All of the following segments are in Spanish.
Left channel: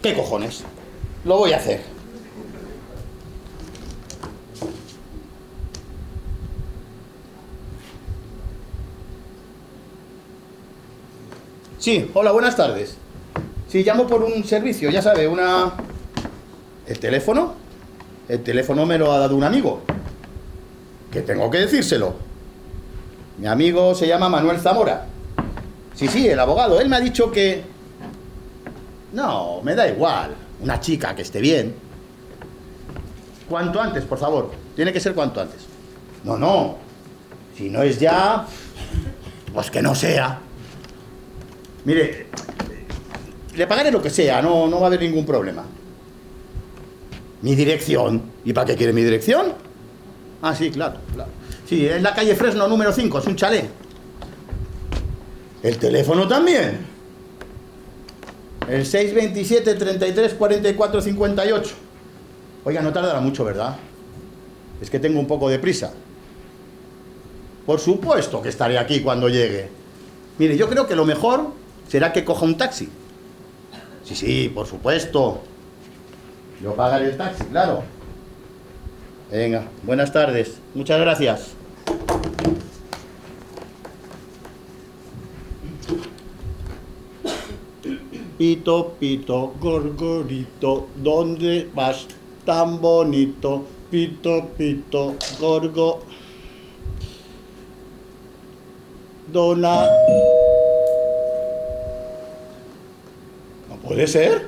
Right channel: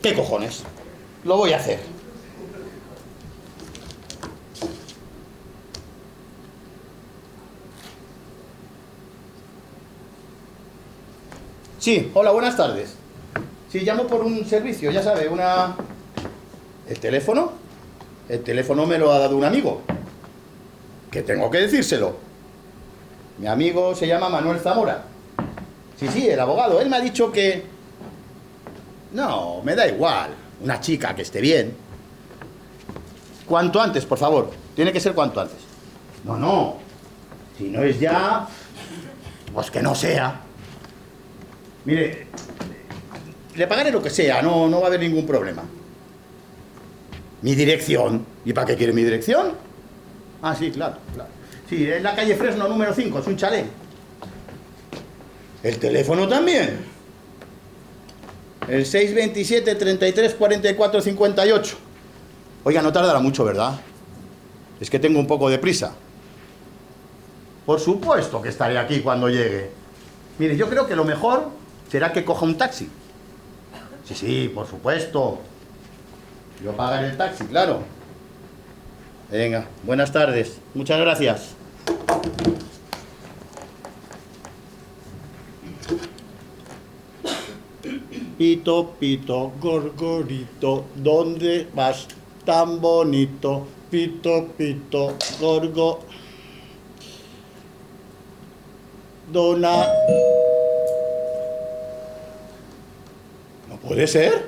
¿Qué cojones? Lo voy a hacer. Sí, hola, buenas tardes. Sí, llamo por un servicio, ya sabe, una... ¿El teléfono? El teléfono me lo ha dado un amigo. Que tengo que decírselo. Mi amigo se llama Manuel Zamora. Sí, sí, el abogado. Él me ha dicho que... No, me da igual. Una chica que esté bien. Cuanto antes, por favor. Tiene que ser cuanto antes. No, no. Si no es ya... Pues que no sea. Mire, le pagaré lo que sea, no va a haber ningún problema. ¿Mi dirección? ¿Y para qué quiere mi dirección? Ah, sí, claro, claro. Sí, es la calle Fresno número 5, es un chalet. ¿El teléfono también? El 627 33 44 58. Oiga, no tardará mucho, ¿verdad? Es que tengo un poco de prisa. Por supuesto que estaré aquí cuando llegue. Mire, yo creo que lo mejor será que coja un taxi. Sí, sí, por supuesto. Yo pagaré el taxi, claro. Venga, buenas tardes. Muchas gracias. Pito, pito, gorgorito, ¿dónde vas tan bonito? Pito, pito, gorgo... Dona... ¿No puede ser?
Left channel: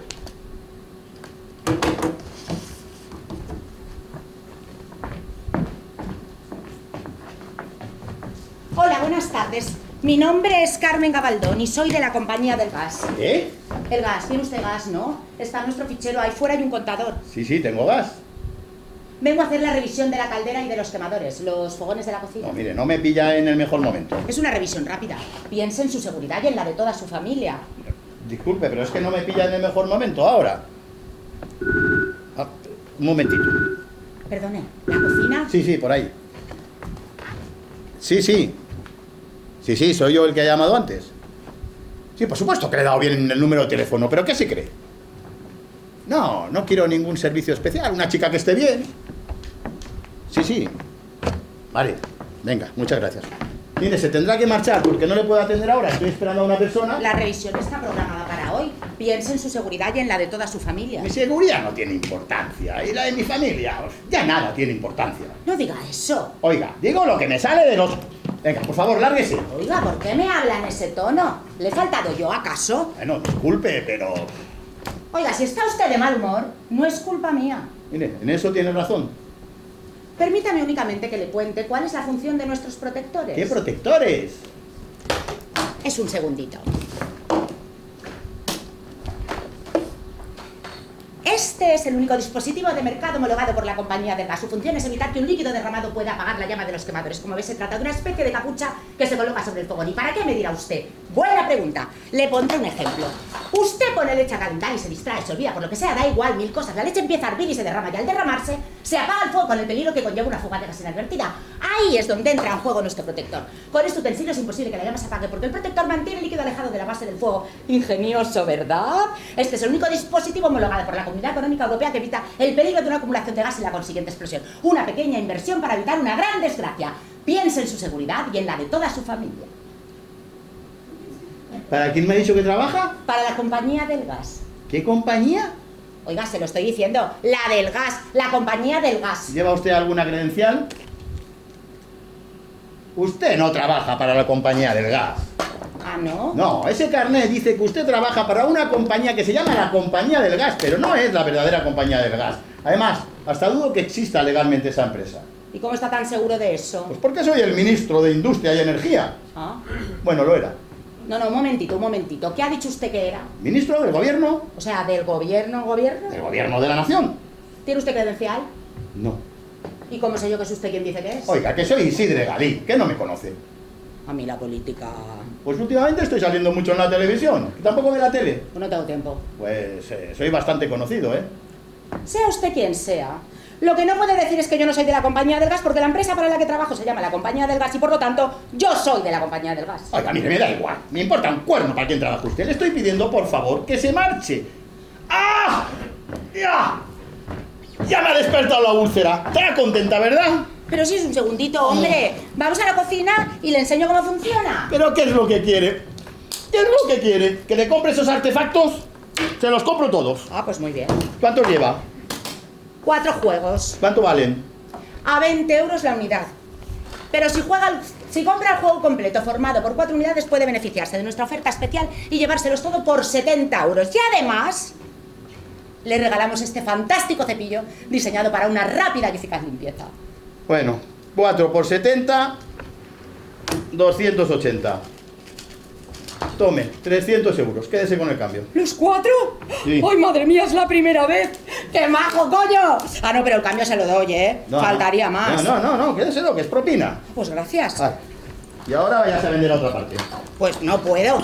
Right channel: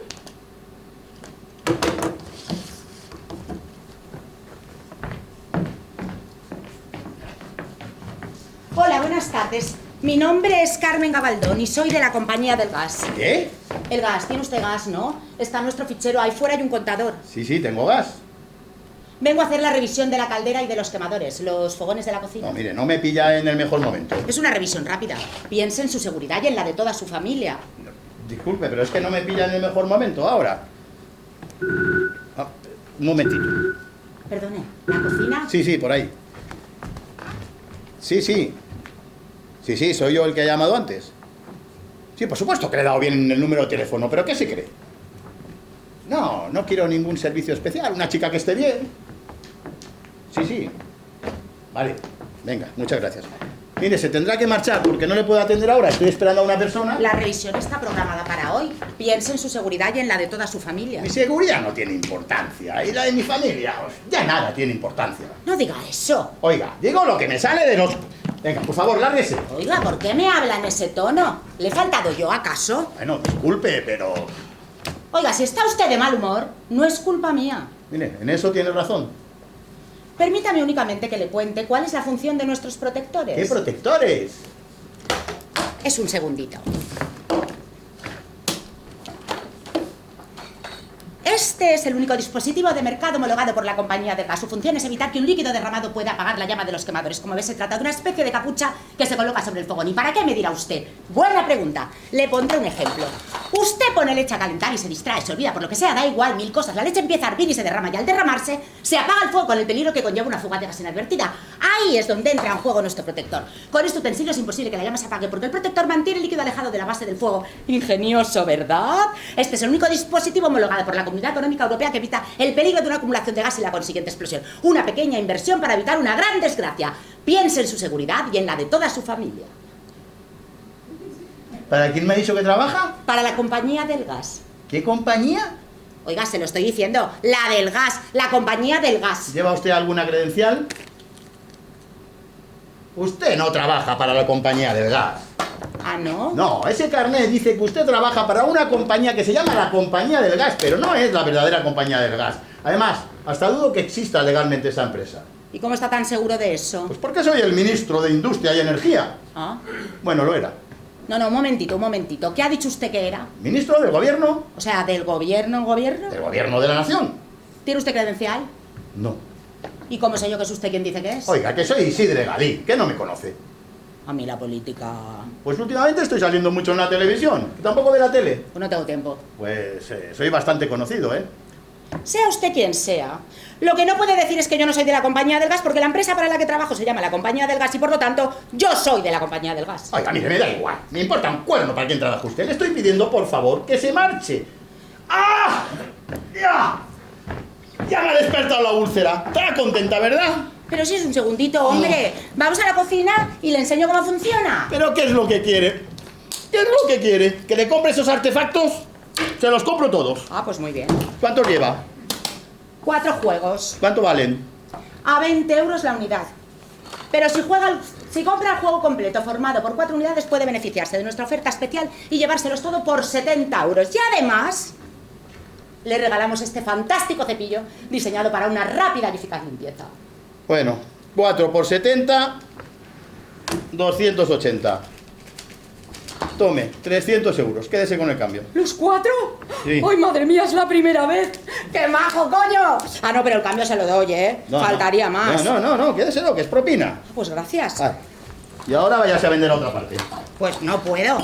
Hola, buenas tardes. Mi nombre es Carmen Gabaldón y soy de la compañía del gas. ¿Qué? El gas, tiene usted gas, ¿no? Está en nuestro fichero, ahí fuera hay un contador. Sí, sí, tengo gas. Vengo a hacer la revisión de la caldera y de los quemadores, los fogones de la cocina. No, mire, no me pilla en el mejor momento. Es una revisión rápida. Piense en su seguridad y en la de toda su familia. Disculpe, pero es que no me pilla en el mejor momento ahora. Ah, un momentito. Perdone, ¿la cocina? Sí, sí, por ahí. Sí, sí. Sí, sí, soy yo el que ha llamado antes. Sí, por supuesto que le he dado bien el número de teléfono, pero ¿qué se cree? No, no quiero ningún servicio especial, una chica que esté bien. Sí, sí. Vale, venga, muchas gracias. Mire, se tendrá que marchar porque no le puedo atender ahora, estoy esperando a una persona. La revisión está programada para hoy. Piense en su seguridad y en la de toda su familia. Mi seguridad no tiene importancia, y la de mi familia, pues, ya nada tiene importancia. No diga eso. Oiga, digo lo que me sale de los... Venga, por favor, lárguese. Oiga, ¿por qué me habla en ese tono? ¿Le he faltado yo, acaso? Bueno, disculpe, pero... Oiga, si está usted de mal humor, no es culpa mía. Mire, en eso tiene razón. Permítame únicamente que le cuente cuál es la función de nuestros protectores. ¿Qué protectores? Es un segundito. Este es el único dispositivo de mercado homologado por la compañía de gas. Su función es evitar que un líquido derramado pueda apagar la llama de los quemadores. Como ve, se trata de una especie de capucha que se coloca sobre el fogón. ¿Y para qué me dirá usted? Buena pregunta. Le pondré un ejemplo. Usted pone leche a calentar y se distrae, se olvida por lo que sea, da igual, mil cosas. La leche empieza a hervir y se derrama, y al derramarse se apaga el fuego con el peligro que conlleva una fuga de gas inadvertida. Ahí es donde entra en juego nuestro protector. Con este utensilio es imposible que la llama se apague porque el protector mantiene el líquido alejado de la base del fuego. Ingenioso, ¿verdad? Este es el único dispositivo homologado por la Comunidad Económica Europea que evita el peligro de una acumulación de gas y la consiguiente explosión. Una pequeña inversión para evitar una gran desgracia. Piense en su seguridad y en la de toda su familia. ¿Para quién me ha dicho que trabaja? Para la compañía del gas. ¿Qué compañía? Oiga, se lo estoy diciendo. La del gas. La compañía del gas. ¿Lleva usted alguna credencial? Usted no trabaja para la compañía del gas. Ah, ¿no? No, ese carnet dice que usted trabaja para una compañía que se llama la compañía del gas, pero no es la verdadera compañía del gas. Además, hasta dudo que exista legalmente esa empresa. ¿Y cómo está tan seguro de eso? Pues porque soy el ministro de Industria y Energía. Ah. Bueno, lo era. No, un momentito. ¿Qué ha dicho usted que era? Ministro del gobierno. O sea, ¿del gobierno? Del gobierno de la nación. ¿Tiene usted credencial? No. ¿Y cómo sé yo que es usted quien dice que es? Oiga, que soy Isidre Galí, que no me conoce. A mí la política... Pues últimamente estoy saliendo mucho en la televisión. ¿Que tampoco ve la tele? Pues no tengo tiempo. Pues soy bastante conocido, ¿eh? Sea usted quien sea, lo que no puede decir es que yo no soy de la compañía del gas porque la empresa para la que trabajo se llama la compañía del gas y por lo tanto yo soy de la compañía del gas. Oiga, mire, me da igual. Me importa un cuerno para quién trabaja usted. Le estoy pidiendo, por favor, que se marche. ¡Ah! ¡Ya! Ya me ha despertado la úlcera. Estará contenta, ¿verdad? Pero si es un segundito, hombre. Vamos a la cocina y le enseño cómo funciona. ¿Pero qué es lo que quiere? ¿Qué es lo que quiere? ¿Que le compre esos artefactos? Se los compro todos. Ah, pues muy bien. ¿Cuántos lleva? 4 juegos. ¿Cuánto valen? A 20 euros la unidad. Pero si compra el juego completo formado por 4 unidades puede beneficiarse de nuestra oferta especial y llevárselos todo por 70 euros. Y además, le regalamos este fantástico cepillo diseñado para una rápida y eficaz limpieza. Bueno, 4 por 70, 280. Tome, 300 euros. Quédese con el cambio. ¿Los 4? Sí. ¡Ay, madre mía, es la primera vez! ¡Qué majo, coño! Ah, no, pero el cambio se lo doy, ¿eh? No, Faltaría más. No, quédeselo, que es propina. Pues gracias. Vale. Y ahora vayas a vender a otra parte. Pues no puedo.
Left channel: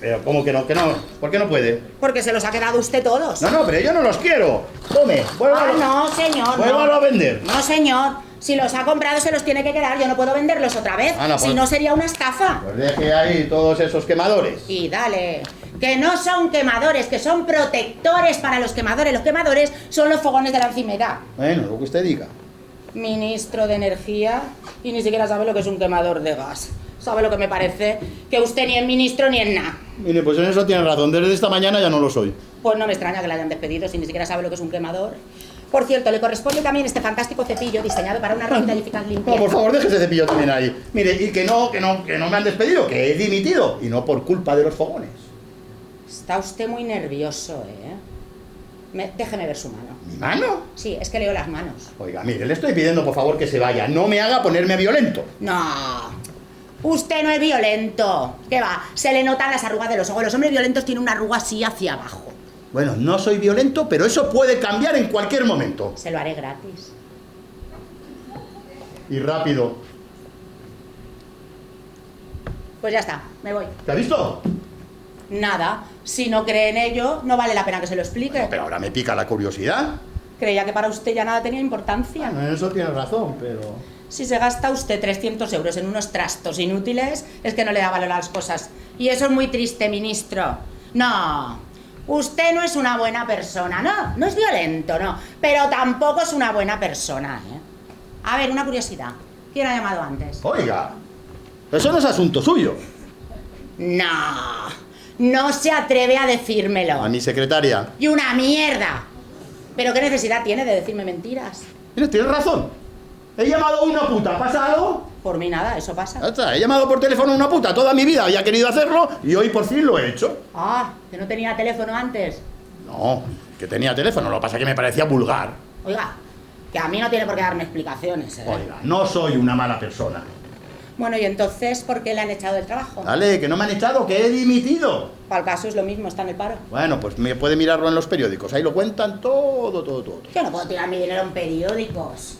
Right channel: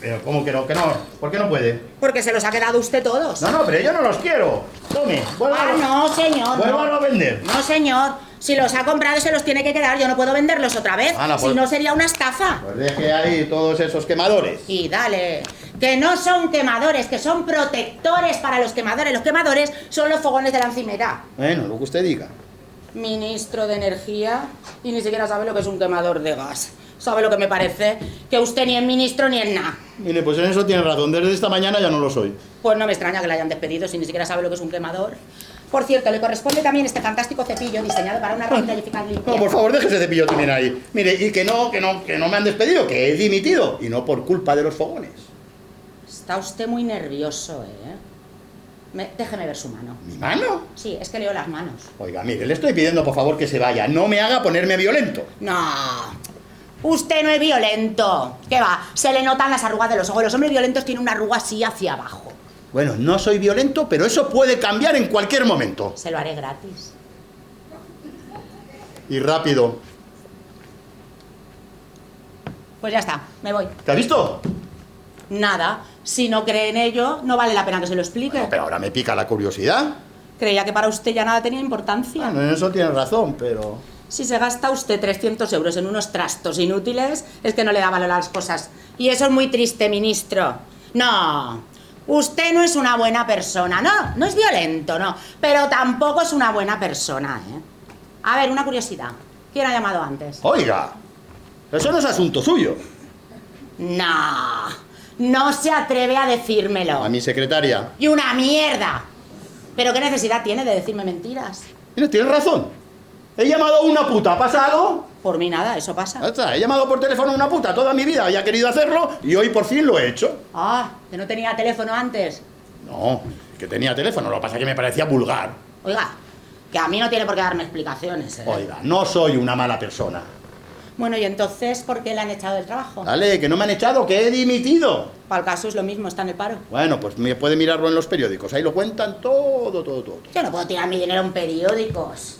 Pero, ¿cómo que no? ¿Que no? ¿Por qué no puede? Porque se los ha quedado usted todos. No, pero yo no los quiero. Tome, vuélvalo. No, señor. Vuélvalo a vender. No, señor. Si los ha comprado se los tiene que quedar. Yo no puedo venderlos otra vez. Ah, no, pues... Si no, sería una estafa. Pues deje ahí todos esos quemadores. Y dale. Que no son quemadores, que son protectores para los quemadores. Los quemadores son los fogones de la encimera. Bueno, lo que usted diga. Ministro de Energía y ni siquiera sabe lo que es un quemador de gas. ¿Sabe lo que me parece? Que usted ni es ministro ni es nada. Mire, pues en eso tiene razón. Desde esta mañana ya no lo soy. Pues no me extraña que la hayan despedido si ni siquiera sabe lo que es un quemador. Por cierto, le corresponde también este fantástico cepillo diseñado para una rápida y eficaz limpieza. No, por favor, deje ese cepillo también ahí. Mire, y que no me han despedido, que he dimitido. Y no por culpa de los fogones. Está usted muy nervioso, ¿eh? Déjeme ver su mano. ¿Mi mano? Sí, es que leo las manos. Oiga, mire, le estoy pidiendo por favor que se vaya. No me haga ponerme violento. No, usted no es violento. ¿Qué va? Se le notan las arrugas de los ojos. Los hombres violentos tienen una arruga así hacia abajo. Bueno, no soy violento, pero eso puede cambiar en cualquier momento. Se lo haré gratis. Y rápido. Pues ya está, me voy. ¿Te has visto? Nada, si no cree en ello, no vale la pena que se lo explique. Pero ahora me pica la curiosidad. Creía que para usted ya nada tenía importancia. Bueno, en eso tienes razón, pero... Si se gasta usted 300 euros en unos trastos inútiles, es que no le da valor a las cosas. Y eso es muy triste, ministro. No, usted no es una buena persona. No es violento, no. Pero tampoco es una buena persona, ¿eh? A ver, una curiosidad. ¿Quién ha llamado antes? Oiga, eso no es asunto suyo. No se atreve a decírmelo. A mi secretaria. ¡Y una mierda! ¿Pero qué necesidad tiene de decirme mentiras? Mire, tienes razón. He llamado a una puta. ¿Pasa algo? Por mí nada, eso pasa. Ya está, he llamado por teléfono a una puta toda mi vida. Había querido hacerlo y hoy por fin lo he hecho. Ah, que no tenía teléfono antes. No, que tenía teléfono. Lo que pasa es que me parecía vulgar. Oiga, que a mí no tiene por qué darme explicaciones, ¿eh? Oiga, no soy una mala persona. Bueno, y entonces, ¿por qué le han echado del trabajo? Vale, que no me han echado, que he dimitido. Al caso es lo mismo, está en el paro. Bueno, pues me puede mirarlo en los periódicos. Ahí lo cuentan todo. Yo no puedo tirar mi dinero en periódicos.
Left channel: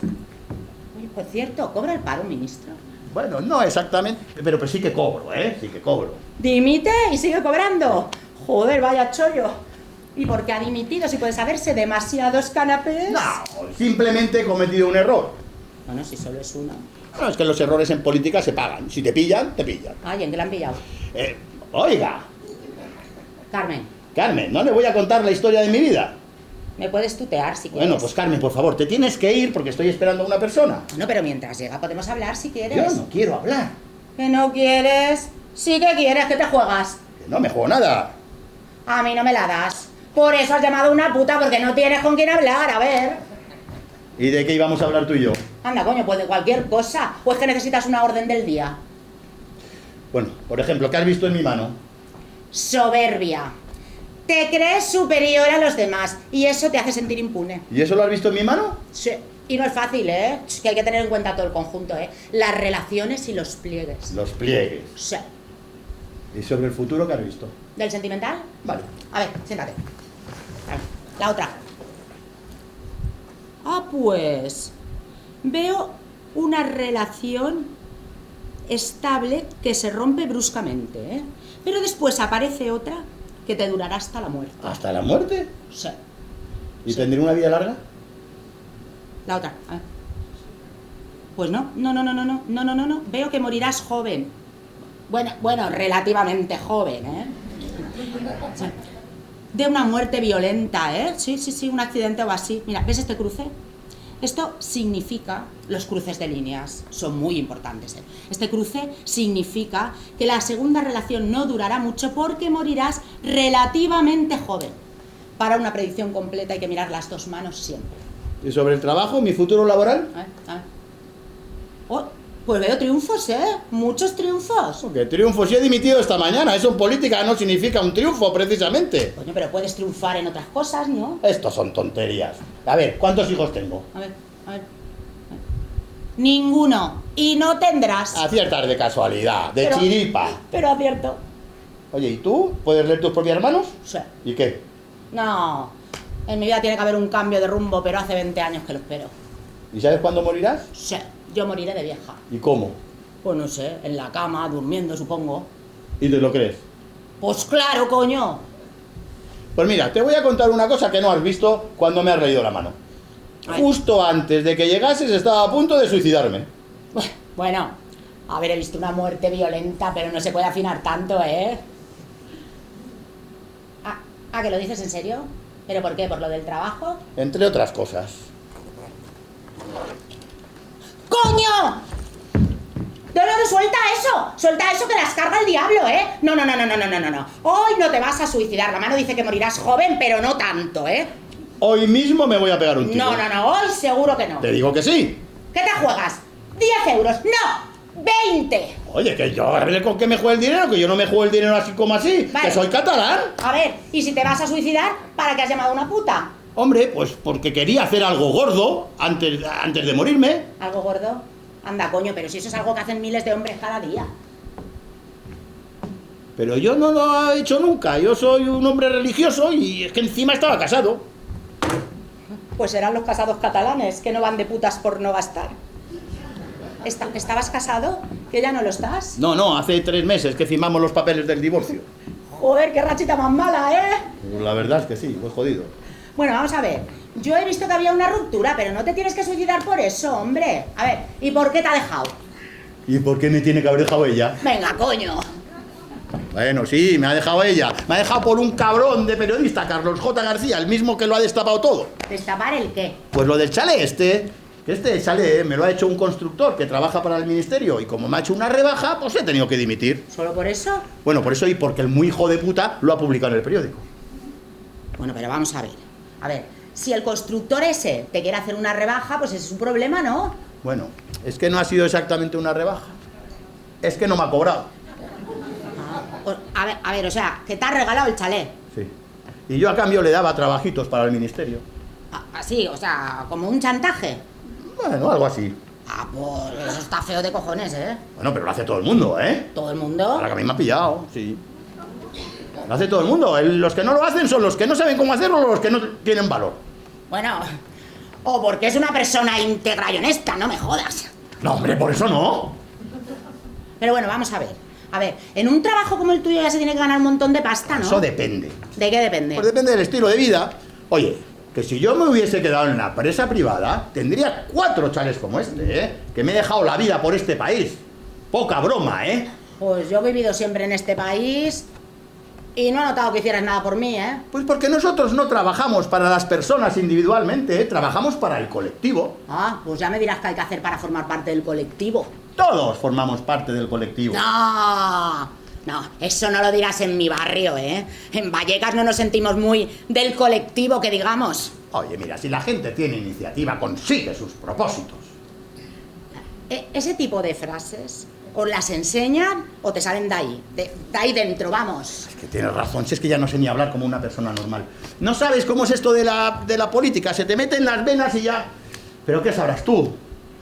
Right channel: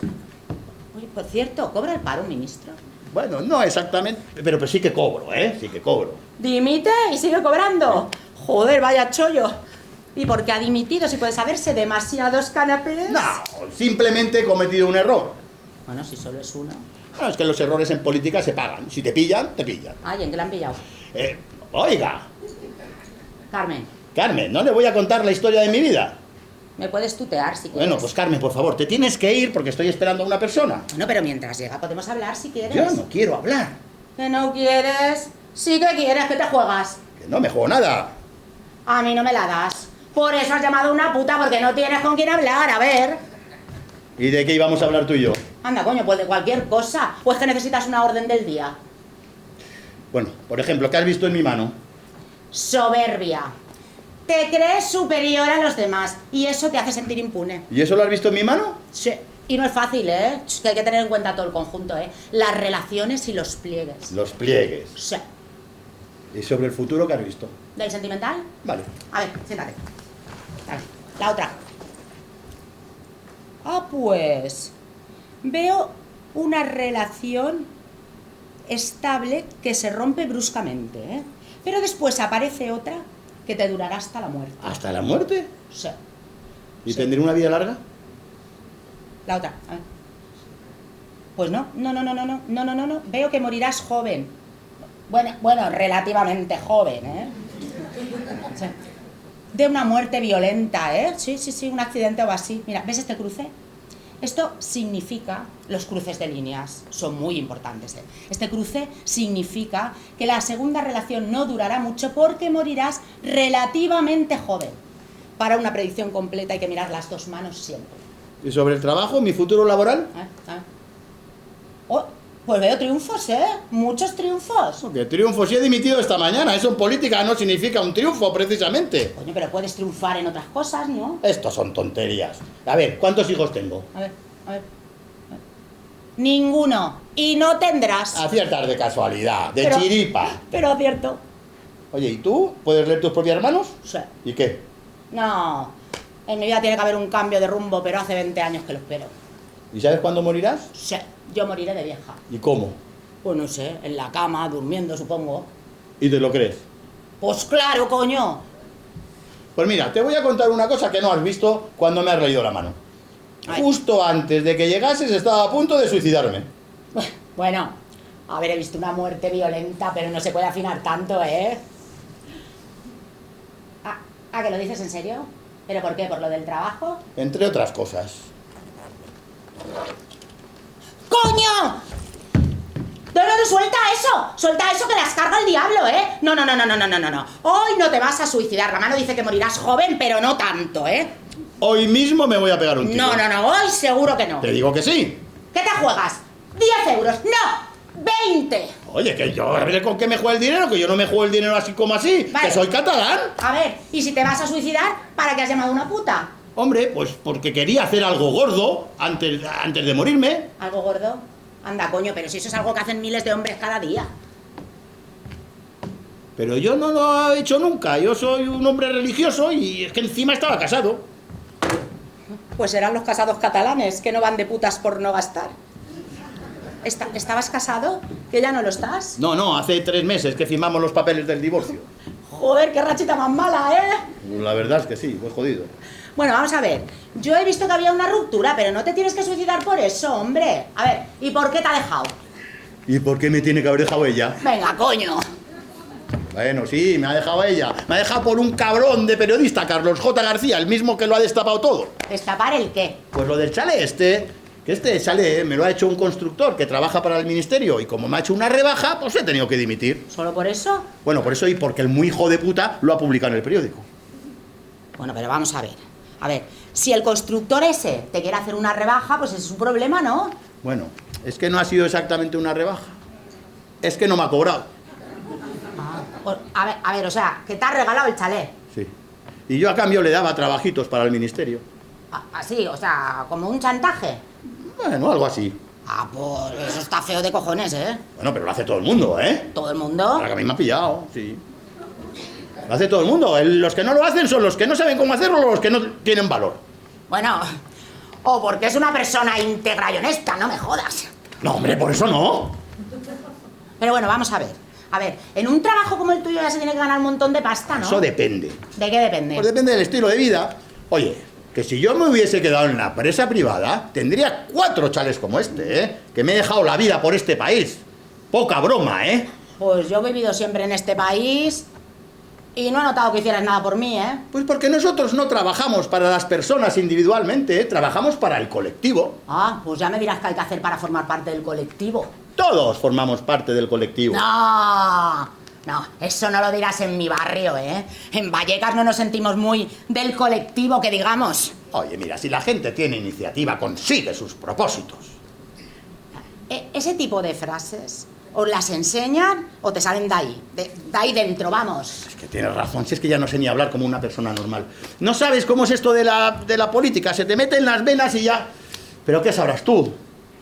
Oye, por cierto, ¿cobra el paro un ministro? Bueno, no exactamente, pero sí que cobro, ¿eh? Sí que cobro. ¿Dimite y sigue cobrando? Joder, vaya chollo. ¿Y por qué ha dimitido si puede saberse demasiados canapés? No, simplemente he cometido un error. Bueno, si solo es uno. No, es que los errores en política se pagan. Si te pillan, te pillan. Ay, ¿en qué le han pillado? Oiga, Carmen, Carmen, no le voy a contar la historia de mi vida. ¿me puedes tutear si quieres? Bueno, pues Carmen, por favor, te tienes que ir porque estoy esperando a una persona. Bueno, pero mientras llega podemos hablar si quieres. Yo no quiero hablar. ¿Que no quieres? Sí que quieres, ¿qué te juegas? Que no me juego nada. A mí no me la das. Por eso has llamado a una puta, porque no tienes con quién hablar, a ver. ¿Y de qué íbamos a hablar tú y yo? Anda, coño, pues de cualquier cosa. ¿O es que necesitas una orden del día? Bueno, por ejemplo, ¿qué has visto en mi mano? Soberbia. Te crees superior a los demás y eso te hace sentir impune. ¿Y eso lo has visto en mi mano? Sí. Y no es fácil, ¿eh? Es que hay que tener en cuenta todo el conjunto, ¿eh? Las relaciones y los pliegues. Los pliegues. Sí. ¿Y sobre el futuro qué has visto? ¿Del sentimental? Vale. A ver, siéntate. Vale, la otra. Ah, pues... Veo una relación estable que se rompe bruscamente, ¿eh? Pero después aparece otra que te durará hasta la muerte. ¿Hasta la muerte? Sí. ¿Y Sí. tendré una vida larga? La otra, a ver. Pues no. Veo que morirás joven. Bueno, relativamente joven, ¿eh? Sí. De una muerte violenta, ¿eh? Sí, un accidente o así. Mira, ¿ves este cruce? Esto significa, los cruces de líneas son muy importantes, ¿eh? Este cruce significa que la segunda relación no durará mucho porque morirás relativamente joven. Para una predicción completa hay que mirar las dos manos siempre. ¿Y sobre el trabajo, mi futuro laboral? Oh, pues veo triunfos, ¿eh? Muchos triunfos. ¿Qué triunfo? Si he dimitido esta mañana. Eso en política no significa un triunfo, precisamente. Coño, pero puedes triunfar en otras cosas, ¿no? Estos son tonterías. A ver, ¿cuántos hijos tengo? A ver. Ninguno. Y no tendrás. Aciertas de casualidad, de Pero- chiripa. Pero acierto. Oye, ¿y tú? ¿Puedes leer tus propias manos? Sí. ¿Y qué? No. En mi vida tiene que haber un cambio de rumbo, pero hace 20 años que lo espero. ¿Y sabes cuándo morirás? Sí. Yo moriré de vieja. ¿Y cómo? Pues no sé, en la cama, durmiendo, supongo. ¿Y te lo crees? Pues claro, coño. Pues mira, te voy a contar una cosa que no has visto cuando me has leído la mano. Ay. Justo antes de que llegases estaba a punto de suicidarme. Bueno, a ver, he visto una muerte violenta, pero no se puede afinar tanto, ¿eh? ¿Que lo dices en serio? ¿Pero por qué? ¿Por lo del trabajo? Entre otras cosas. ¡Coño! No, suelta eso. Suelta eso que las carga el diablo, ¿eh? No. Hoy no te vas a suicidar. La mano dice que morirás joven, pero no tanto, ¿eh? Hoy mismo me voy a pegar un tiro. No, hoy seguro que no. Te digo que sí. ¿Qué te juegas? 10 euros. No, 20. Oye, que yo con qué me juego el dinero, que yo no me juego el dinero así como así, Vale. que soy catalán. A ver, ¿y si te vas a suicidar, para qué has llamado a una puta? Hombre, pues porque quería hacer algo gordo antes de morirme. ¿Algo gordo? Anda, coño, pero si eso es algo que hacen miles de hombres cada día. Pero yo no lo he hecho nunca. Yo soy un hombre religioso y es que encima estaba casado. Pues serán los casados catalanes, que no van de putas por no gastar. ¿Estabas casado? ¿Que ya no lo estás? No, hace 3 meses que firmamos los papeles del divorcio. Joder, qué rachita más mala, ¿eh? La verdad es que sí, muy jodido. Bueno, vamos a ver. Yo he visto que había una ruptura, pero no te tienes que suicidar por eso, hombre. A ver, ¿y por qué te ha dejado? ¿Y por qué me tiene que haber dejado ella? Venga, coño. Bueno, sí, me ha dejado ella. Me ha dejado por un cabrón de periodista, Carlos J. García, el mismo que lo ha destapado todo. ¿Destapar el qué? Pues lo del chalet que este chalet me lo ha hecho un constructor que trabaja para el ministerio y como me ha hecho una rebaja, pues he tenido que dimitir. ¿Solo por eso? Bueno, por eso y porque el muy hijo de puta lo ha publicado en el periódico. Bueno, pero vamos a ver. A ver, si el constructor ese te quiere hacer una rebaja, pues es su problema, ¿no? Bueno, es que no ha sido exactamente una rebaja. Es que no me ha cobrado. Pues, a ver, o sea, que te ha regalado el chalet. Sí. Y yo a cambio le daba trabajitos para el ministerio. Así, o sea, como un chantaje. Bueno, algo así. Pues eso está feo de cojones, ¿eh? Bueno, pero lo hace todo el mundo, ¿eh? Todo el mundo. Ahora que a mí me ha pillado, sí. Lo hace todo el mundo. Los que no lo hacen son los que no saben cómo hacerlo o los que no tienen valor. Bueno, o porque es una persona íntegra y honesta, no me jodas. No, hombre, por eso no. Pero bueno, vamos a ver. A ver, en un trabajo como el tuyo ya se tiene que ganar un montón de pasta, ¿no? Eso depende. ¿De qué depende? Pues depende del estilo de vida. Oye, que si yo me hubiese quedado en una empresa privada, tendría 4 chales como este, ¿eh? Que me he dejado la vida por este país. Poca broma, ¿eh? Pues yo he vivido siempre en este país y no he notado que hicieras nada por mí, ¿eh? Pues porque nosotros no trabajamos para las personas individualmente, ¿eh? Trabajamos para el colectivo. Pues ya me dirás qué hay que hacer para formar parte del colectivo. Todos formamos parte del colectivo. No, eso no lo dirás en mi barrio, ¿eh? En Vallecas no nos sentimos muy del colectivo, que digamos. Oye, mira, si la gente tiene iniciativa, consigue sus propósitos. Ese tipo de frases os las enseñan o te salen de ahí dentro, vamos. Es que tienes razón, si es que ya no sé ni hablar como una persona normal. No sabes cómo es esto de la política, se te mete en las venas y ya... Pero ¿qué sabrás tú?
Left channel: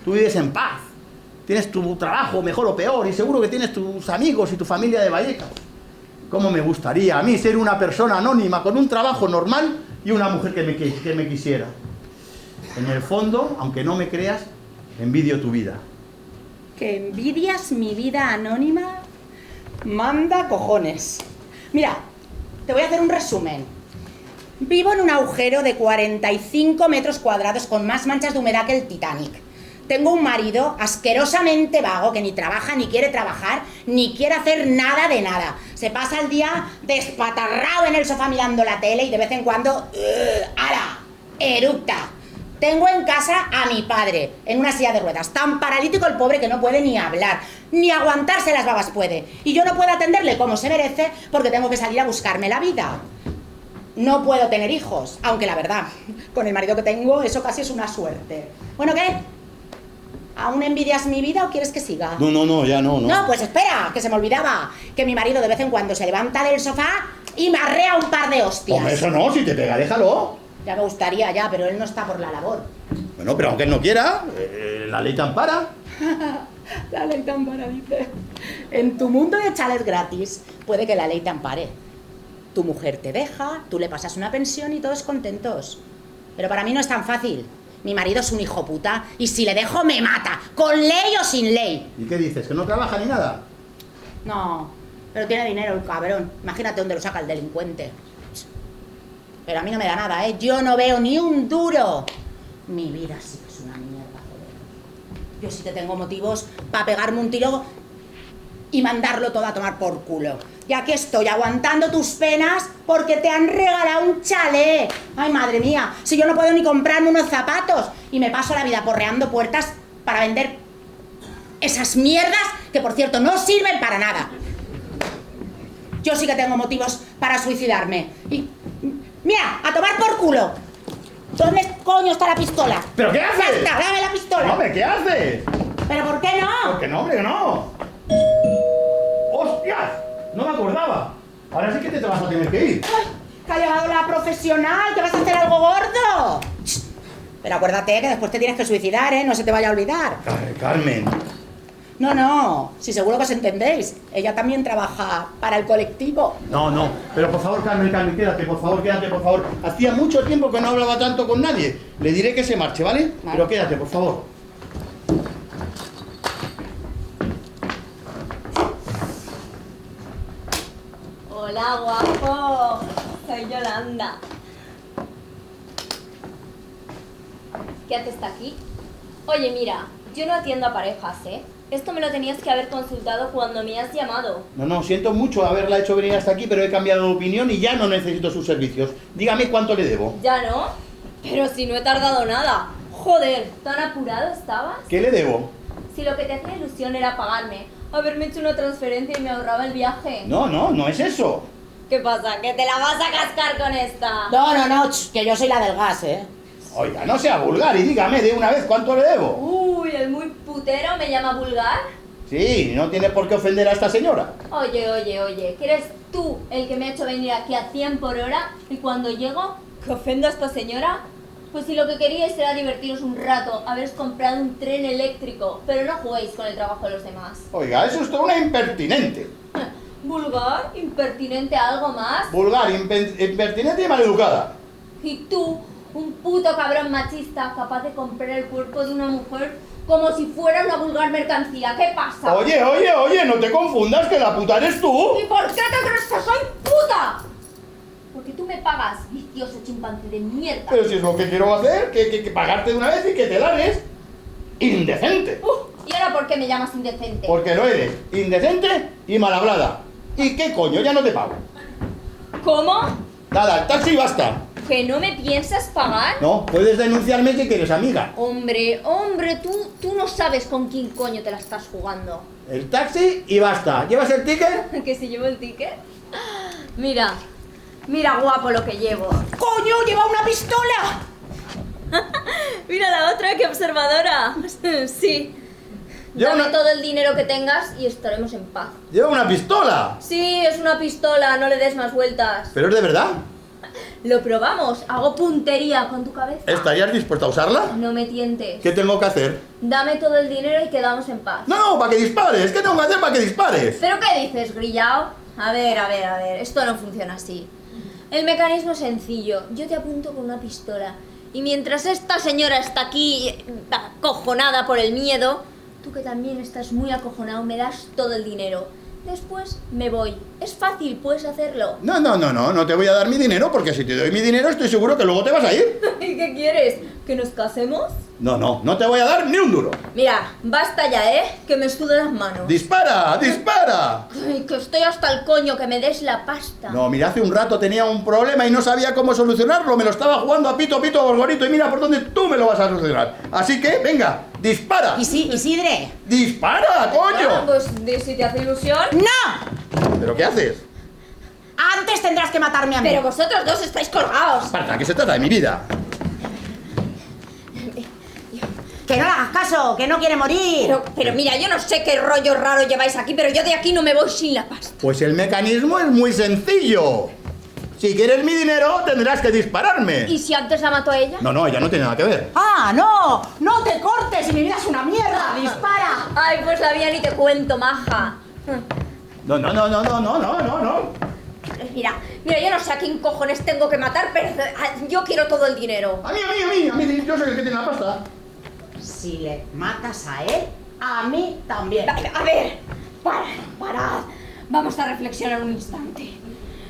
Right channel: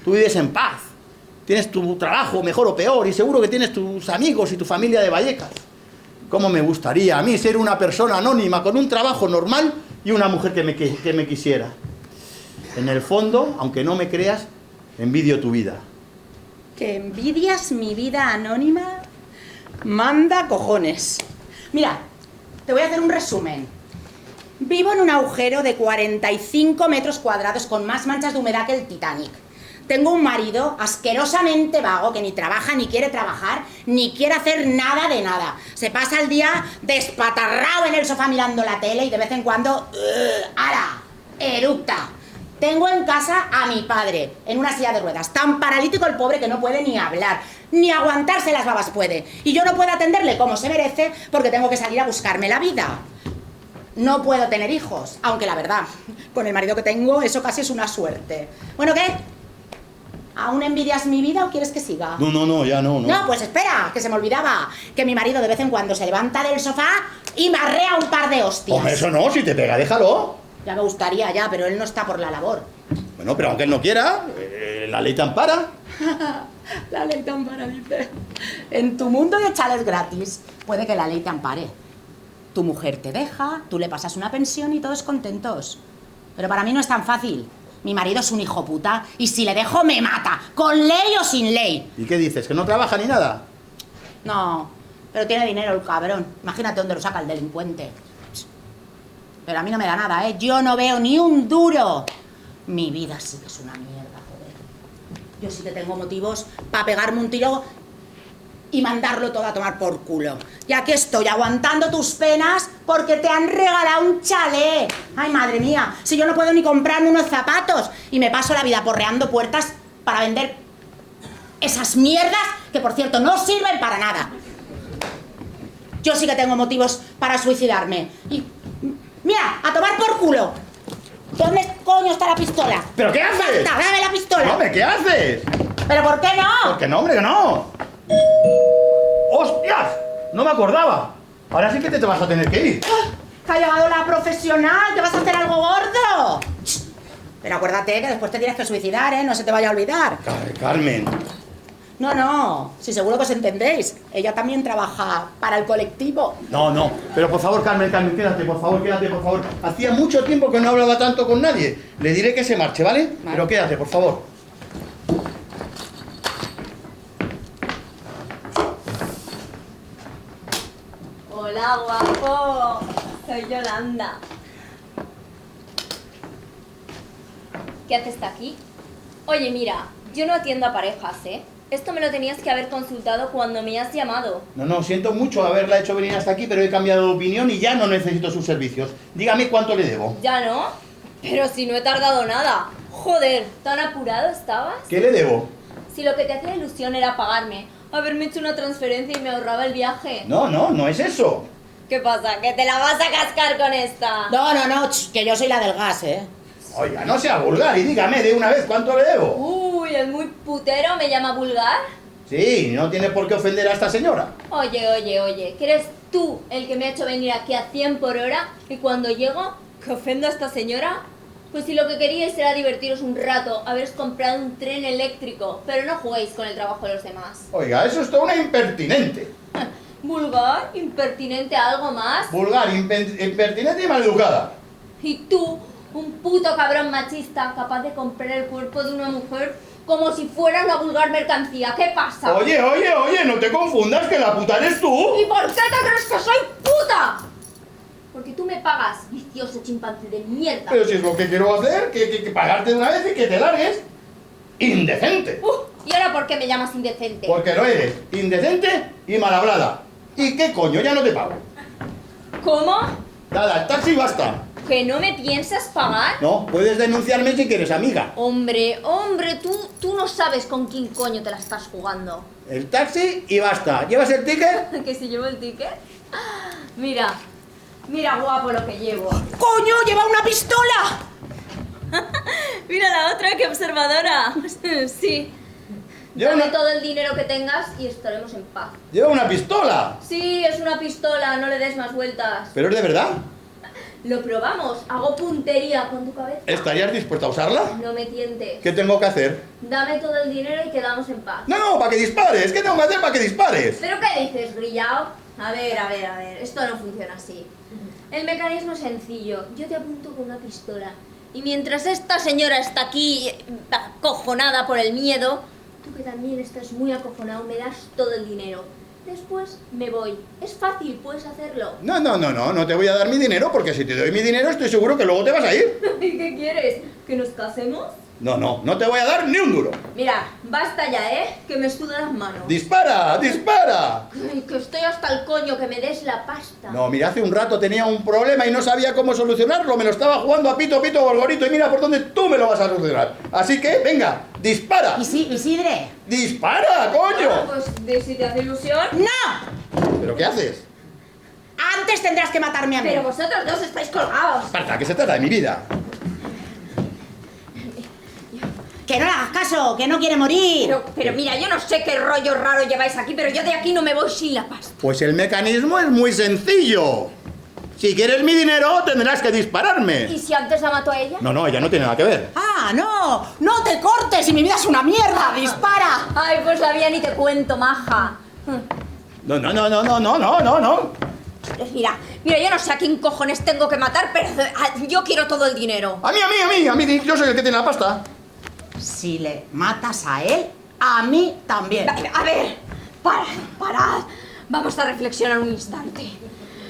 Tú vives en paz, tienes tu trabajo, mejor o peor, y seguro que tienes tus amigos y tu familia de Vallecas. ¿Cómo me gustaría a mí ser una persona anónima con un trabajo normal y una mujer que me quisiera? En el fondo, aunque no me creas, envidio tu vida. ¿Que envidias mi vida anónima? Manda cojones. Mira, te voy a hacer un resumen. Vivo en un agujero de 45 metros cuadrados con más manchas de humedad que el Titanic. Tengo un marido asquerosamente vago que ni trabaja, ni quiere trabajar, ni quiere hacer nada de nada. Se pasa el día despatarrado en el sofá mirando la tele y de vez en cuando... ¡Ara! ¡Eructa! Tengo en casa a mi padre, en una silla de ruedas, tan paralítico el pobre que no puede ni hablar, ni aguantarse las babas puede. Y yo no puedo atenderle como se merece porque tengo que salir a buscarme la vida. No puedo tener hijos, aunque la verdad, con el marido que tengo, eso casi es una suerte. Bueno, ¿qué? ¿Aún envidias mi vida o quieres que siga? No, ya no. No, pues espera, que se me olvidaba. Que mi marido de vez en cuando se levanta del sofá y me arrea un par de hostias. Hombre, eso no, si te pega, déjalo. Ya me gustaría ya, pero él no está por la labor. Bueno, pero aunque él no quiera, la ley te ampara. La ley te ampara, dice. En tu mundo de chales gratis, puede que la ley te ampare. Tu mujer te deja, tú le pasas una pensión y todos contentos. Pero para mí no es tan fácil. Mi marido es un hijo puta y si le dejo me mata, con ley o sin ley. ¿Y qué dices? ¿Que no trabaja ni nada? No, pero tiene dinero el cabrón. Imagínate dónde lo saca el delincuente. Pero a mí no me da nada, ¿eh? Yo no veo ni un duro. Mi vida sí que es una mierda, joder. Yo sí que tengo motivos para pegarme un tiro y mandarlo todo a tomar por culo. Ya que estoy aguantando tus penas porque te han regalado un chalet. Ay, madre mía, si yo no puedo ni comprarme unos zapatos y me paso la vida porreando puertas para vender esas mierdas que, por cierto, no sirven para nada. Yo sí que tengo motivos para suicidarme. Y... mira, a tomar por culo. ¿Dónde coño está la pistola? ¿Pero qué haces? ¡Dame la pistola! No, hombre, ¿qué haces? ¿Pero por qué no? Porque no, hombre, que no. ¡Hostias! No me acordaba. Ahora sí que te vas a tener que ir. ¡Ay! ¡Que ha llegado la profesional! ¡Que vas a hacer algo gordo! Pero acuérdate que después te tienes que suicidar, ¿eh? No se te vaya a olvidar. Carmen. No, si seguro que os entendéis. Ella también trabaja para el colectivo. No. Pero por favor, Carmen, quédate, por favor. Hacía mucho tiempo que no hablaba tanto con nadie. Le diré que se marche, ¿vale? Pero quédate, por favor. Hola, guapo. Soy Yolanda. ¿Qué haces aquí? Oye, mira, yo no atiendo a parejas, ¿eh? Esto me lo tenías que haber consultado cuando me has llamado. No, siento mucho haberla hecho venir hasta aquí, pero he cambiado de opinión y ya no necesito sus servicios. Dígame cuánto le debo. ¿Ya no? Pero si no he tardado nada. Joder, ¿tan apurado estabas? ¿Qué le debo? Si lo que te hacía ilusión era pagarme, haberme hecho una transferencia y me ahorraba el viaje. No es eso. ¿Qué pasa? ¿Que te la vas a cascar con esta? No, que yo soy la del gas, ¿eh? Oiga, no sea vulgar y dígame de una vez cuánto le debo. Uy, el muy putero me llama vulgar. Sí, no tiene por qué ofender a esta señora. Oye, que eres tú el que me ha hecho venir aquí a 100 por hora y cuando llego, ¿que ofendo a esta señora? Pues si lo que queríais era divertiros un rato, haberos comprado un tren eléctrico, pero no juguéis con el trabajo de los demás. Oiga, eso es todo una impertinente. Vulgar, impertinente, algo más. Vulgar, impertinente y maleducada. Y tú, un puto cabrón machista capaz de comprar el cuerpo de una mujer como si fuera una vulgar mercancía. ¿Qué pasa? Oye, no te confundas, que la puta eres tú. ¿Y por qué te crees que soy puta? Porque tú me pagas, vicioso chimpancé de mierda. Pero si es lo que quiero hacer, que pagarte de una vez y que te largues. Indecente. ¿Y ahora por qué me llamas indecente? Porque lo eres, indecente y mal hablada. ¿Y qué coño? Ya no te pago. ¿Cómo? Nada, el taxi y basta. ¿Que no me piensas pagar? No, puedes denunciarme si quieres, amiga. Hombre, tú no sabes con quién coño te la estás jugando. El taxi y basta. ¿Llevas el ticket? ¿Que si llevo el ticket? Mira guapo lo que llevo. ¡Coño, lleva una pistola! Mira la otra, qué observadora. Sí. Dame todo el dinero que tengas y estaremos en paz. ¡Lleva una pistola! Sí, es una pistola, no le des más vueltas. ¿Pero es de verdad? Lo probamos, hago puntería con tu cabeza. ¿Estarías dispuesta a usarla? No me tientes. ¿Qué tengo que hacer? Dame todo el dinero y quedamos en paz. No, para que dispares. ¿Qué tengo que hacer para que dispares? ¿Pero qué dices, grillao? A ver, esto no funciona así. El mecanismo es sencillo. Yo te apunto con una pistola. Y mientras esta señora está aquí acojonada por el miedo, tú que también estás muy acojonado, me das todo el dinero. Después me voy. Es fácil, puedes hacerlo. No te voy a dar mi dinero porque si te doy mi dinero estoy seguro que luego te vas a ir. ¿Y qué quieres? ¿Que nos casemos? No te voy a dar ni un duro. Mira, basta ya, que me sudan las manos. ¡Dispara! ¡Dispara! Ay, que estoy hasta el coño, que me des la pasta. No, mira, hace un rato tenía un problema y no sabía cómo solucionarlo. Me lo estaba jugando a pito, gorgorito y mira por dónde tú me lo vas a solucionar. Así que, venga, dispara. Isidre. ¡Dispara, coño! Ah, pues si te hace ilusión. ¡No! ¿Pero qué haces? Antes tendrás que matarme a mí. Pero vosotros dos estáis colgados. Esparta, ¿qué se trata de mi vida? Que no le hagas caso, que no quiere morir. Pero mira, yo no sé qué rollo raro lleváis aquí, pero yo de aquí no me voy sin la pasta. Pues el mecanismo es muy sencillo. Si quieres mi dinero, tendrás que dispararme. ¿Y si antes la mato a ella? No, ella no tiene nada que ver. Ah, no te cortes y mi vida es una mierda. Dispara. Ay, pues la mía ni te cuento, maja. No. Pues mira, yo no sé a quién cojones tengo que matar, pero yo quiero todo el dinero. A mí, yo soy el que tiene la pasta. Si le matas a él, a mí también. A ver, parad. Vamos a reflexionar un instante.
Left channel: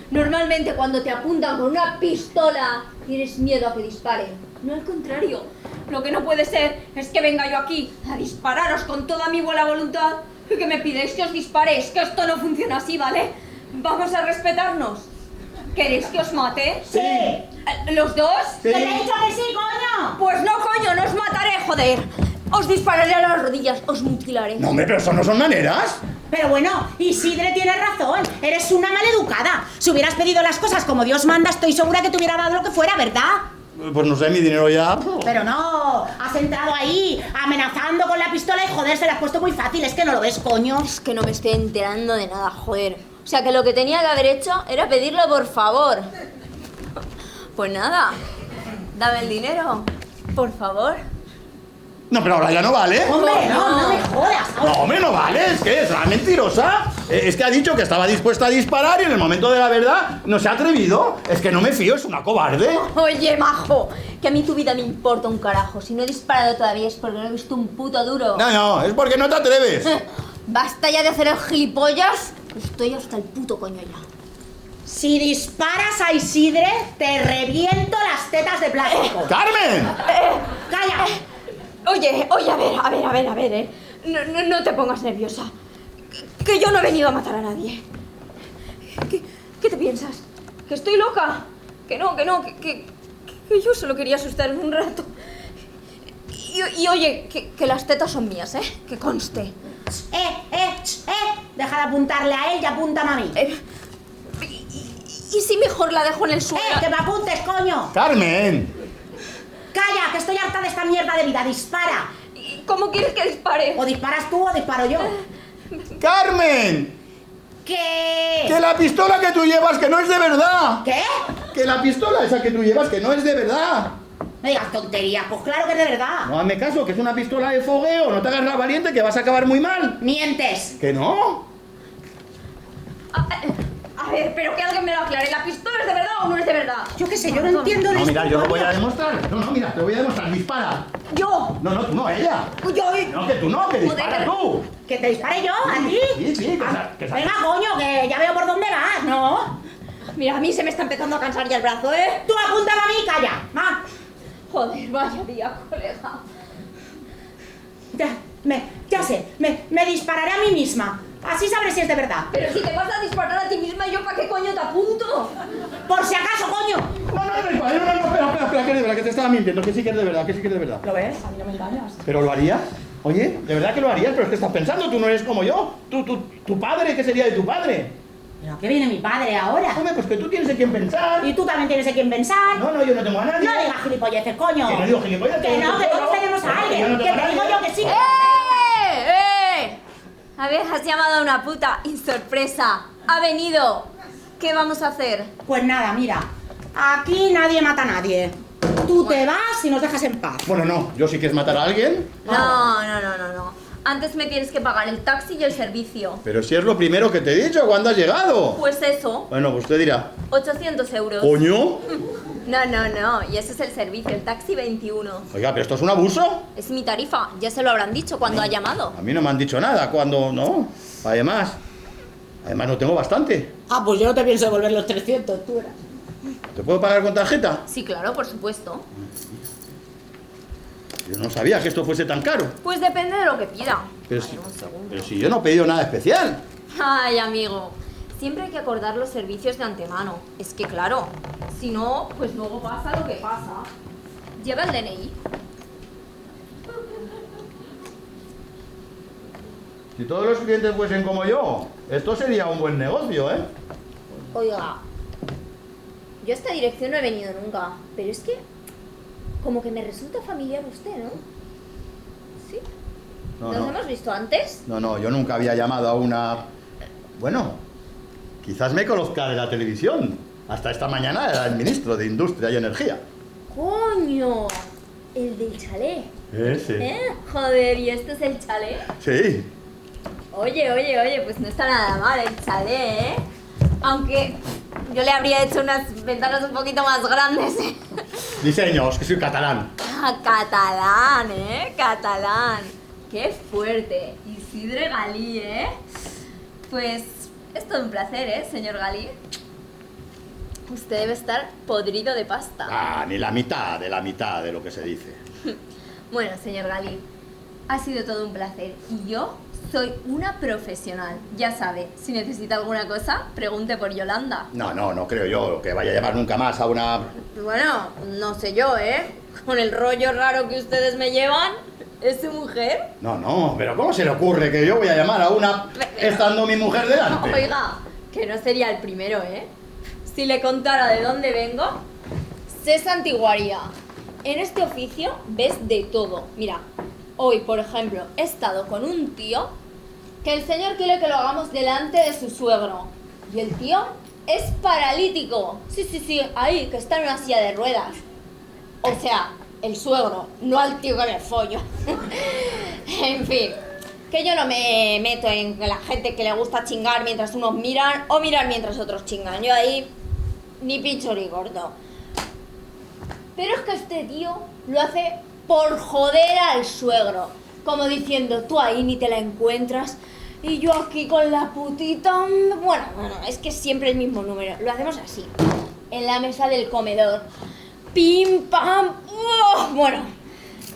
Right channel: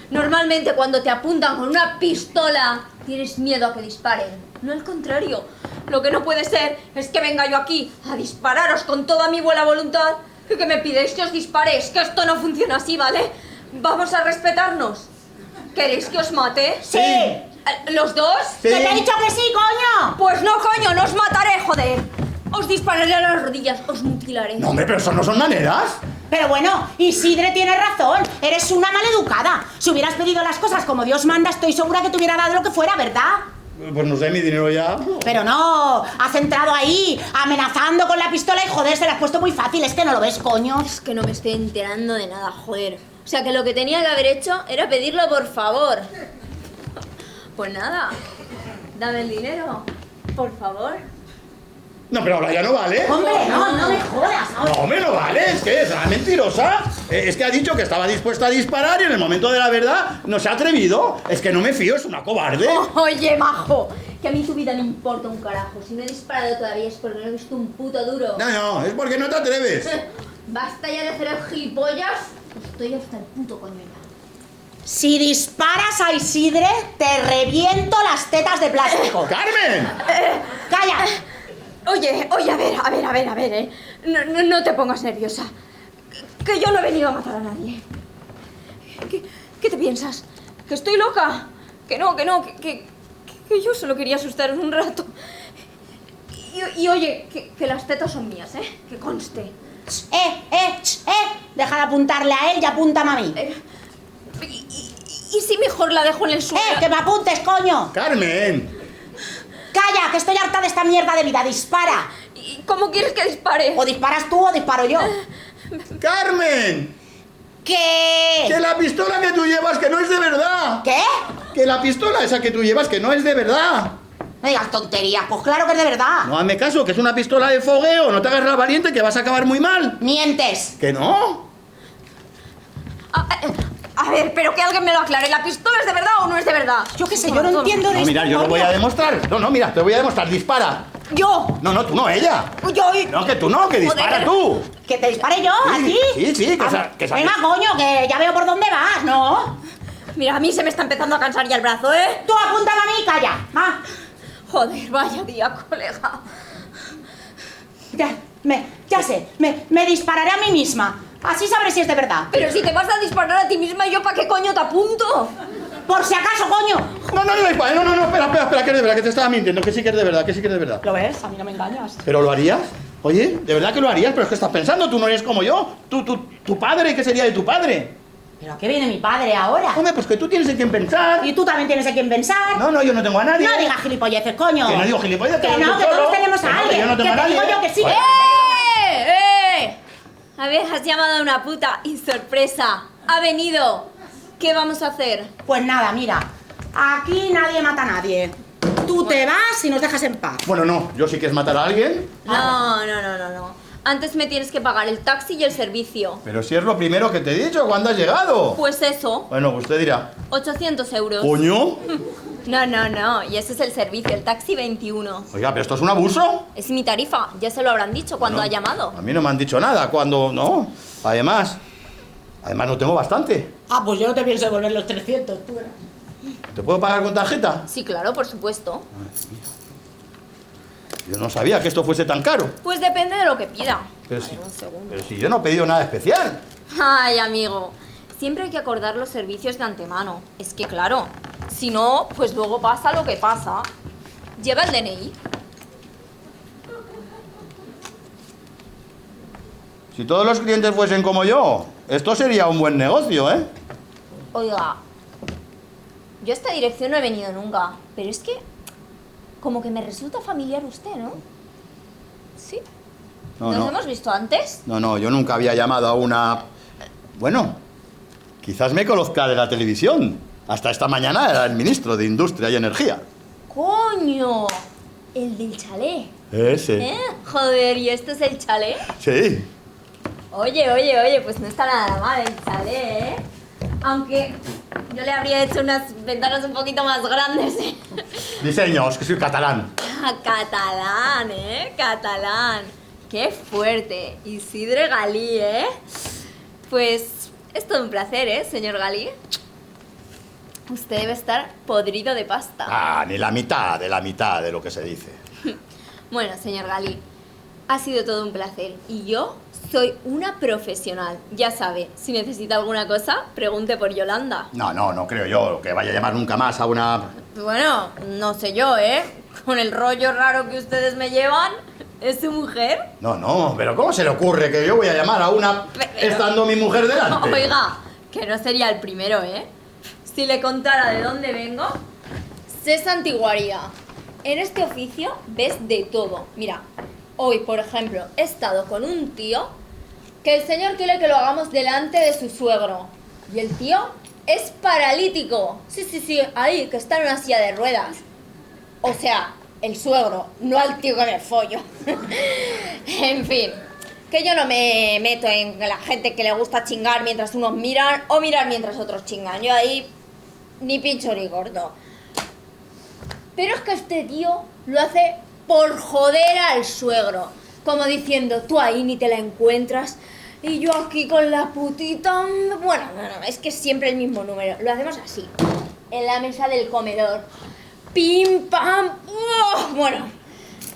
Normalmente cuando te apuntan con una pistola, tienes miedo a que disparen. No al contrario. Lo que no puede ser es que venga yo aquí a dispararos con toda mi buena voluntad y que me pidéis que os disparéis, que esto no funciona así, ¿vale? Vamos a respetarnos. ¿Queréis que os mate? Sí. ¿Los dos? Sí. ¡Te le he dicho que sí, coño! Pues no, coño, no os mataré, joder. Os dispararé a las rodillas, os mutilaré. No, hombre, pero eso no son maneras. Pero bueno, Isidre tiene razón. Eres una maleducada. Si hubieras pedido las cosas como Dios manda, estoy segura que te hubiera dado lo que fuera, ¿verdad? Pues no sé, mi dinero ya. Pero no, has entrado ahí amenazando con la pistola y joder, se la has puesto muy fácil. Es que no lo ves, coño. Es que no me estoy enterando de nada, joder. O sea, que lo que tenía que haber hecho era pedirlo por favor. Pues nada, dame el dinero, por favor. No, pero ahora ya no vale. Hombre, no me jodas. No, hombre, no vale, es que es una mentirosa. Es que ha dicho que estaba dispuesta a disparar y en el momento de la verdad no se ha atrevido. Es que no me fío, es una cobarde. Oye, majo, que a mí tu vida me importa un carajo. Si no he disparado todavía es porque no he visto un puto duro. No, es porque no te atreves. Basta ya de hacer el gilipollas. Estoy hasta el puto coño ya. Si disparas a Isidre, te reviento las tetas de plástico. ¡Carmen! ¡Calla! Oye, a ver, No te pongas nerviosa. Que yo no he venido a matar a nadie. ¿Qué te piensas? ¿Que estoy loca? Que no, que yo solo quería asustar un rato. Y oye, que las tetas son mías, que conste. Deja de apuntarle a él y apúntame a mí. ¿Y si mejor la dejo en el suelo? Que me apuntes, coño. ¡Carmen! Calla, que estoy harta de esta mierda de vida. Dispara. ¿Y cómo quieres que dispare? O disparas tú o disparo yo. ¡Carmen! ¿Qué? Que la pistola que tú llevas que no es de verdad. ¿Qué? Que la pistola esa que tú llevas que no es de verdad. No digas tonterías, pues claro que es de verdad. No, hazme caso, que es una pistola de fogueo. No te hagas la valiente que vas a acabar muy mal. Mientes. ¿Que no? A ver, pero que alguien me lo aclare. ¿La pistola es de verdad o no es de verdad? Yo qué sé, yo no entiendo No, esto, mira, yo lo voy a coño. demostrar. No, mira, te voy a demostrar. Dispara. ¿Yo? No, tú no, ella. Yo... No, que tú no, que dispara Joder. tú. ¿Que te dispare yo? ¿A ti? Sí, que Venga, coño, que ya veo por dónde vas, ¿no? Mira, a mí se me está empezando a cansar ya el brazo, ¿eh? Tú apúntame a mí y calla. Va. Joder, vaya día, colega. Ya sé, me dispararé a mí misma. Así sabré si es de verdad. Pero si te vas a disparar a ti misma, ¿yo para qué coño te apunto? Por si acaso, coño. No, espera, que es de verdad, que te estaba mintiendo, que sí que es de verdad, ¿Lo ves? A mí no me engañas. ¿Pero lo harías? Oye, ¿de verdad que lo harías? ¿Pero es que estás pensando? Tú no eres como yo. Tu padre, ¿qué sería de tu padre? ¿Pero a qué viene mi padre ahora? Hombre, pues que tú tienes en quién pensar. Y tú también tienes en quién pensar. No, yo no tengo a nadie. No digas gilipolleces, coño. Que no digo gilipollas, Que lo no, digo que solo. todos tenemos a Que alguien. yo no tengo Que a te digo nadie. yo que sí. Oye. A ver, has llamado a una puta y sorpresa, ha venido. ¿Qué vamos a hacer? Pues nada, mira, aquí nadie mata a nadie. Tú te vas y nos dejas en paz. Bueno, no, yo si quieres matar a alguien. No. Antes me tienes que pagar el taxi y el servicio. Pero si es lo primero que te he dicho cuando has llegado. Pues eso, Bueno, usted dirá. 800 euros. ¿Coño? No, y ese es el servicio, el taxi 21. Oiga, pero esto es un abuso. Es mi tarifa, ya se lo habrán dicho cuando ha llamado. A mí no me han dicho nada cuando... No. Además no tengo bastante. Ah, pues yo no te pienso devolver los 300, tú verás. ¿Te puedo pagar con tarjeta? Sí, claro, por supuesto. Yo no sabía que esto fuese tan caro. Pues depende de lo que pida. Pero si, Un segundo. pero si yo no he pedido nada especial. Ay, amigo, siempre hay que acordar los servicios de antemano. Es que claro, si no, pues luego pasa lo que pasa. Lleva el DNI. Si todos los clientes fuesen como yo, esto sería un buen negocio, ¿eh? Oiga, yo a esta dirección no he venido nunca, pero es que como que me resulta familiar usted, ¿no? ¿Sí? No, ¿Nos no. hemos visto antes? No, yo nunca había llamado a una... Bueno, quizás me conozca de la televisión. Hasta esta mañana era el ministro de Industria y Energía. ¡Coño! El del chalet. Ese. ¿Eh? Joder, ¿y este es el chalet? Sí. Oye, pues no está nada mal el chalet, ¿eh? Aunque yo le habría hecho unas ventanas un poquito más grandes. Diseños, que soy catalán. Catalán, ¿eh? Catalán. ¡Qué fuerte! Isidre Galí, ¿eh? Pues es todo un placer, ¿eh, señor Galí? Usted debe estar podrido de pasta. Ah, ni la mitad de lo que se dice. Bueno, señor Galí, ha sido todo un placer. Y yo soy una profesional. Ya sabe, si necesita alguna cosa, pregunte por Yolanda. No creo yo que vaya a llamar nunca más a una... Bueno, no sé yo, ¿eh? Con el rollo raro que ustedes me llevan, ¿es su mujer? No, pero ¿cómo se le ocurre que yo voy a llamar a una estando mi mujer delante? Oiga, que no sería el primero, ¿eh? Si le contara de dónde vengo, sé santiguaria. En este oficio ves de todo. Mira, hoy, por ejemplo, he estado con un tío que el señor quiere que lo hagamos delante de su suegro. Y el tío es paralítico. Sí, ahí, que está en una silla de ruedas. O sea, el suegro, no al tío que me follo. En fin, que yo no me meto en la gente que le gusta chingar mientras unos miran o mirar mientras otros chingan. Yo ahí ni pincho ni corto. Pero es que este tío lo hace por joder al suegro. Como diciendo, tú ahí ni te la encuentras y yo aquí con la putita... Bueno, es que es siempre el mismo número. Lo hacemos así, en la mesa del comedor. Pim, pam... ¡Oh! Bueno,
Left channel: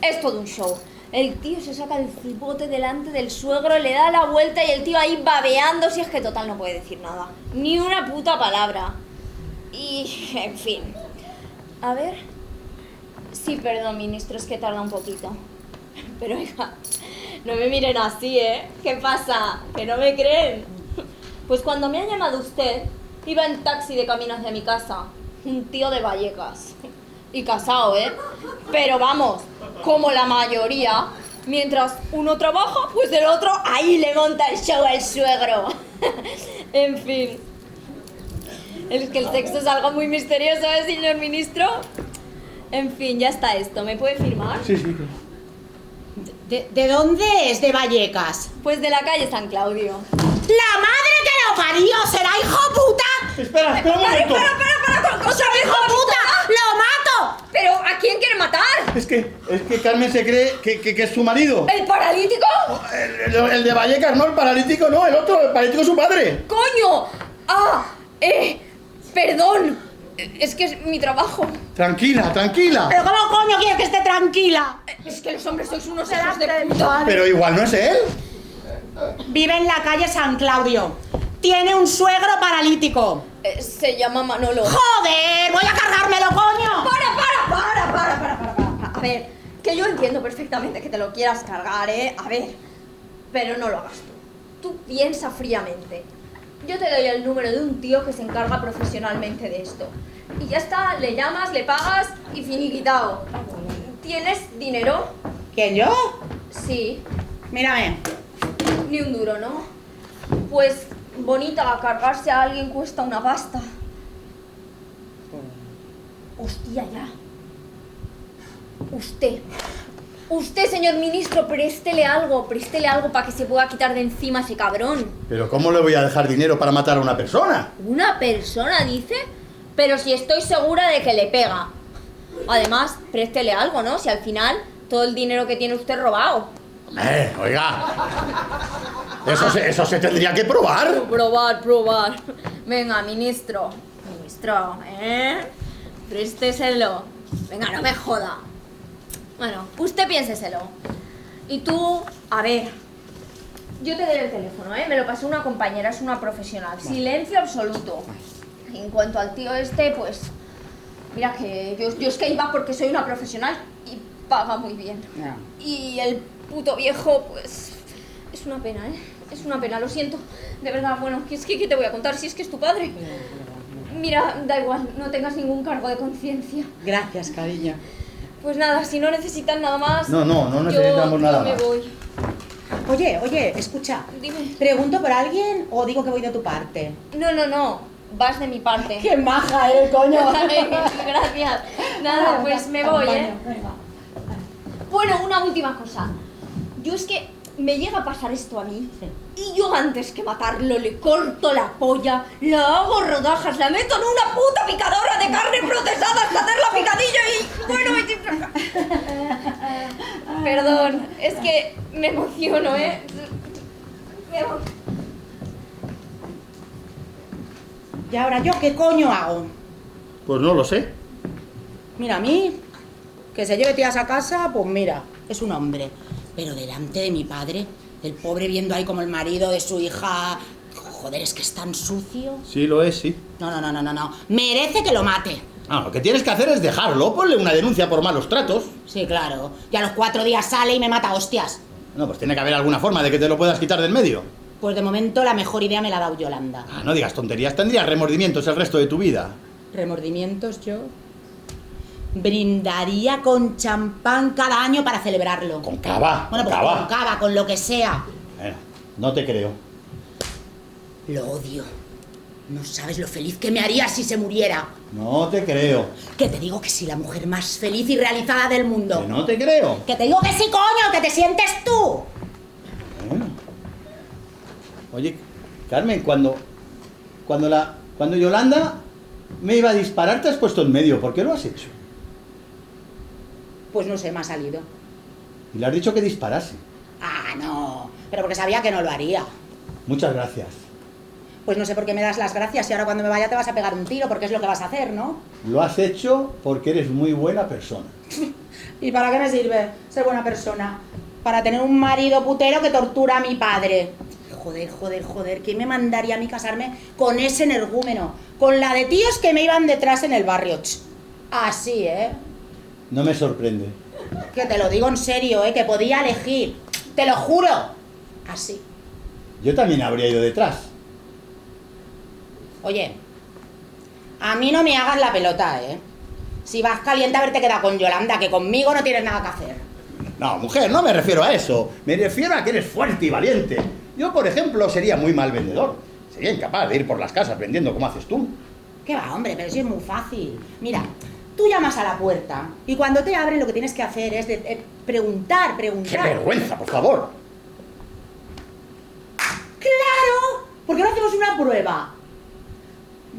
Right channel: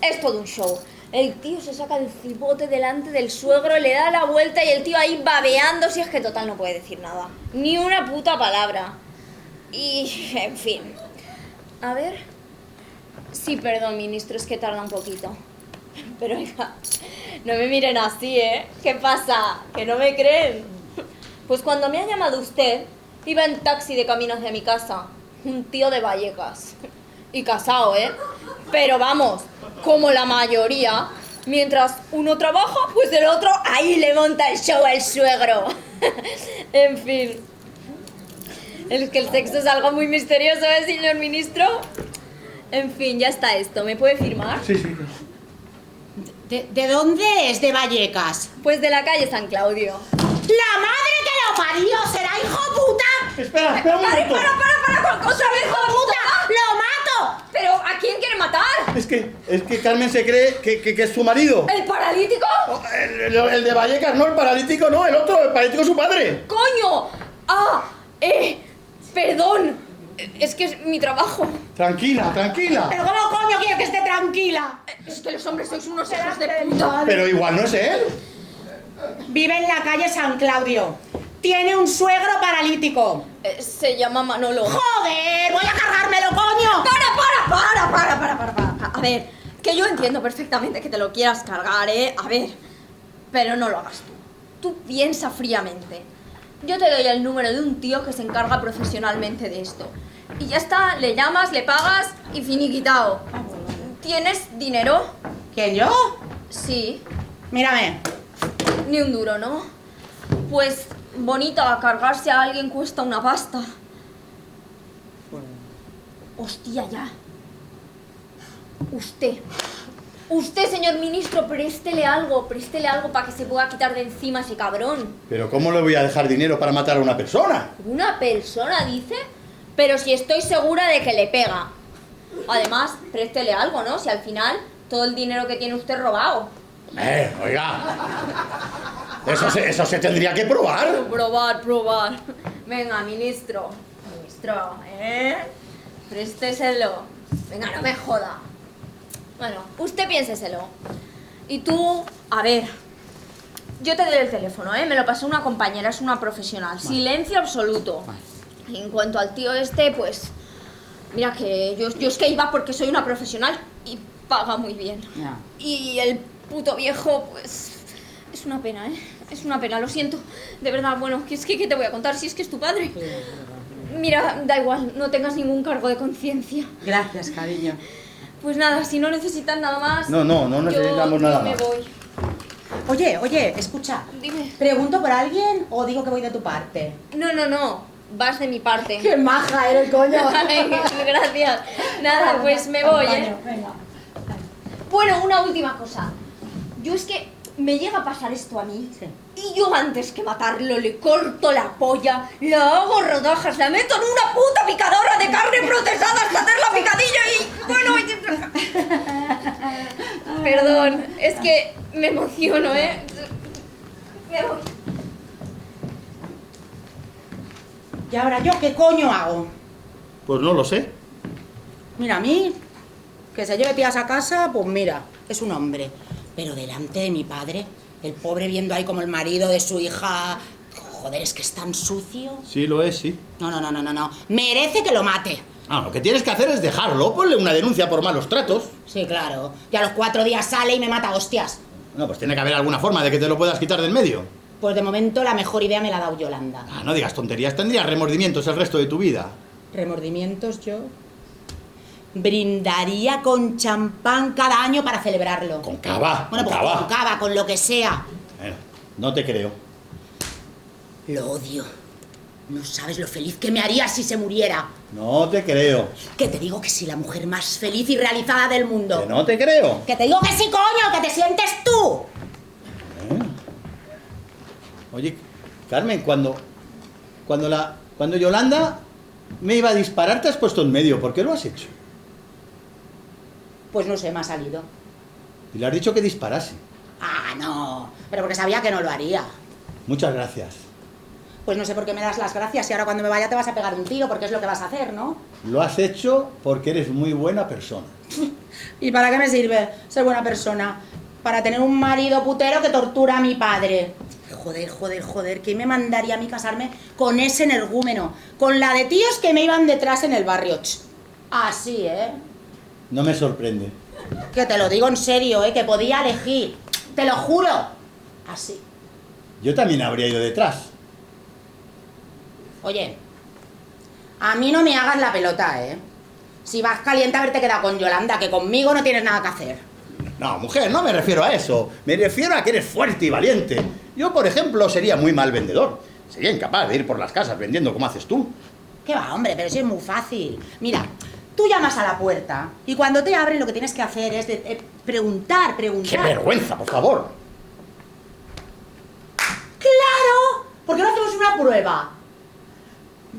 es todo un show. El tío se saca el cipote delante del suegro, le da la vuelta y el tío ahí babeando, si es que total no puede decir nada. Ni una puta palabra. Y, en fin. A ver... Sí, perdón, ministro, es que tarda un poquito. Pero, hija, no me miren así, ¿eh? ¿Qué pasa? ¿Que no me creen? Pues cuando me ha llamado usted, iba en taxi de camino hacia mi casa. Un tío de Vallecas. Y casado, ¿eh? Pero vamos, como la mayoría, mientras uno trabaja, pues el otro ahí le monta el show al suegro. En fin. El que el sexo es algo muy misterioso, ¿eh, señor ministro? En fin, ya está esto. ¿Me puede firmar? Sí. ¿De dónde es? ¿De Vallecas? Pues de la calle San Claudio. ¡La madre que lo parió! ¿Será hijo puta? Espera un momento. ¡Para con cosas, ¡Hijo puta! ¡Lo mato! ¿Pero a quién quiere matar? Es que Carmen se cree que es su marido. ¿El paralítico? El de Vallecas, no, el paralítico no, el otro, el paralítico es su padre. ¡Coño! Perdón. Es que es mi trabajo. Tranquila. ¿Pero cómo coño quieres que esté tranquila? Es que los hombres sois unos hijos de puta. Pero igual no es él. Vive en la calle San Claudio. Tiene un suegro paralítico. Se llama Manolo. ¡Joder! ¡Voy a cargármelo, coño! Para. A ver, que yo entiendo perfectamente que te lo quieras cargar, ¿eh? A ver, pero no lo hagas tú. Tú piensa fríamente. Yo te doy el número de un tío que se encarga profesionalmente de esto. Y ya está, le llamas, le pagas y finiquitao. ¿Tienes dinero? ¿Quién, yo? Sí. Mírame. Ni un duro, ¿no? Pues, bonita, cargarse a alguien cuesta una pasta. Hostia, ya. Usted, señor ministro, préstele algo para que se pueda quitar de encima ese cabrón. Pero ¿cómo le voy a dejar dinero para matar a una persona? ¿Una persona, dice? Pero si estoy segura de que le pega. Además, préstele algo, ¿no? Si al final todo el dinero que tiene usted robado. Oiga. Eso se tendría que probar. Probar. Venga, ministro, présteselo. Venga, no me joda. Bueno, usted piénseselo. Y tú, a ver, yo te doy el teléfono, ¿eh? Me lo pasó una compañera, es una profesional. Silencio absoluto. Y en cuanto al tío este, pues, mira que yo es que iba porque soy una profesional y paga muy bien. Y el puto viejo, pues, es una pena, ¿eh? Es una pena, lo siento. De verdad, bueno, ¿qué te voy a contar si es que es tu padre? Mira, da igual, no tengas ningún cargo de conciencia. Gracias, cariño. Pues nada, si no necesitan nada más... No necesitamos nada más. Yo me voy. Oye, escucha. Dime. ¿Pregunto por alguien o digo que voy de tu parte? No. Vas de mi parte. ¡Qué maja eres, coño! Ay, muchas gracias. Nada, pues me voy, ¿eh? Venga. Bueno, una última cosa. Yo es que me llega a pasar esto a mí. Sí. Y yo antes que matarlo le corto la polla, la hago rodajas, la meto en una puta picadora de carne procesada hasta hacer la picadilla y... Bueno, perdón, es que me emociono, ¿eh? Me voy. ¿Y ahora yo qué coño hago? Pues no lo sé. Mira, a mí, que se lleve tías a casa, pues mira, es un hombre. Pero delante de mi padre, el pobre viendo ahí como el marido de su hija... Joder, es que es tan sucio. Sí, lo es, sí. No. Merece que lo mate. Lo que tienes que hacer es dejarlo. Ponle una denuncia por malos tratos. Sí, claro. Y a los 4 días sale y me mata a hostias. No, pues tiene que haber alguna forma de que te lo puedas quitar del medio. Pues de momento la mejor idea me la ha dado Yolanda. No digas tonterías. Tendrías remordimientos el resto de tu vida. ¿Remordimientos yo? Brindaría con champán cada año para celebrarlo. Con cava. Bueno, pues con cava, con lo que sea. No te creo. Lo odio. No sabes lo feliz que me haría si se muriera. No te creo. Que te digo que sí, la mujer más feliz y realizada del mundo. Que no te creo. Que te digo que sí, coño, que te sientes tú. Oye, Carmen, cuando Yolanda me iba a disparar, te has puesto en medio. ¿Por qué lo has hecho? Pues no sé, me ha salido. Y le has dicho que disparase. No, pero porque sabía que no lo haría. Muchas gracias. Pues no sé por qué me das las gracias y ahora cuando me vaya te vas a pegar un tiro, porque es lo que vas a hacer, ¿no? Lo has hecho porque eres muy buena persona. ¿Y para qué me sirve ser buena persona? Para tener un marido putero que tortura a mi padre. Joder, ¿quién me mandaría a mí casarme con ese energúmeno? Con la de tíos que me iban detrás en el barrio. Así, ¿eh? No me sorprende. Que te lo digo en serio, ¿eh? Que podía elegir. Te lo juro. Así. Yo también habría ido detrás. Oye, a mí no me hagas la pelota, ¿eh? Si vas caliente a haberte quedado con Yolanda, que conmigo no tienes nada que hacer. No, mujer, no me refiero a eso. Me refiero a que eres fuerte y valiente. Yo, por ejemplo, sería muy mal vendedor. Sería incapaz de ir por las casas vendiendo como haces tú. ¿Qué va, hombre? Pero eso es muy fácil. Mira, tú llamas a la puerta y cuando te abren lo que tienes que hacer es preguntar. ¡Qué vergüenza, por favor! ¡Claro! ¿Por qué no hacemos una prueba?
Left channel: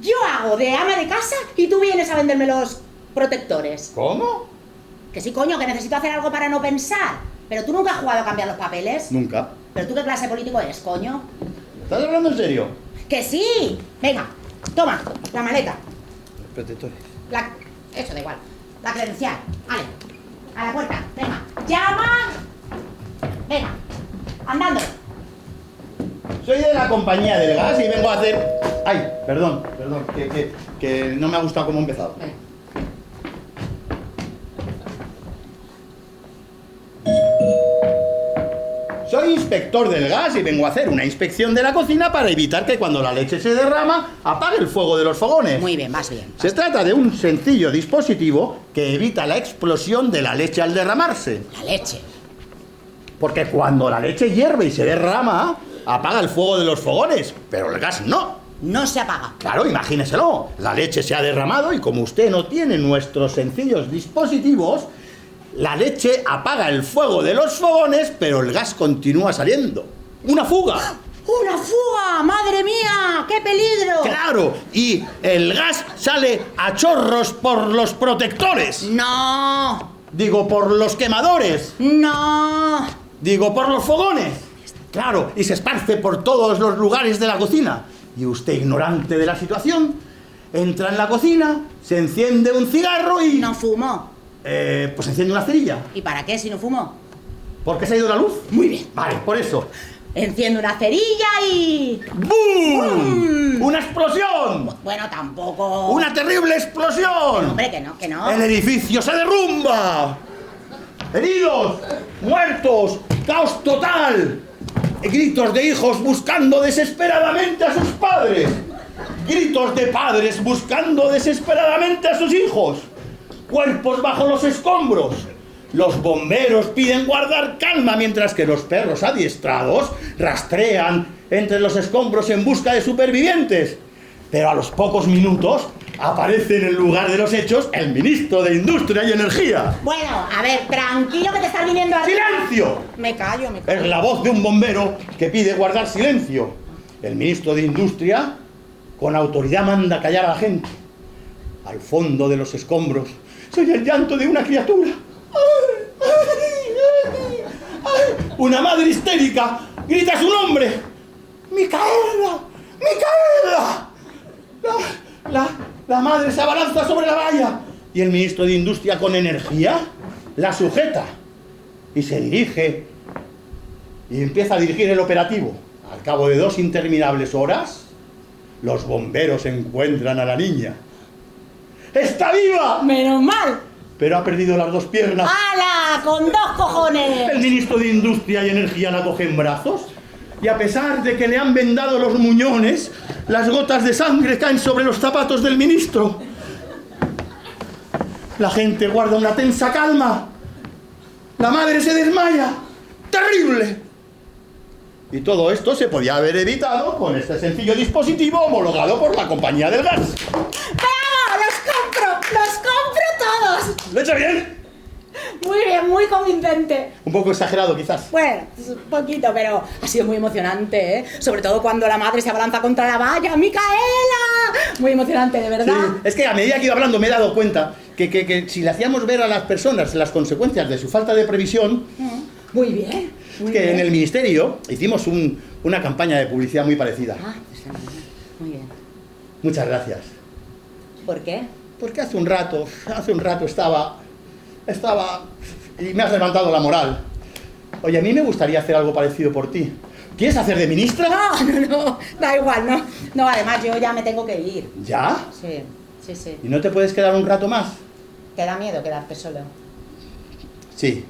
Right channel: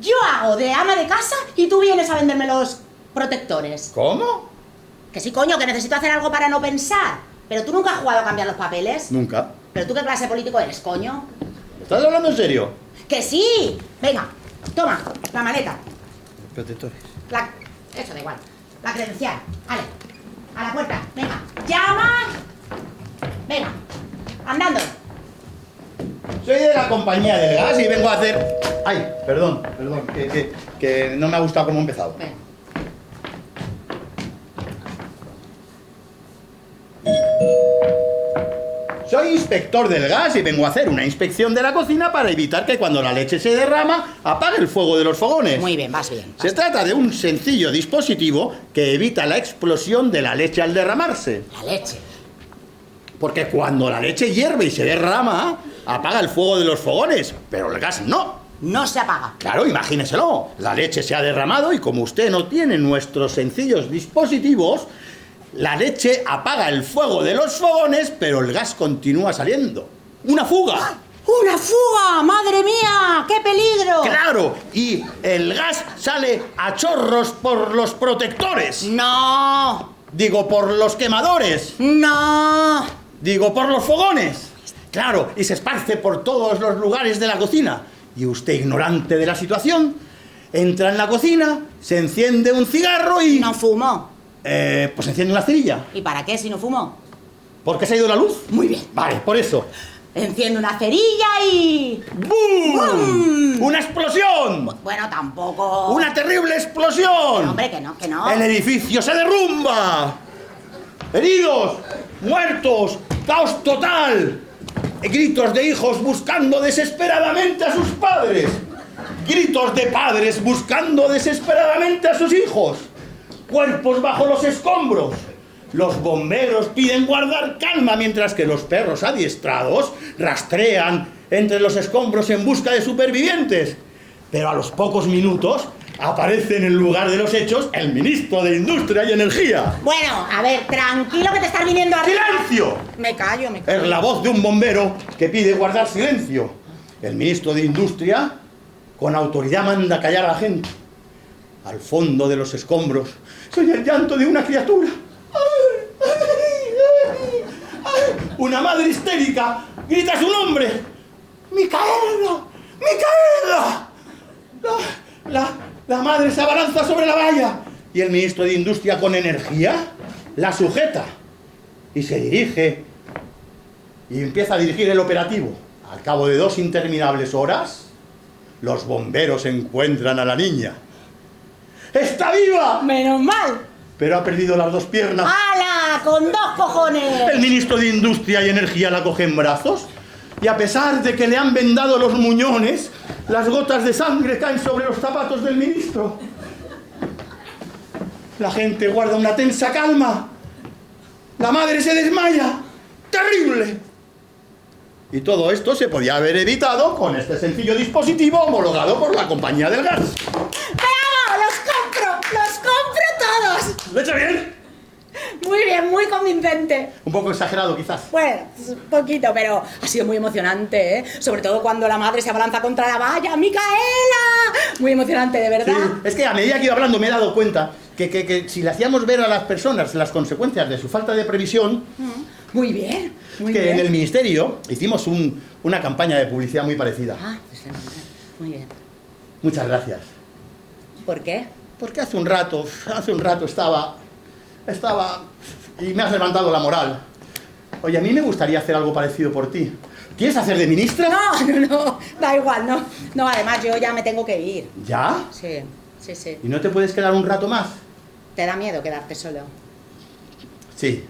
Yo hago de ama de casa y tú vienes a venderme los protectores. ¿Cómo? Que sí, coño, que necesito hacer algo para no pensar. Pero tú nunca has jugado a cambiar los papeles. Nunca. ¿Pero tú qué clase de político eres, coño? ¿Estás hablando en serio? ¡Que sí! Venga, toma, la maleta. Protectores. Eso da igual. La credencial. Vale. A la puerta. Venga. ¡Llama! Venga. Andando. Soy de la compañía del gas y vengo a hacer... Ay, perdón, que no me ha gustado cómo he empezado. Venga. Soy inspector del gas y vengo a hacer una inspección de la cocina para evitar que cuando la leche se derrama apague el fuego de los fogones. Muy bien, vas bien. Se trata de un sencillo dispositivo que evita la explosión de la leche al derramarse. La leche. Porque cuando la leche hierve y se derrama, apaga el fuego de los fogones, pero el gas no. No se apaga. Claro, imagíneselo. La leche se ha derramado y como usted no tiene nuestros sencillos dispositivos, la leche apaga el fuego de los fogones, pero el gas continúa saliendo. ¡Una fuga! ¡Una fuga! ¡Madre mía! ¡Qué peligro! ¡Claro! Y el gas sale a chorros por los protectores. ¡No! Digo, por los quemadores. ¡No! Digo, por los fogones. Claro, y se esparce por todos los lugares de la cocina. Y usted, ignorante de la situación, entra en la cocina, se enciende un cigarro y... No fumo. Pues enciende una cerilla. ¿Y para qué si no fumo? ¿Por qué se ha ido la luz? Muy bien. Vale, por eso. Enciendo una cerilla y... ¡Bum! ¡Una explosión! Bueno, tampoco... ¡Una terrible explosión! Hombre, que no, que no. ¡El edificio se derrumba! ¡Heridos! ¡Muertos! ¡Caos total! Gritos de hijos buscando desesperadamente a sus padres. Gritos de padres buscando desesperadamente a sus hijos. Cuerpos bajo los escombros. Los bomberos piden guardar calma mientras que los perros adiestrados rastrean entre los escombros en busca de supervivientes. Pero a los pocos minutos aparece en el lugar de los hechos el ministro de Industria y Energía. Bueno, a ver, tranquilo que te estás viniendo arriba. ¡Silencio! Me callo, me callo. Es la voz de un bombero que pide guardar silencio. El ministro de Industria, con autoridad, manda callar a la gente. Al fondo de los escombros se oye el llanto de una criatura. ¡Ay, ay, ay, ay! Una madre histérica grita su nombre. ¡Micaela! ¡Micaela! La madre se abalanza sobre la valla y el ministro de Industria, con energía, la sujeta y se dirige y empieza a dirigir el operativo. Al cabo de 2 interminables horas, los bomberos encuentran a la niña. ¡Está viva! Menos mal. Pero ha perdido las 2 piernas. ¡Hala! ¡Con 2 cojones! El ministro de Industria y Energía la coge en brazos y a pesar de que le han vendado los muñones, las gotas de sangre caen sobre los zapatos del ministro. La gente guarda una tensa calma. La madre se desmaya. ¡Terrible! Y todo esto se podía haber evitado con este sencillo dispositivo homologado por la compañía del gas. ¡Bravo! ¡Los compro! ¡Los compro todos! ¿Lo he hecho bien? Muy bien, muy convincente. Un poco exagerado, quizás. Bueno, un poquito, pero ha sido muy emocionante, ¿eh? Sobre todo cuando la madre se abalanza contra la valla. ¡Micaela! Muy emocionante, de verdad. Sí, es que a medida que iba hablando me he dado cuenta que si le hacíamos ver a las personas las consecuencias de su falta de previsión... Muy bien, muy que bien. en el ministerio hicimos una campaña de publicidad muy parecida. Ah, está muy bien. Muy bien. Muchas gracias. ¿Por qué? Porque hace un rato estaba... y me has levantado la moral. Oye, a mí me gustaría hacer algo parecido por ti. ¿Quieres hacer de ministra? No, da igual, no. No, además yo ya me tengo que ir. ¿Ya? Sí. ¿Y no te puedes quedar un rato más? ¿Te da miedo quedarte solo? Sí.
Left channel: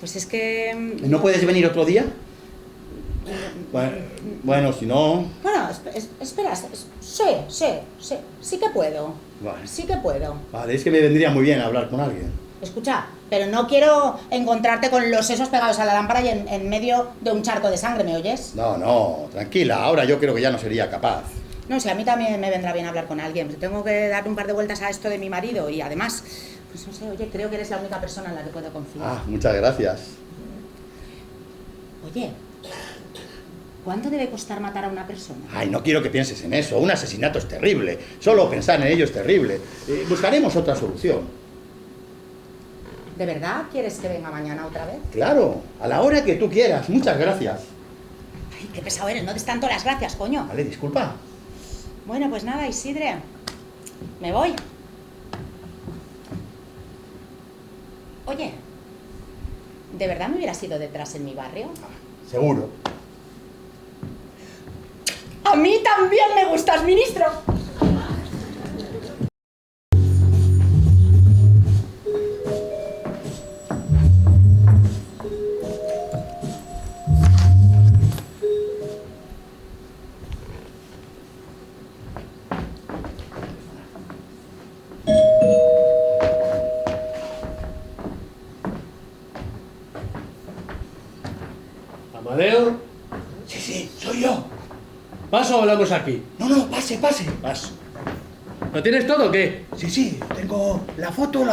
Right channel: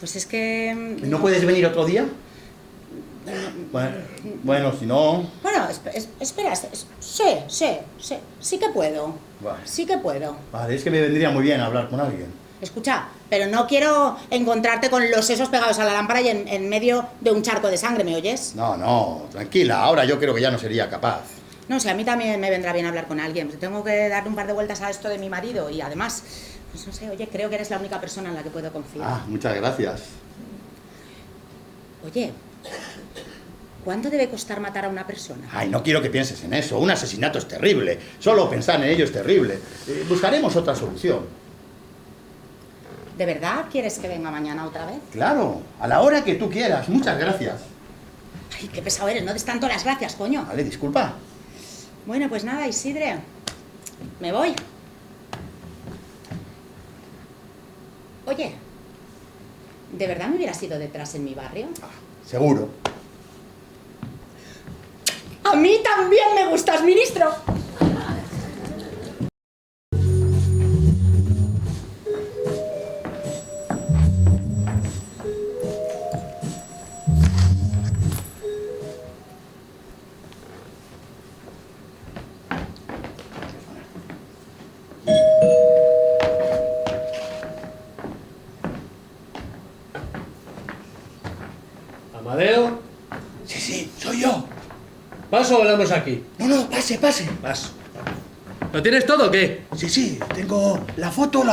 Pues es que... ¿No puedes venir otro día? Bueno, si no... Bueno, espera, sí que puedo. Vale. Sí que puedo. Vale, es que me vendría muy bien hablar con alguien. Escucha, pero no quiero encontrarte con los sesos pegados a la lámpara y en medio de un charco de sangre, ¿me oyes? No, tranquila, ahora yo creo que ya no sería capaz. No, si a mí también me vendrá bien hablar con alguien. Tengo que darle un par de vueltas a esto de mi marido y además, pues no sé, oye, creo que eres la única persona en la que puedo confiar. Ah, muchas gracias. Oye, ¿cuánto debe costar matar a una persona? Ay, no quiero que pienses en eso. Un asesinato es terrible. Solo pensar en ello es terrible. Buscaremos otra solución. ¿De verdad quieres que venga mañana otra vez? Claro, a la hora que tú quieras. Muchas gracias. Ay, qué pesado eres, no des tanto las gracias, coño. Vale, disculpa. Bueno, pues nada, Isidre, me voy. Oye, ¿de verdad me hubieras ido detrás en mi barrio? Seguro. A mí también me gustas, ministro. ¿Paso o hablamos aquí? No, pase, pase. Paso. ¿Lo tienes todo o qué? Sí, tengo la foto,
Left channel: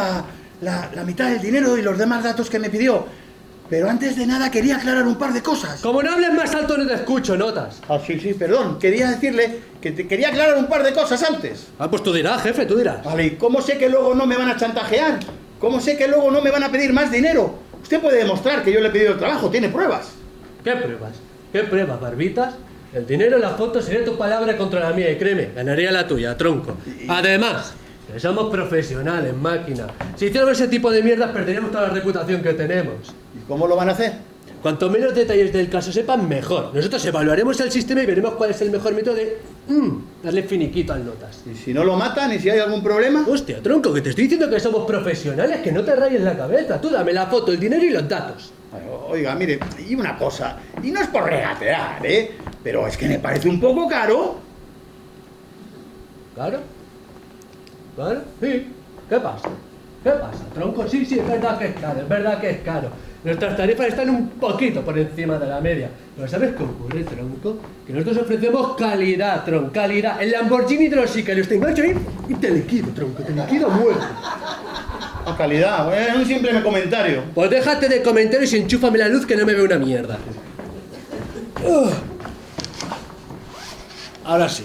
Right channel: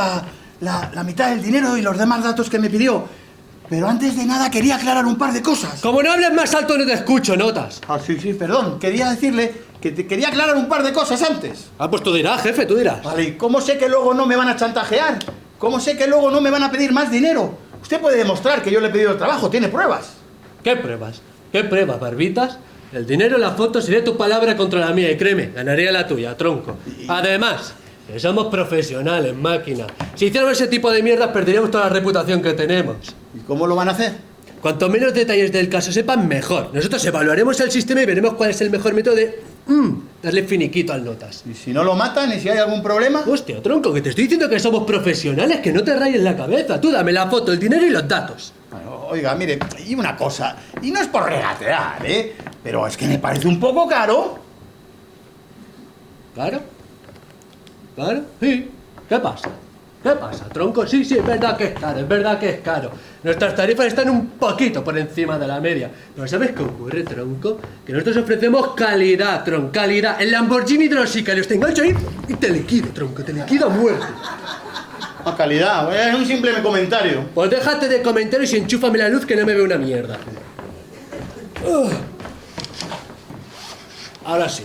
la mitad del dinero y los demás datos que me pidió. Pero antes de nada quería aclarar un par de cosas. Como no hables más alto no te escucho, notas. Ah, sí, perdón. Quería decirle que te quería aclarar un par de cosas antes. Ah, pues tú dirás, jefe, tú dirás. Vale, ¿y cómo sé que luego no me van a chantajear? ¿Cómo sé que luego no me van a pedir más dinero? Usted puede demostrar que yo le he pedido el trabajo, tiene pruebas. ¿Qué pruebas? ¿Qué pruebas, barbitas? El dinero en la foto sería tu palabra contra la mía y créeme, ganaría la tuya, tronco. Además, que somos profesionales, máquina. Si hiciéramos ese tipo de mierdas perderíamos toda la reputación que tenemos. ¿Y cómo lo van a hacer? Cuanto menos detalles del caso sepan, mejor. Nosotros evaluaremos el sistema y veremos cuál es el mejor método de darle finiquito al notas. ¿Y si no lo matan y si hay algún problema? Hostia, tronco, que te estoy diciendo que somos profesionales, que no te rayes la cabeza. Tú dame la foto, el dinero y los datos. Oiga, mire, y una cosa, y no es por regatear, ¿eh? Pero es que me parece un poco caro. ¿Claro? ¿Claro? Sí. ¿Qué pasa? ¿Qué pasa, tronco? Sí, es verdad que es caro, es verdad que es caro. Nuestras tarifas están un poquito por encima de la media. Pero ¿sabes qué ocurre, tronco? Que nosotros ofrecemos calidad, tronco, calidad. El Lamborghini de los sicarios te engancho ahí y te liquido, tronco, te liquido muerto. A calidad, es un simple comentario. Pues déjate de comentarios y enchúfame la luz que no me ve una mierda. Ahora sí.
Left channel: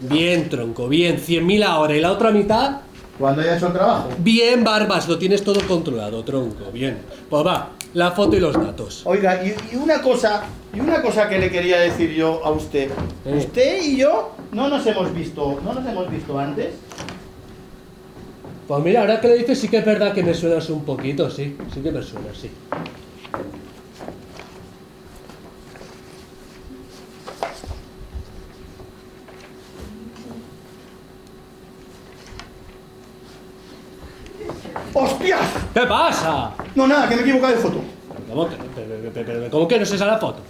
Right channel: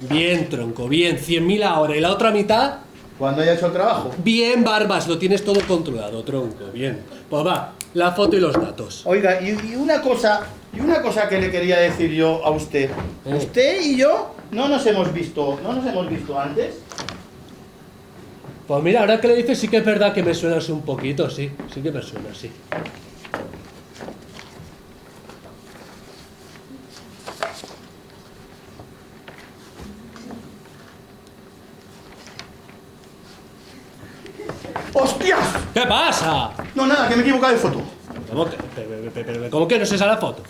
Bien, tronco, bien. 100.000 ahora. ¿Y la otra mitad? Cuando haya hecho el trabajo. Bien, Barbas. Lo tienes todo controlado, tronco. Bien. Pues va, la foto y los datos. Oiga, y una cosa que le quería decir yo a usted. Usted y yo no nos hemos visto antes. Pues mira, ahora que lo dices sí que es verdad que me suenas un poquito, sí. Sí que me suena, sí. ¡Hostias! ¿Qué pasa? No, nada, que me he equivocado de foto. ¿Cómo que no es esa la foto?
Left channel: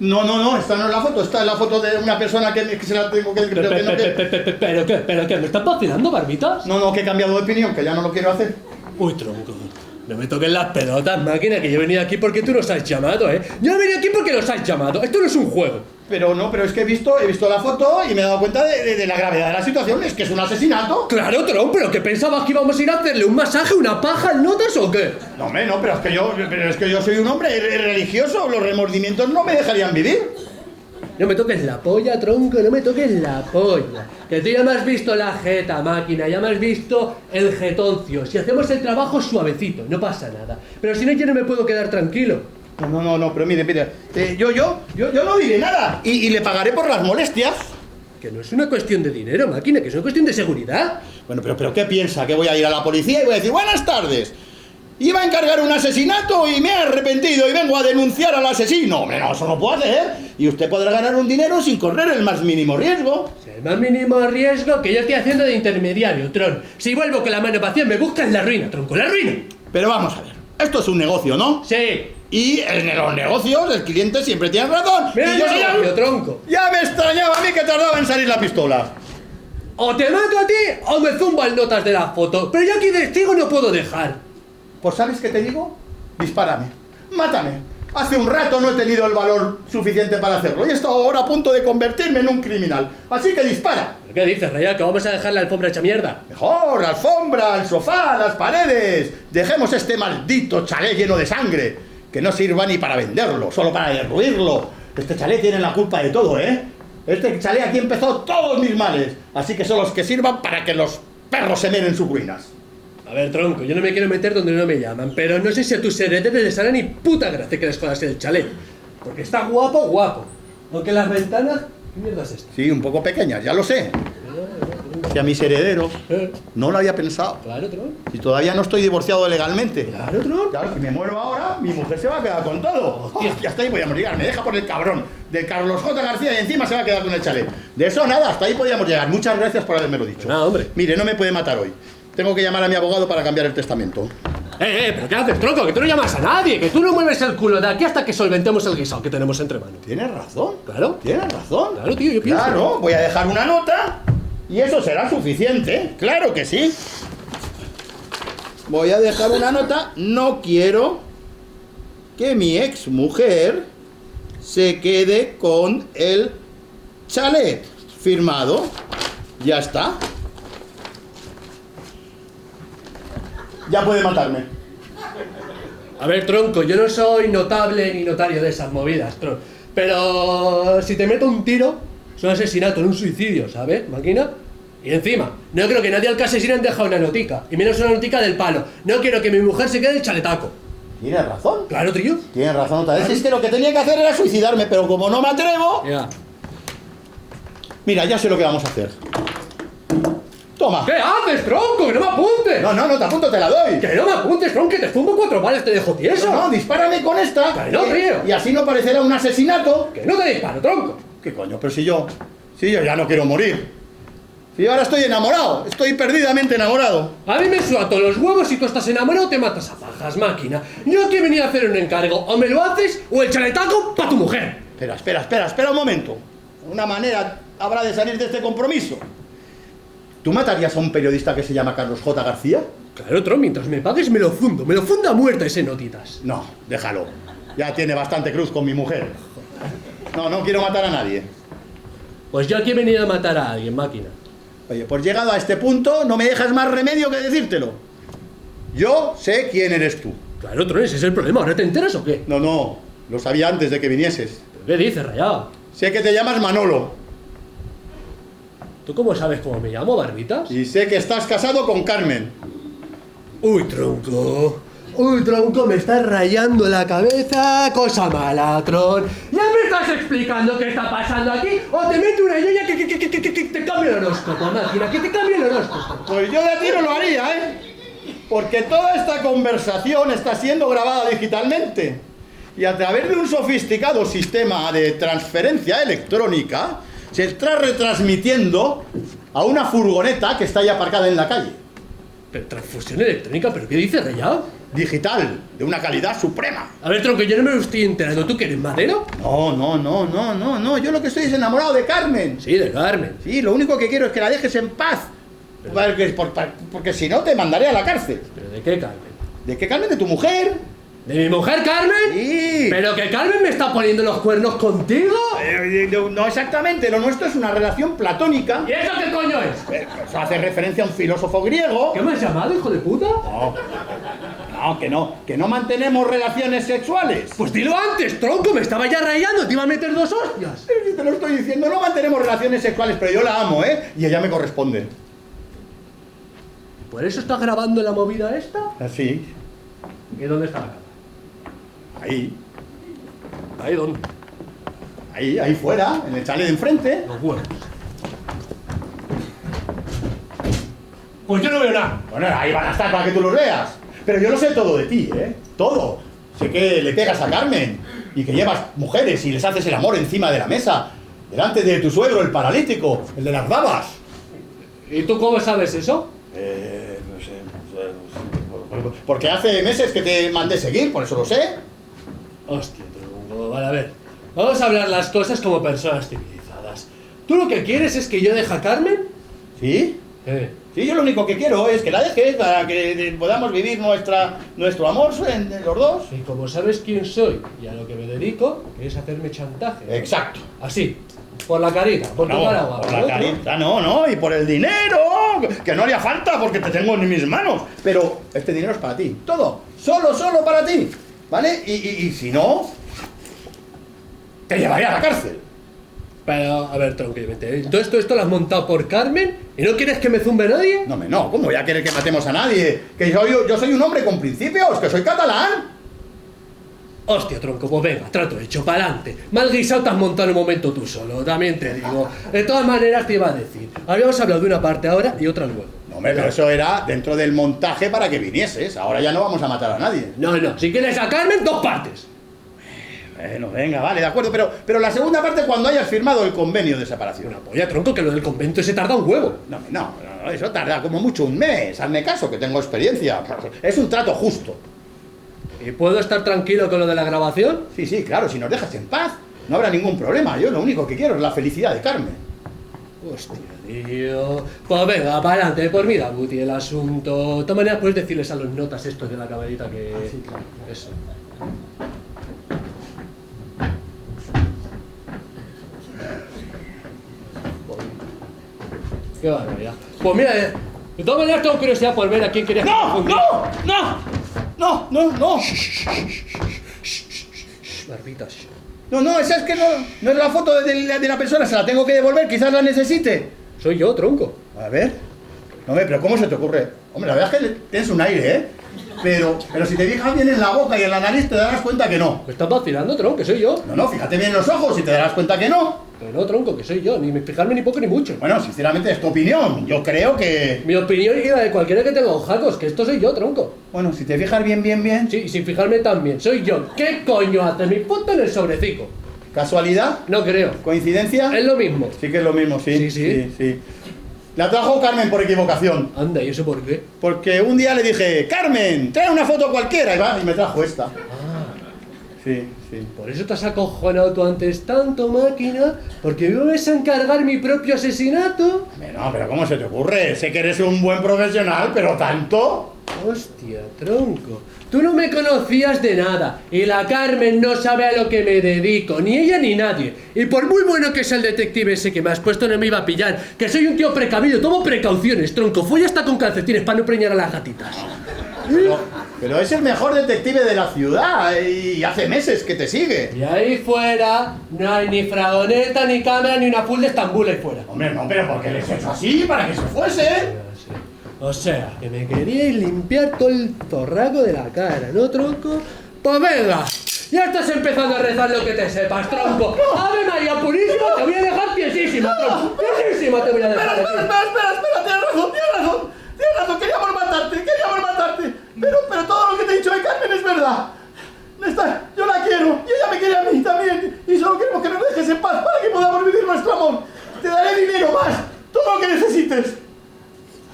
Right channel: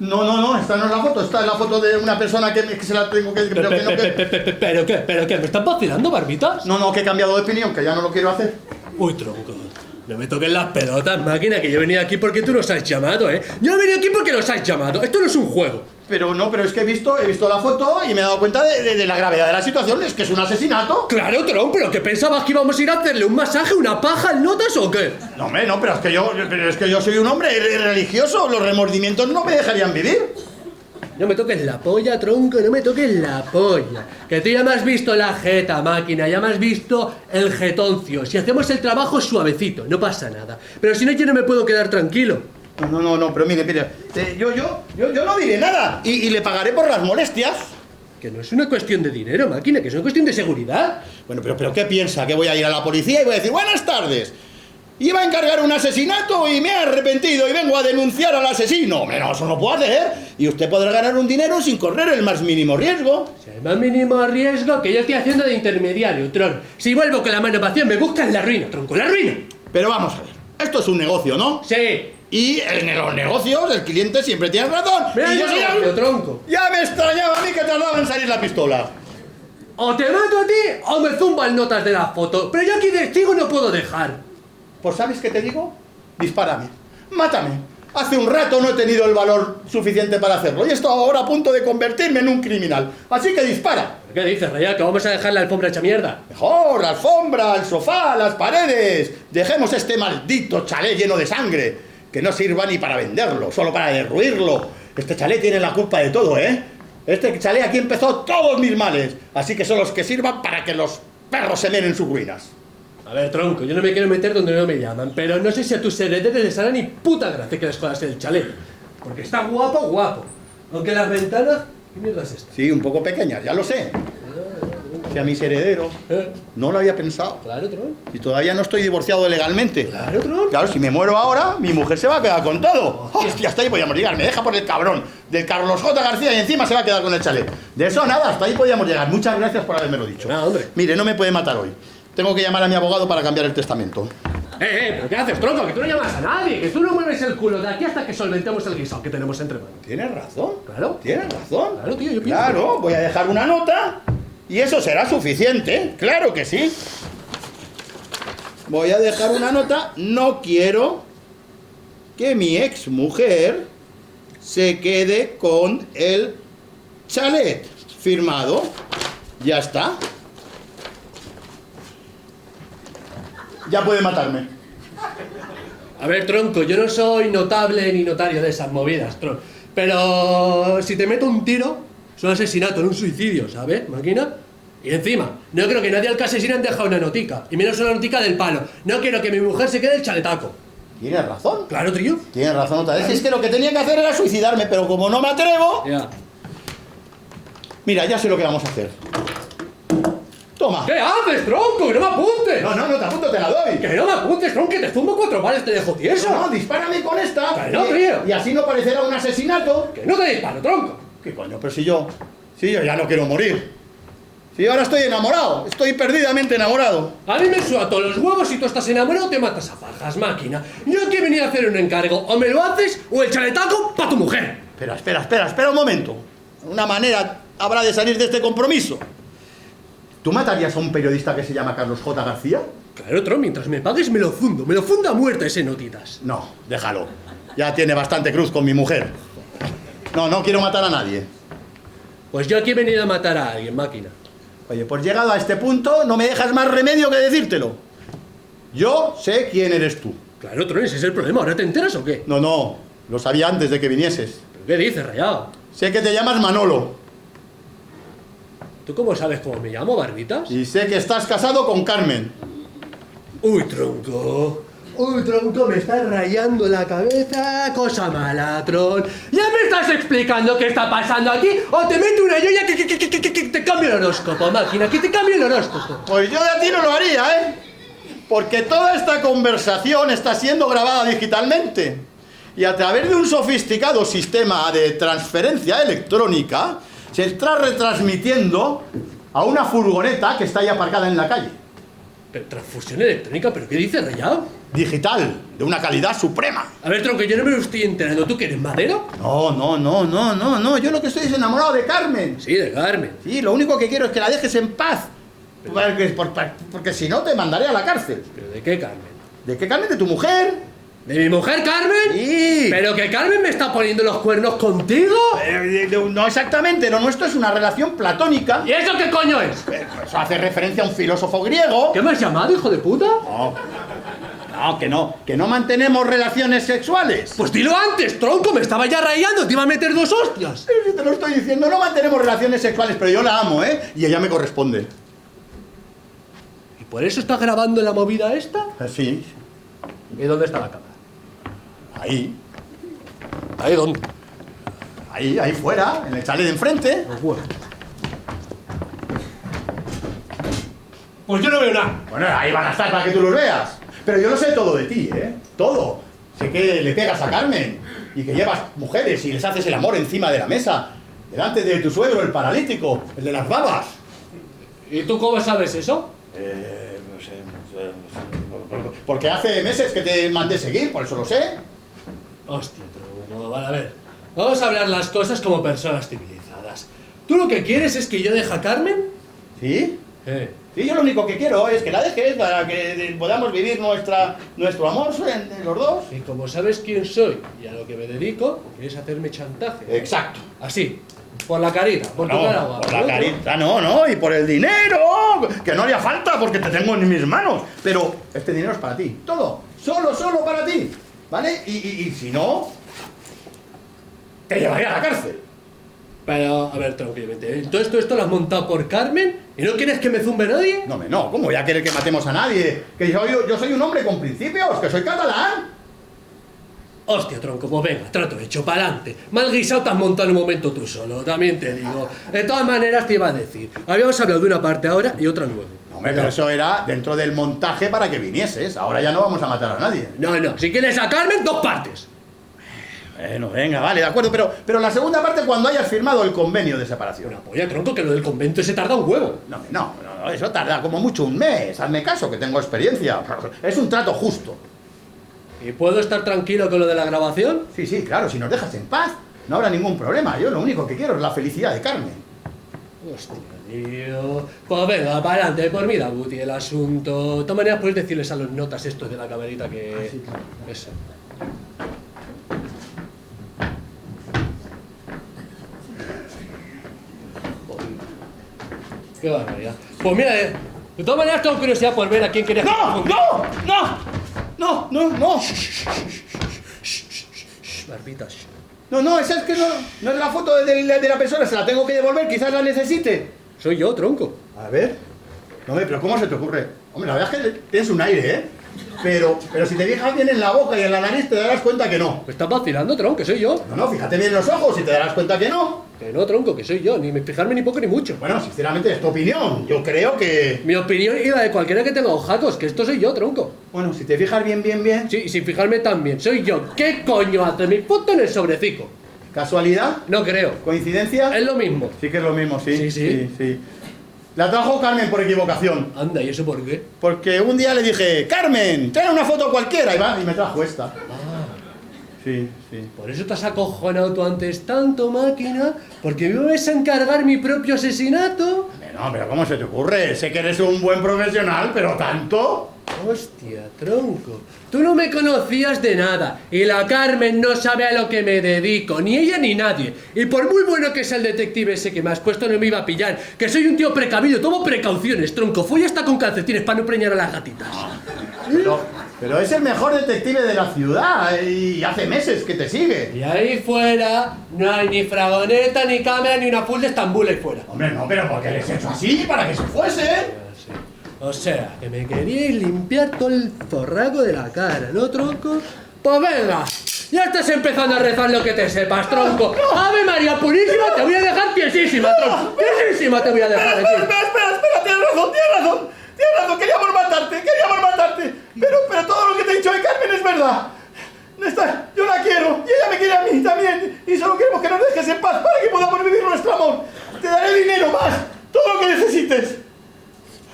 No, esta no es la foto, esta es la foto de una persona que se la tengo que... ¿Pero qué? ¿Me estás vacilando, Barbitas? No, que he cambiado de opinión, que ya no lo quiero hacer. Uy, tronco. No me toques las pelotas, máquina, que yo he venido aquí porque tú nos has llamado, ¿eh? Yo he venido aquí porque nos has llamado. Esto no es un juego. Pero es que he visto la foto y me he dado cuenta de la gravedad de la situación. Es que es un asesinato. Claro, tronco, pero ¿qué pensabas que íbamos a ir a hacerle un masaje, una paja al notas o qué? No, hombre, no, pero es que yo soy un hombre religioso. Los remordimientos no me dejarían vivir. No me toques la polla, tronco, no me toques la polla. Que tú ya me has visto la jeta, máquina, ya me has visto el jetoncio. Si hacemos el trabajo suavecito, no pasa nada. Pero si no, yo no me puedo quedar tranquilo. No, pero mire, yo no diré nada y le pagaré por las molestias. Que no es una cuestión de dinero, máquina, que es una cuestión de seguridad. Bueno, pero ¿qué piensa? ¿Que voy a ir a la policía y voy a decir buenas tardes? Iba a encargar un asesinato y me he arrepentido y vengo a denunciar al asesino. Hombre, no, eso no puedo hacer. Y usted podrá ganar un dinero sin correr el más mínimo riesgo. Si el más mínimo riesgo que yo estoy haciendo de intermediario, tron. Si vuelvo con la mano vacía, me buscas la ruina, tronco, la ruina. Pero vamos a ver, esto es un negocio, ¿no? Sí. Y en los negocios el cliente siempre tiene razón. Mira, y yo soy el... tronco. Ya me extrañaba a mí que tardaba en salir la pistola. O te mato a ti o me zumban notas de la foto. Pero yo aquí de testigo no puedo dejar. Pues ¿sabes qué te digo? Dispárame. Mátame. Hace un rato no he tenido el valor suficiente para hacerlo y estoy ahora a punto de convertirme en un criminal. Así que dispara. ¿Pero qué dices, Rayal? ¿Que vamos a dejar la alfombra hecha mierda? Mejor, la alfombra, el sofá, las paredes. Dejemos este maldito chalet lleno de sangre. Que no sirva ni para venderlo, solo para derruirlo. Este chalet tiene la culpa de todo, ¿eh? Este chalet aquí empezó todos mis males. Así que son los que sirvan para que los perros se meen en sus ruinas. A ver, tronco, yo no me quiero meter donde no me llaman, pero no sé si a tus herederos les hará ni puta gracia que les jodas el chalet. Porque está guapo. Aunque las ventanas... ¿Qué mierda es esto? Sí, un poco pequeñas, ya lo sé. Si a mis herederos no lo había pensado. Claro, tronco. Y todavía no estoy divorciado legalmente. Claro, tronco. Claro, si me muero ahora, mi mujer se va a quedar con todo. Hostia, hasta ahí podíamos llegar. Me deja por el cabrón del Carlos J. García y encima se va a quedar con el chalet. De eso nada, hasta ahí podíamos llegar. Muchas gracias por haberme lo dicho. Nada, hombre. Mire, no me puede matar hoy. Tengo que llamar a mi abogado para cambiar el testamento. ¿Pero qué haces, tronco? Que tú no llamas a nadie, que tú no mueves el culo de aquí hasta que solventemos el guisado que tenemos entre manos. Tienes razón. Claro. Tienes razón. Claro, tío, yo pienso. Claro, voy a dejar una nota y eso será suficiente. Claro que sí. Voy a dejar una nota. No quiero que mi ex mujer se quede con el chalet. Firmado. Ya está. Ya puede matarme. A ver, tronco, yo no soy notable ni notario de esas movidas, tronco. Pero si te meto un tiro, es un asesinato, no un suicidio, ¿sabes, máquina? Y encima, no creo que nadie al que asesinan deja una notica, y menos una notica del palo. No quiero que mi mujer se quede el chaletaco. ¿Tienes razón? Claro, tío. Tienes razón otra vez. Si es que lo que tenía que hacer era suicidarme, pero como no me atrevo... Ya. Mira, ya sé lo que vamos a hacer. Toma. ¿Qué haces, tronco? ¡Que no me apuntes! No te apunto, te la doy. ¡Que no me apuntes, tronco! ¡Que te fumo 4 balas, te dejo tieso! No, dispárame con esta. Que no, tío. Y así no parecerá un asesinato. ¡Que no te disparo, tronco! ¿Qué coño? Pero si yo ya no quiero morir. Si ahora estoy enamorado, estoy perdidamente enamorado. A mí me suato los huevos, si tú estás enamorado te matas a fajas, máquina. Yo aquí he venido a hacer un encargo, o me lo haces o el chaletaco para tu mujer. Espera un momento. Una manera habrá de salir de este compromiso. ¿Tú matarías a un periodista que se llama Carlos J. García? Claro, tron, mientras me pagues me lo fundo a muerte ese notitas. No, déjalo. Ya tiene bastante cruz con mi mujer. No quiero matar a nadie. Pues yo aquí he venido a matar a alguien, máquina. Oye, pues llegado a este punto, no me dejas más remedio que decírtelo. Yo sé quién eres tú. Claro, tron, ese es el problema. ¿Ahora te enteras o qué? No, lo sabía antes de que vinieses. ¿Pero qué dices, rayado? Sé que te llamas Manolo. ¿Tú cómo sabes cómo me llamo, Barbitas? Y sé que estás casado con Carmen. Uy, tronco, me estás rayando la cabeza, cosa mala, Tron. ¿Ya me estás explicando qué está pasando aquí? ¿O te meto una yoya que te cambio el horóscopo, máquina? Que te cambio el horóscopo. Pues yo de a ti no lo haría, ¿eh? Porque toda esta conversación está siendo grabada digitalmente. Y a través de un sofisticado sistema de transferencia electrónica, se está retransmitiendo a una furgoneta que está ahí aparcada en la calle. Pero transfusión electrónica, ¿pero qué dices, rayado? Digital, de una calidad suprema. A ver, tronco, yo no me lo estoy enterando. ¿Tú que eres madero? No. Yo lo que estoy es enamorado de Carmen. Sí, de Carmen. Sí, lo único que quiero es que la dejes en paz. Porque si no te mandaré a la cárcel. ¿Pero de qué, Carmen? ¿De qué Carmen? ¿De tu mujer? ¿De mi mujer, Carmen? Sí. ¿Pero que Carmen me está poniendo los cuernos contigo? No exactamente, lo nuestro es una relación platónica. ¿Y eso qué coño es? Eso hace referencia a un filósofo griego. ¿Qué me has llamado, hijo de puta? Que no mantenemos relaciones sexuales. Pues dilo antes, tronco, me estaba ya rayando, te iba a meter 2 hostias. Sí, te lo estoy diciendo, no mantenemos relaciones sexuales, pero yo la amo, ¿eh? Y ella me corresponde. ¿Y por eso estás grabando la movida esta? Así. ¿Y dónde está la cámara? Ahí. ¿Ahí dónde? Ahí fuera, en el chalet de enfrente. Los huevos. Pues yo no veo nada. Bueno, ahí van a estar para que tú los veas. Pero yo no sé todo de ti, ¿eh? Todo. Sé que le pegas a Carmen y que llevas mujeres y les haces el amor encima de la mesa, delante de tu suegro, el paralítico, el de las babas. ¿Y tú cómo sabes eso? No sé. Porque hace meses que te mandé seguir, por eso lo sé. Hostia, tronco, vale, a ver. Vamos a hablar las cosas como personas civilizadas. ¿Tú lo que quieres es que yo deje a Carmen? ¿Sí? Sí, yo lo único que quiero es que la dejes para que podamos vivir nuestro amor los dos. Y como sabes quién soy y a lo que me dedico, quieres hacerme chantaje, ¿no? Exacto. Así, por la carita, por tu cara guapa. Por la ¿no? carita, no, y por el dinero, que no haría falta porque te tengo en mis manos. Pero este dinero es para ti, todo, solo para ti, ¿vale? Y si no, te llevaré a la cárcel. Pero, a ver, tranquilamente, ¿todo esto lo has montado por Carmen? ¿Y no quieres que me zumbe nadie? No, ¿cómo voy a querer que matemos a nadie? Que yo soy un hombre con principios, que soy catalán. Hostia, tronco, pues venga, trato hecho, pa'lante. Mal guisado te has montado en un momento tú solo, también te digo. De todas maneras te iba a decir, habíamos hablado de una parte ahora y otra luego. No, hombre, pero eso era dentro del montaje para que vinieses. Ahora ya no vamos a matar a nadie. No, si quieres a Carmen, 2 partes. Bueno, venga, vale, de acuerdo, pero la segunda parte cuando hayas firmado el convenio de separación. Una polla, tronco, que lo del convento se tarda un huevo. No, eso tarda como mucho un mes. Hazme caso, que tengo experiencia. Es un trato justo. ¿Y puedo estar tranquilo con lo de la grabación? Sí, claro, si nos dejas en paz, no habrá ningún problema. Yo lo único que quiero es la felicidad de Carmen. Hostia, tío. Pues venga, para adelante, por mira, Guti, el asunto. De todas maneras, puedes decirles a los notas estos de la camarita que... sí, claro. Eso. Qué barbaridad. Pues mira, de todas maneras tengo curiosidad por ver a quién querías confundir. No. Barbitas. No, esa es que no es la foto de la persona, se la tengo que devolver, quizás la necesite. Soy yo, tronco. A ver. No, pero ¿cómo se te ocurre? Hombre, la verdad es que tienes un aire, ¿eh? Pero si te fijas bien en la boca y en la nariz te darás cuenta que no. ¿Me estás vacilando, tronco? Que soy yo. No, fíjate bien en los ojos y te darás cuenta que no. Que no, tronco, que soy yo. Ni fijarme ni poco ni mucho. Bueno, sinceramente es tu opinión. Yo creo que... Mi opinión y la de cualquiera que tenga ojacos, que esto soy yo, tronco. Bueno, si te fijas bien... Sí, y sin fijarme también, soy yo. ¿Qué coño hace mi puto en el sobrecico? ¿Casualidad? No creo. ¿Coincidencia? Es lo mismo. Sí que es lo mismo, sí. Sí. La trajo Carmen por equivocación. Anda, ¿y eso por qué? Porque un día le dije, Carmen, trae una foto cualquiera. Y me trajo esta. Sí. Por eso te has acojonado tú antes tanto, máquina, porque me vas a encargar mi propio asesinato. No, pero ¿cómo se te ocurre? Sé que eres un buen profesional, pero ¿tanto? Hostia, tronco. Tú no me conocías de nada. Y la Carmen no sabe a lo que me dedico. Ni ella ni nadie. Y por muy bueno que sea el detective ese que me has puesto, no me iba a pillar. Que soy un tío precavido. Tomo precauciones, tronco. Folla hasta con calcetines para no preñar a las gatitas. Pero es el mejor detective de la ciudad. Y hace meses que te sigue. Y ahí fuera no hay ni fragoneta, ni cámara, ni una full de Estambul ahí fuera. Hombre, no, pero ¿por qué les he hecho así? ¿Para que se fuese? O sea, que me queríais limpiar todo el forraco de la cara, ¿no, tronco? Pues venga, ya estás empezando a rezar lo que te sepas, tronco. ¡Ave María Purísima! Te voy a dejar tiesísima, tronco. Tiesísima te voy a dejar aquí. Espera, tienes razón, queríamos matarte. Pero todo lo que te he dicho de Carmen es verdad. Yo la quiero, y ella me quiere a mí también. Y solo queremos que nos dejes en paz para que podamos vivir nuestro amor. Te daré dinero más, todo lo que necesites.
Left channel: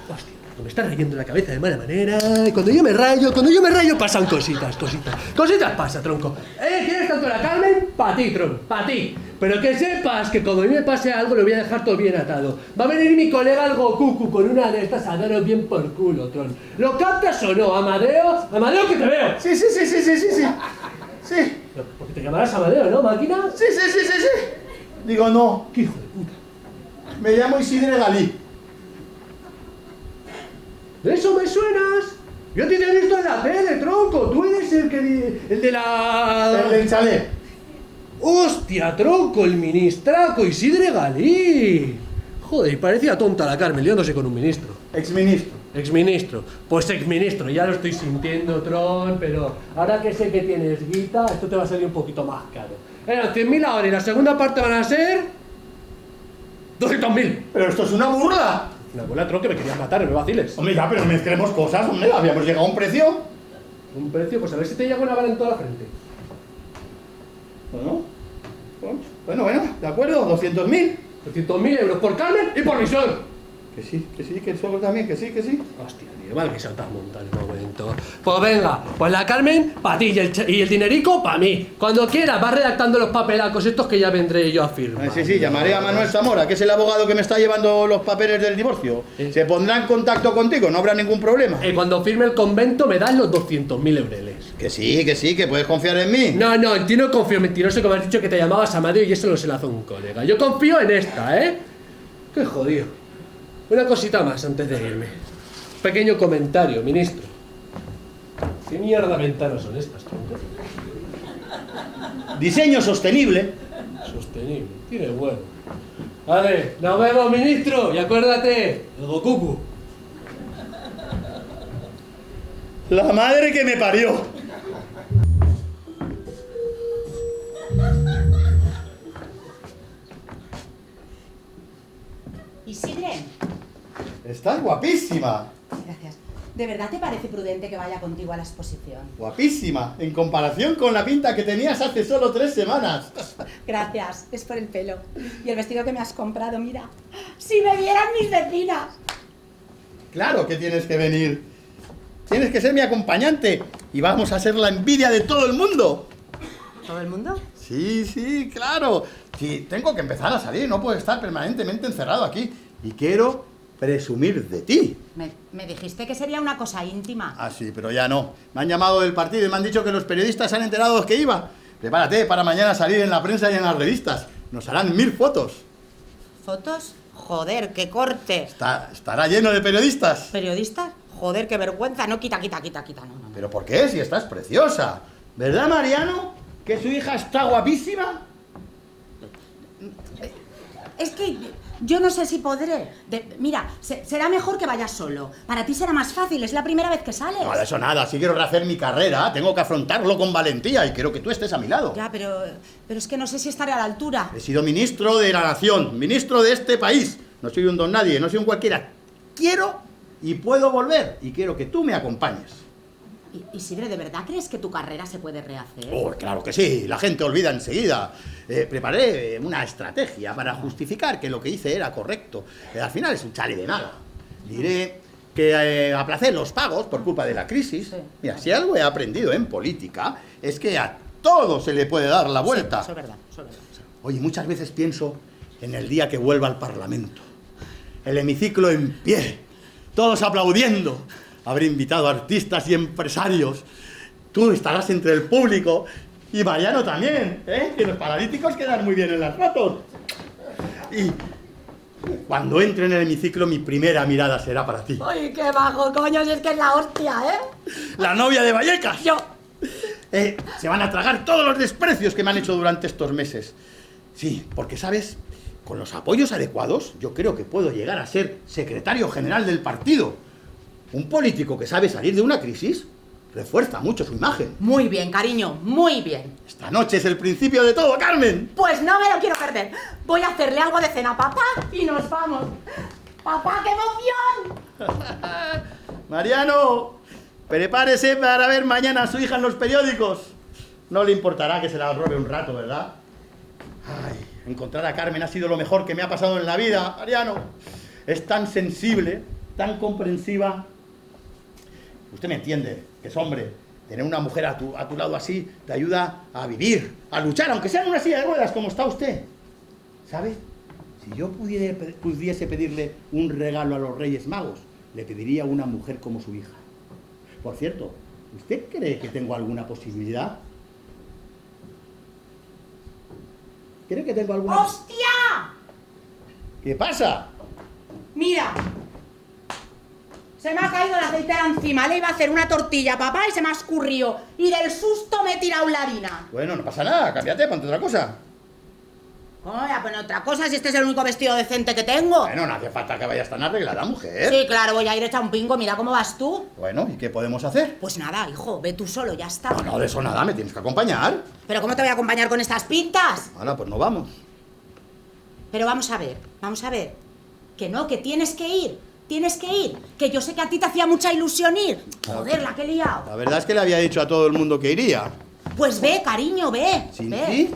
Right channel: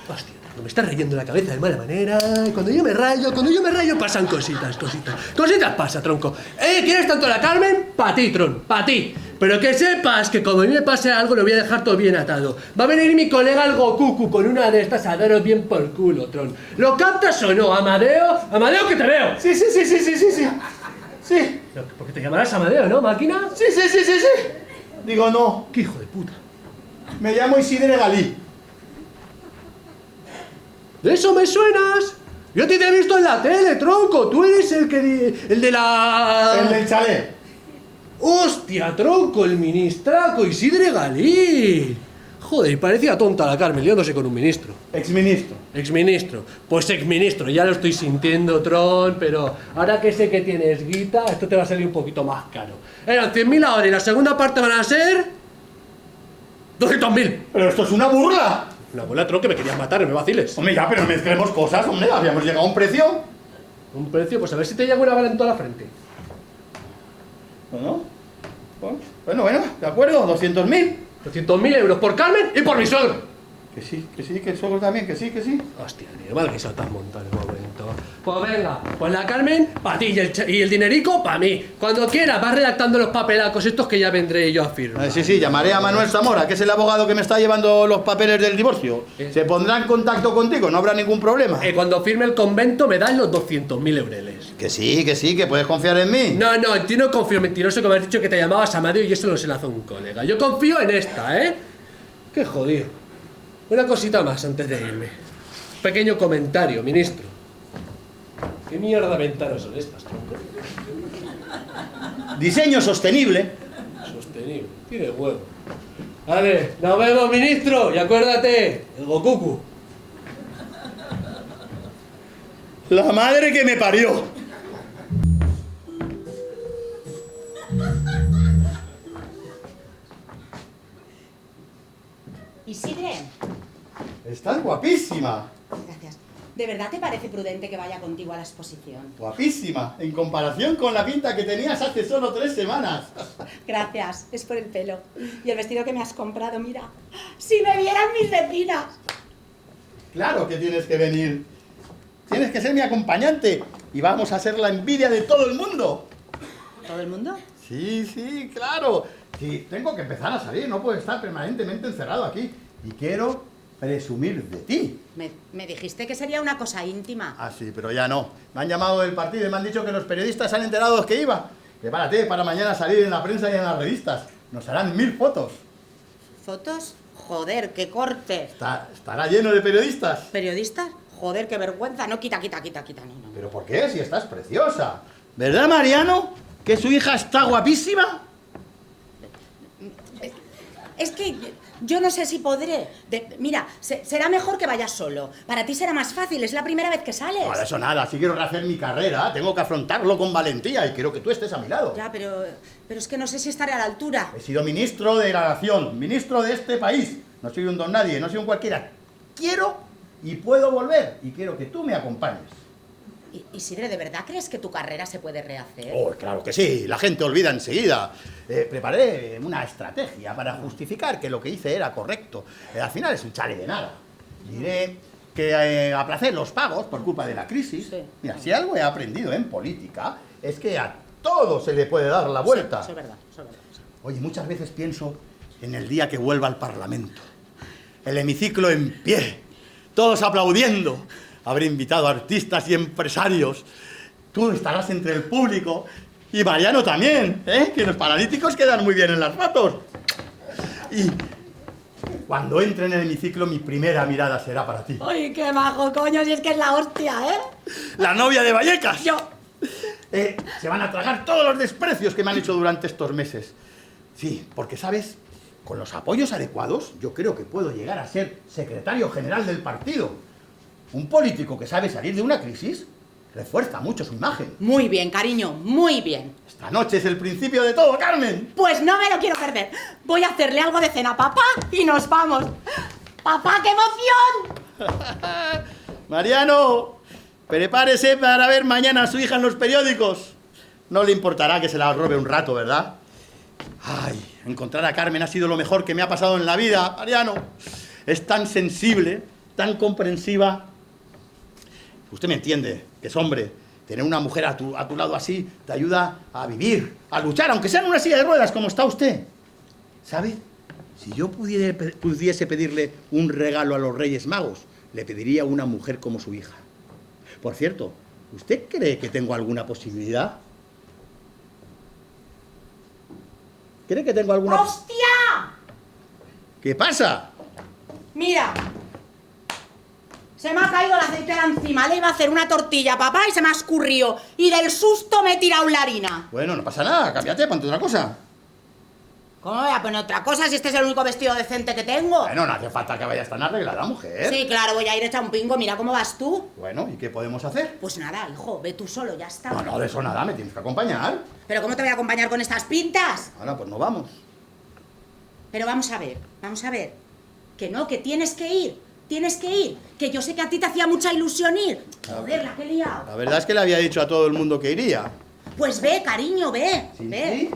Hostia, me está rayando la cabeza de mala manera. Y cuando yo me rayo pasan cositas. Cositas pasa, tronco. ¿Quieres tanto la Carmen? Pa' ti, tron, pa' ti. Pero que sepas que como a mí me pase algo, lo voy a dejar todo bien atado. Va a venir mi colega el Goku con una de estas a daros bien por culo, tron. ¿Lo captas o no, Amadeo? ¡Amadeo, que te veo! Sí. Porque te llamarás Amadeo, ¿no, máquina? Sí. Digo, no, ¡Qué hijo de puta! me llamo Isidre Galí. ¡De eso me suenas! Yo te he visto en la tele, tronco. Tú eres el de la... El del chalet. ¡Hostia, tronco! El ministraco Isidre Galí. Joder, parecía tonta la Carmen liándose con un ministro. Exministro. Pues exministro, ya lo estoy sintiendo, Tron, pero ahora que sé que tienes guita, esto te va a salir un poquito más caro. Eran 100.000 ahora y la segunda parte van a ser... 200.000. Pero esto es una burla. Una bola, Tron, que me querías matar, no me vaciles. Hombre, ya, pero mezclemos cosas, hombre. Habíamos llegado a un precio. Un precio, pues a ver si te llega una bala en toda la frente. Bueno, de acuerdo, 200.000. 200.000 euros por Carmen y por mi suegro. Que sí, que el suegro también, que sí. Hostia, tío, mal que se te has montado en un momento. Pues venga, pues la Carmen, para ti y el dinerico, para mí. Cuando quieras, vas redactando los papelacos estos que ya vendré yo a firmar. Sí, llamaré a Manuel Zamora, que es el abogado que me está llevando los papeles del divorcio. Se pondrá en contacto contigo, no habrá ningún problema. Cuando firme el convento me das los 200.000 eureles. Que sí, que puedes confiar en mí. No, en ti no confío, mentiroso, que me has dicho que te llamabas Amadeo y eso lo se lo hace un colega. Yo confío en esta, ¿eh? Qué jodido. Una cosita más antes de irme. Pequeño comentario, ministro. ¿Qué mierda de ventanas son estas, tronco? Diseño sostenible. Sostenible. Tiene huevo. Vale, nos vemos, ministro. Y acuérdate, el Goku. La madre que me parió. Isidre. Estás guapísima. Gracias. ¿De verdad te parece prudente que vaya contigo a la exposición? Guapísima, en comparación con la pinta que tenías hace solo 3 semanas. Gracias, es por el pelo. Y el vestido que me has comprado, mira. ¡Si me vieran mis vecinas! Claro que tienes que venir. Tienes que ser mi acompañante. Y vamos a ser la envidia de todo el mundo. ¿Todo el mundo? Sí, claro. Sí, tengo que empezar a salir, no puedo estar permanentemente encerrado aquí. Y quiero presumir de ti. Me dijiste que sería una cosa íntima. Ah, sí, pero ya no. Me han llamado del partido y me han dicho que los periodistas se han enterado que iba. Prepárate para mañana salir en la prensa y en las revistas. Nos harán 1000 fotos. ¿Fotos? Joder, qué corte. Estará lleno de periodistas. ¿Periodistas? Joder, qué vergüenza. No, quita, no. ¿Pero por qué? Si estás preciosa. ¿Verdad, Mariano? ¿Que su hija está guapísima? Es que yo no sé si podré. Mira, será mejor que vayas solo. Para ti será más fácil, es la primera vez que sales. No, de eso nada, si quiero rehacer mi carrera, tengo que afrontarlo con valentía y quiero que tú estés a mi lado. Ya, pero es que no sé si estaré a la altura. He sido ministro de la nación, ministro de este país. No soy un don nadie, no soy un cualquiera. Quiero y puedo volver y quiero que tú me acompañes. Isidre, ¿de verdad crees que tu carrera se puede rehacer? Oh, claro que sí, la gente olvida enseguida. Preparé una estrategia para justificar que lo que hice era correcto. Al final es un chale de nada. Diré que aplacé los pagos por culpa de la crisis. Sí. Mira, si algo he aprendido en política es que a todo se le puede dar la vuelta. Sí, eso es verdad, eso es verdad. Oye, muchas veces pienso en el día que vuelva al Parlamento. El hemiciclo en pie, todos aplaudiendo. Habré invitado a artistas y empresarios. Tú estarás entre el público. Y Mariano también, ¿eh? Que los paralíticos quedan muy bien en las fotos. Y cuando entre en el hemiciclo, mi primera mirada será para ti. ¡Ay, qué majo, coño! Si es que es la hostia, ¿eh? La novia de Vallecas. Yo... Se van a tragar todos los desprecios que me han hecho durante estos meses. Sí, porque, ¿sabes? Con los apoyos adecuados, yo creo que puedo llegar a ser secretario general del partido. Un político que sabe salir de una crisis refuerza mucho su imagen. Muy bien, cariño, muy bien. Esta noche es el principio de todo, Carmen. Pues no me lo quiero perder. Voy a hacerle algo de cena a papá y nos vamos. ¡Papá, qué emoción! Mariano, prepárese para ver mañana a su hija en los periódicos. No le importará que se la robe un rato, ¿verdad? Ay, encontrar a Carmen ha sido lo mejor que me ha pasado en la vida, Mariano. Es tan sensible, tan comprensiva. Usted me entiende, que es hombre. Tener una mujer a tu lado así te ayuda a vivir, a luchar, aunque sea en una silla de ruedas, como está usted. ¿Sabe? Si yo pudiese pedirle un regalo a los Reyes Magos, le pediría una mujer como su hija. Por cierto, ¿usted cree que tengo alguna posibilidad? ¿Cree que tengo alguna...? ¡Hostia! ¿Qué pasa? Mira. Se me ha caído el aceite de encima. Le iba a hacer una tortilla, papá, y se me ha escurrido. Y del susto me he tirado la harina. Bueno, no pasa nada, cámbiate, ponte otra cosa. ¿Cómo voy a poner otra cosa si este es el único vestido decente que tengo? Bueno, no hace falta que vayas tan arreglada, mujer. Sí, claro, voy a ir hecha un pingo. Mira cómo vas tú. Bueno, ¿y qué podemos hacer? Pues nada, hijo, ve tú solo, ya está. No, de eso nada, me tienes que acompañar. ¿Pero cómo te voy a acompañar con estas pintas? Ahora, pues no vamos. Pero vamos a ver. Que no, que tienes que ir. Tienes que ir, que yo sé que a ti te hacía mucha ilusión ir. Joder, la que he liado. La verdad es que le había dicho a todo el mundo que iría. Pues ve, cariño, ve. ¿Sin ve. ti?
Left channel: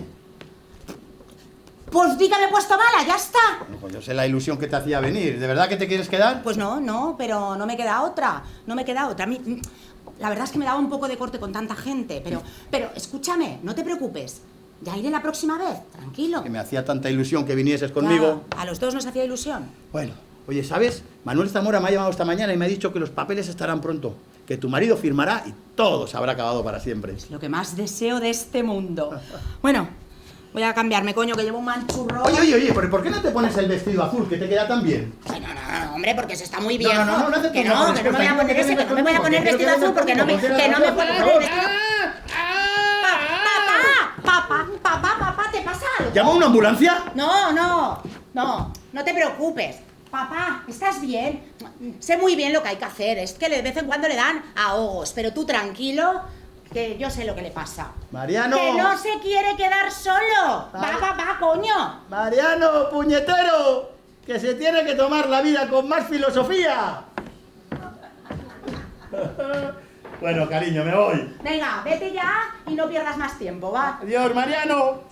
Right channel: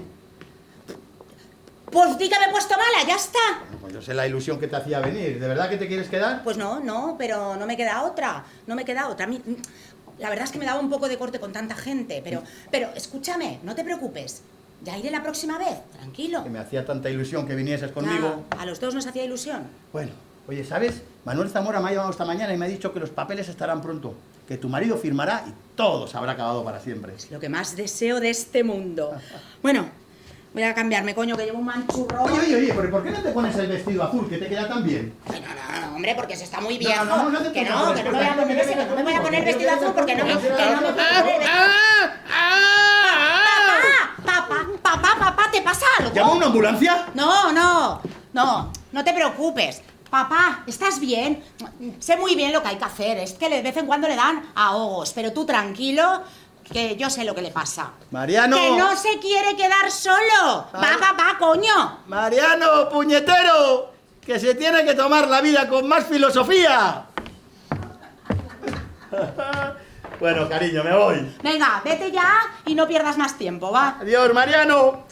Pues di que me he puesto mala, ya está. Bueno, pues no sé la ilusión que te hacía venir. ¿De verdad que te quieres quedar? Pues no, pero no me queda otra. A mí, la verdad es que me daba un poco de corte con tanta gente, pero escúchame, no te preocupes. Ya iré la próxima vez, tranquilo. Que me hacía tanta ilusión que vinieses conmigo. Claro, a los dos nos hacía ilusión. Bueno, oye, ¿sabes? Manuel Zamora me ha llamado esta mañana y me ha dicho que los papeles estarán pronto. Que tu marido firmará y todo se habrá acabado para siempre. Es lo que más deseo de este mundo. Bueno, voy a cambiarme, coño, que llevo un manchurro. Oye, ¿pero por qué no te pones el vestido azul, que te queda tan bien? Ay, no, hombre, porque se está muy viejo. No hace que nada, no me voy a poner ese, que no me voy a poner vestido azul porque no me puedo poner. Papá, ¿te pasa algo? ¿Llama una ambulancia? No te preocupes. Papá, ¿estás bien? Sé muy bien lo que hay que hacer, es que de vez en cuando le dan ahogos, pero tú tranquilo, que yo sé lo que le pasa. Mariano. ¡Que no se quiere quedar solo! ¡Va, coño! Mariano, puñetero, que se tiene que tomar la vida con más filosofía. Bueno, cariño, me voy. Venga, vete ya y no pierdas más tiempo, ¿va? Adiós, Mariano.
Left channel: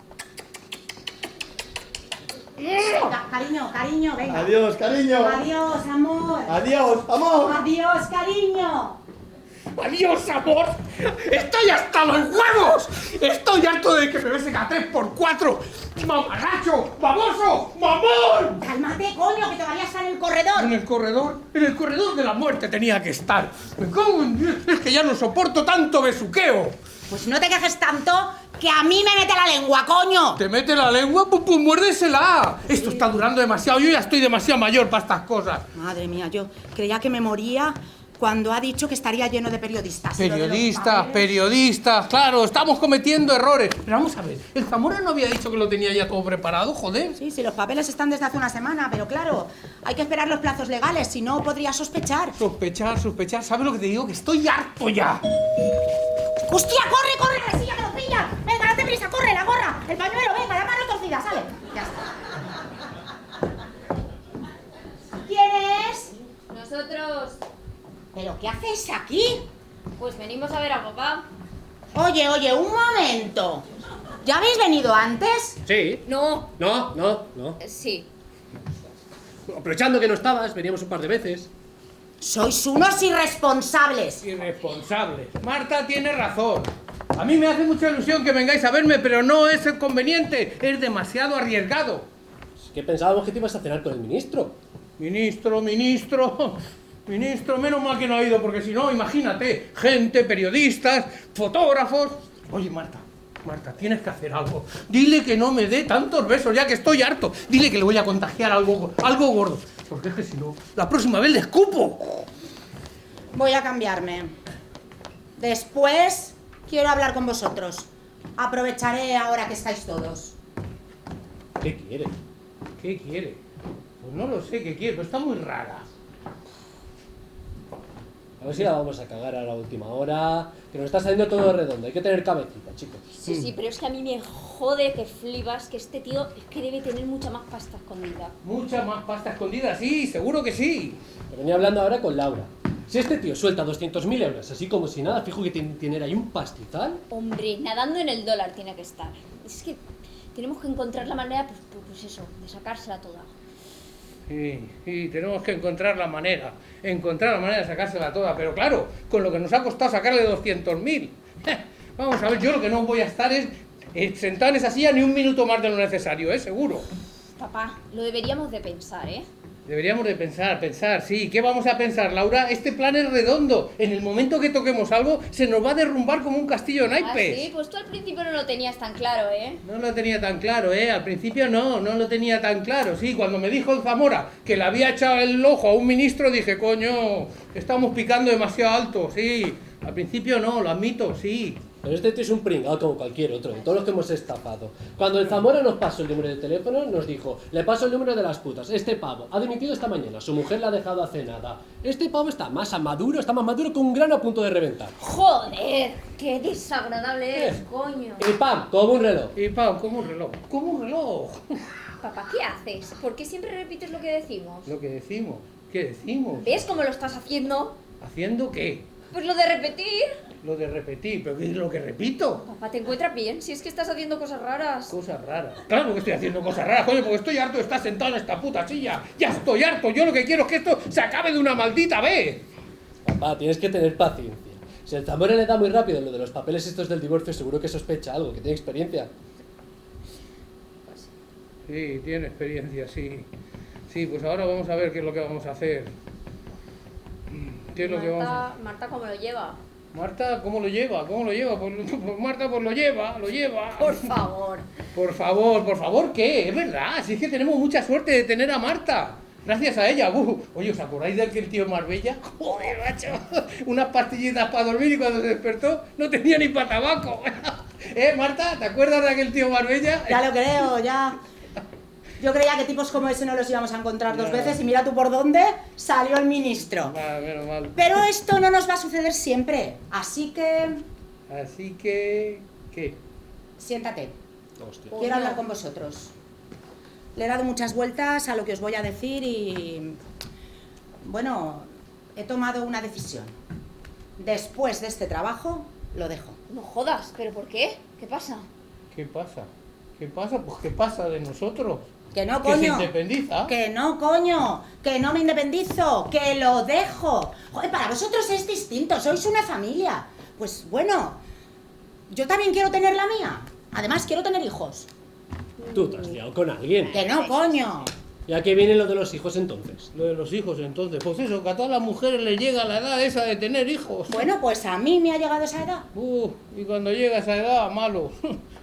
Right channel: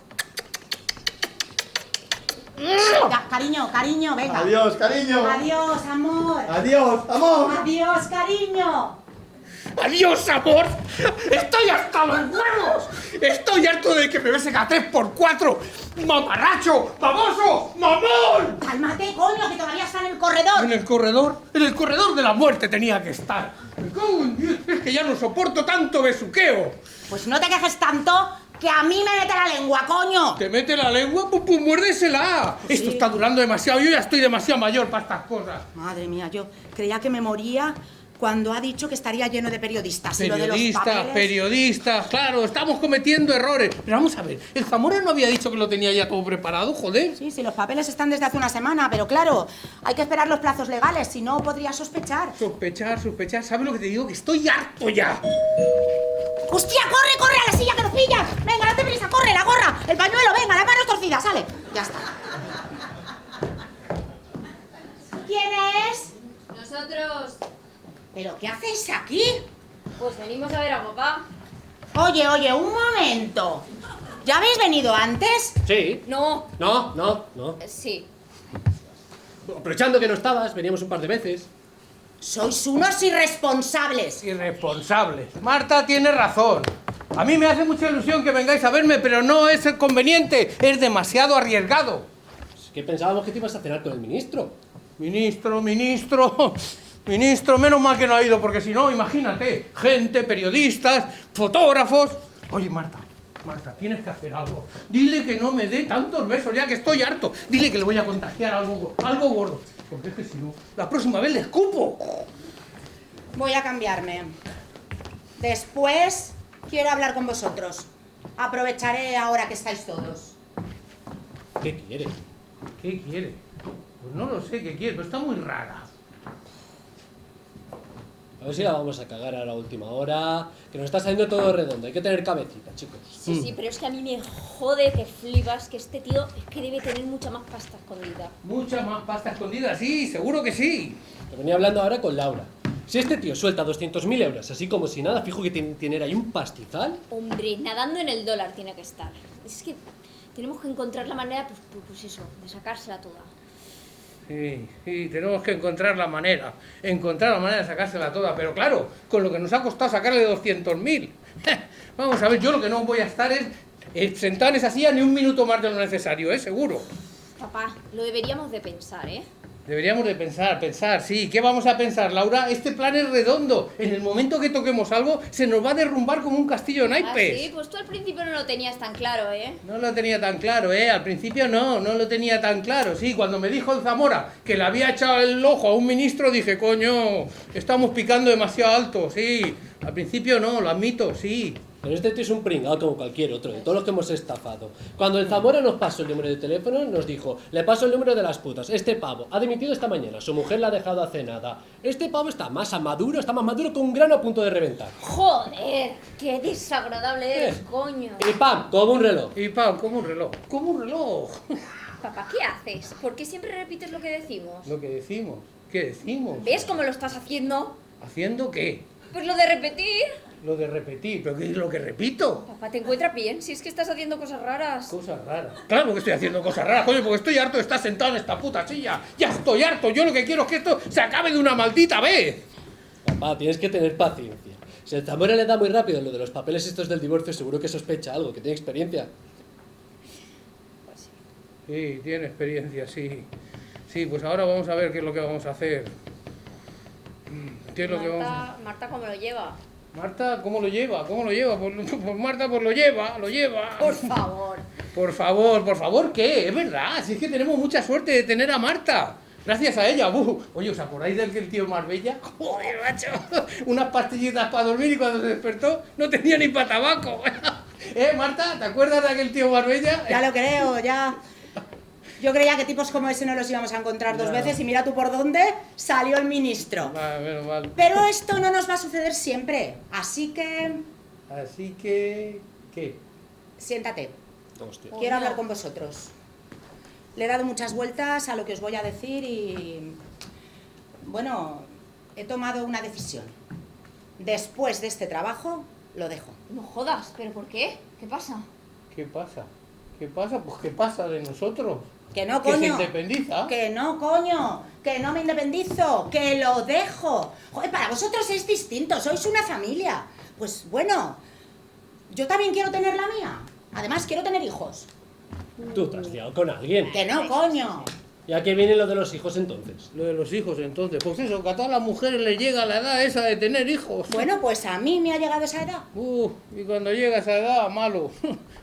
Venga, cariño, venga. Adiós, cariño. Adiós, amor. Adiós, amor. Adiós, cariño. ¡Adiós, amor! ¡Estoy hasta los huevos! ¡Estoy harto de que me besen a 3x4! ¡Mamarracho! ¡Baboso! ¡Mamón! Cálmate, coño, que todavía está en el corredor. ¿En el corredor? En el corredor de la muerte tenía que estar. Me cago en Dios, es que ya no soporto tanto besuqueo. Pues no te quejes tanto, ¡Que a mí me mete la lengua, coño! ¿Te mete la lengua? Pues muérdesela. Sí. Esto está durando demasiado. Yo ya estoy demasiado mayor para estas cosas. Madre mía, yo creía que me moría cuando ha dicho que estaría lleno de periodistas. Periodistas, claro, estamos cometiendo errores. Pero vamos a ver, ¿el Zamora no había dicho que lo tenía ya todo preparado, joder? Sí, los papeles están desde hace una semana, pero claro, hay que esperar los plazos legales, si no podría sospechar. Sospechar, ¿sabes lo que te digo? Que estoy harto ya. ¡Hostia, corre a la silla que nos pilla! Venga, date prisa, corre, la gorra, el pañuelo, venga, la mano torcida, sale. Ya está. ¿Quién es? Nosotros, ¿Pero qué hacéis aquí? pues venimos a ver a papá. Oye, un momento. ¿Ya habéis venido antes? Sí. No. No. Sí. Aprovechando que no estabas, veníamos un par de veces. Sois unos irresponsables. Irresponsables. Marta tiene razón. A mí me hace mucha ilusión que vengáis a verme, pero no es conveniente. Es demasiado arriesgado. Es que pensábamos que te ibas a cenar con el ministro. Ministro, menos mal que no ha ido, porque si no, imagínate, gente, periodistas, fotógrafos. Oye, Marta, tienes que hacer algo. Dile que no me dé tantos besos, ya que estoy harto. Dile que le voy a contagiar algo gordo. Porque es que si no, la próxima vez le escupo. Voy a cambiarme. Después quiero hablar con vosotros. Aprovecharé ahora que estáis todos. ¿Qué quiere? ¿Qué quiere? Pues no lo sé qué quiere, pero está muy rara. A ver si la vamos a cagar a la última hora. Que nos está saliendo todo redondo. Hay que tener cabecita, chicos. Sí, pero es que a mí me jode que flipas que este tío es que debe tener mucha más pasta escondida. Mucha más pasta escondida, sí, seguro que sí. Lo venía hablando ahora con Laura. Si este tío suelta 200.000 euros, así como si nada, fijo que tiene ahí un pastizal. Hombre, nadando en el dólar tiene que estar. Es que tenemos que encontrar la manera, pues eso, de sacársela toda. Sí, tenemos que encontrar la manera de sacársela toda, pero claro, con lo que nos ha costado sacarle 200.000. Vamos a ver, yo lo que no voy a estar es sentado en esa silla ni un minuto más de lo necesario, seguro. Papá, lo deberíamos de pensar, ¿eh? Deberíamos de pensar, sí. ¿Qué vamos a pensar, Laura? Este plan es redondo. En el momento que toquemos algo, se nos va a derrumbar como un castillo de naipes. Ah, sí, pues tú al principio no lo tenías tan claro, ¿eh? No lo tenía tan claro, Al principio no lo tenía tan claro. Sí, cuando me dijo el Zamora que le había echado el ojo a un ministro, dije, coño, estamos picando demasiado alto, sí. Al principio no, lo admito, sí. Pero este tío es un pringao como cualquier otro, de todos los que hemos estafado. Cuando el Zamora nos pasó el número de teléfono, nos dijo, le paso el número de las putas. Este pavo ha dimitido esta mañana, su mujer la ha dejado hace nada. Este pavo está más maduro que un grano a punto de reventar. ¡Joder! ¡Qué desagradable eres, coño! Y pam, como un reloj. Como un reloj. Papá, ¿qué haces? ¿Por qué siempre repites lo que decimos? Lo que decimos. ¿Qué decimos? ¿Ves cómo lo estás haciendo? ¿Haciendo qué? Pues lo de repetir. Lo de repetir, ¿pero qué es lo que repito? Papá, ¿te encuentras bien? Si es que estás haciendo cosas raras. Cosas raras. Claro que estoy haciendo cosas raras, coño, porque estoy harto de estar sentado en esta puta silla. Ya estoy harto. Yo lo que quiero es que esto se acabe de una maldita vez. Papá, tienes que tener paciencia. Si el Zamora le da muy rápido lo de los papeles estos del divorcio, seguro que sospecha algo, que tiene experiencia. Sí, tiene experiencia, sí. Sí, pues ahora vamos a ver qué es lo que vamos a hacer. ¿Qué es lo que vamos a hacer? Marta, ¿cómo lo lleva? Marta, ¿cómo lo lleva? Pues Marta, pues lo lleva. Por favor. Por favor, ¿qué? Es verdad, si es que tenemos mucha suerte de tener a Marta. Gracias a ella. Oye, ¿os acordáis de aquel tío Marbella? Joder, macho. Unas pastillitas para dormir y cuando se despertó no tenía ni para tabaco. Marta? ¿Te acuerdas de aquel tío Marbella? Ya lo creo, ya. Yo creía que tipos como ese no los íbamos a encontrar dos veces y mira tú por dónde salió el ministro. Ah, menos mal. Pero esto no nos va a suceder siempre, así que... ¿Qué? Siéntate. Hostia. Quiero hablar con vosotros. Le he dado muchas vueltas a lo que os voy a decir y... Bueno, he tomado una decisión. Después de este trabajo, lo dejo. No jodas, ¿pero por qué? ¿Qué pasa? ¿Qué pasa? Pues ¿qué pasa de nosotros? Que no, coño. ¿Que se independiza? Que no, coño. Que no me independizo. Que lo dejo. Joder, para vosotros es distinto. Sois una familia. Pues bueno, yo también quiero tener la mía. Además, quiero tener hijos. ¿Tú te has liado con alguien? Que no, coño. ¿Y a qué viene lo de los hijos entonces? Lo de los hijos, entonces. Pues eso, que a todas las mujeres les llega la edad esa de tener hijos. Bueno, pues a mí me ha llegado esa edad. Y cuando llega esa edad, malo.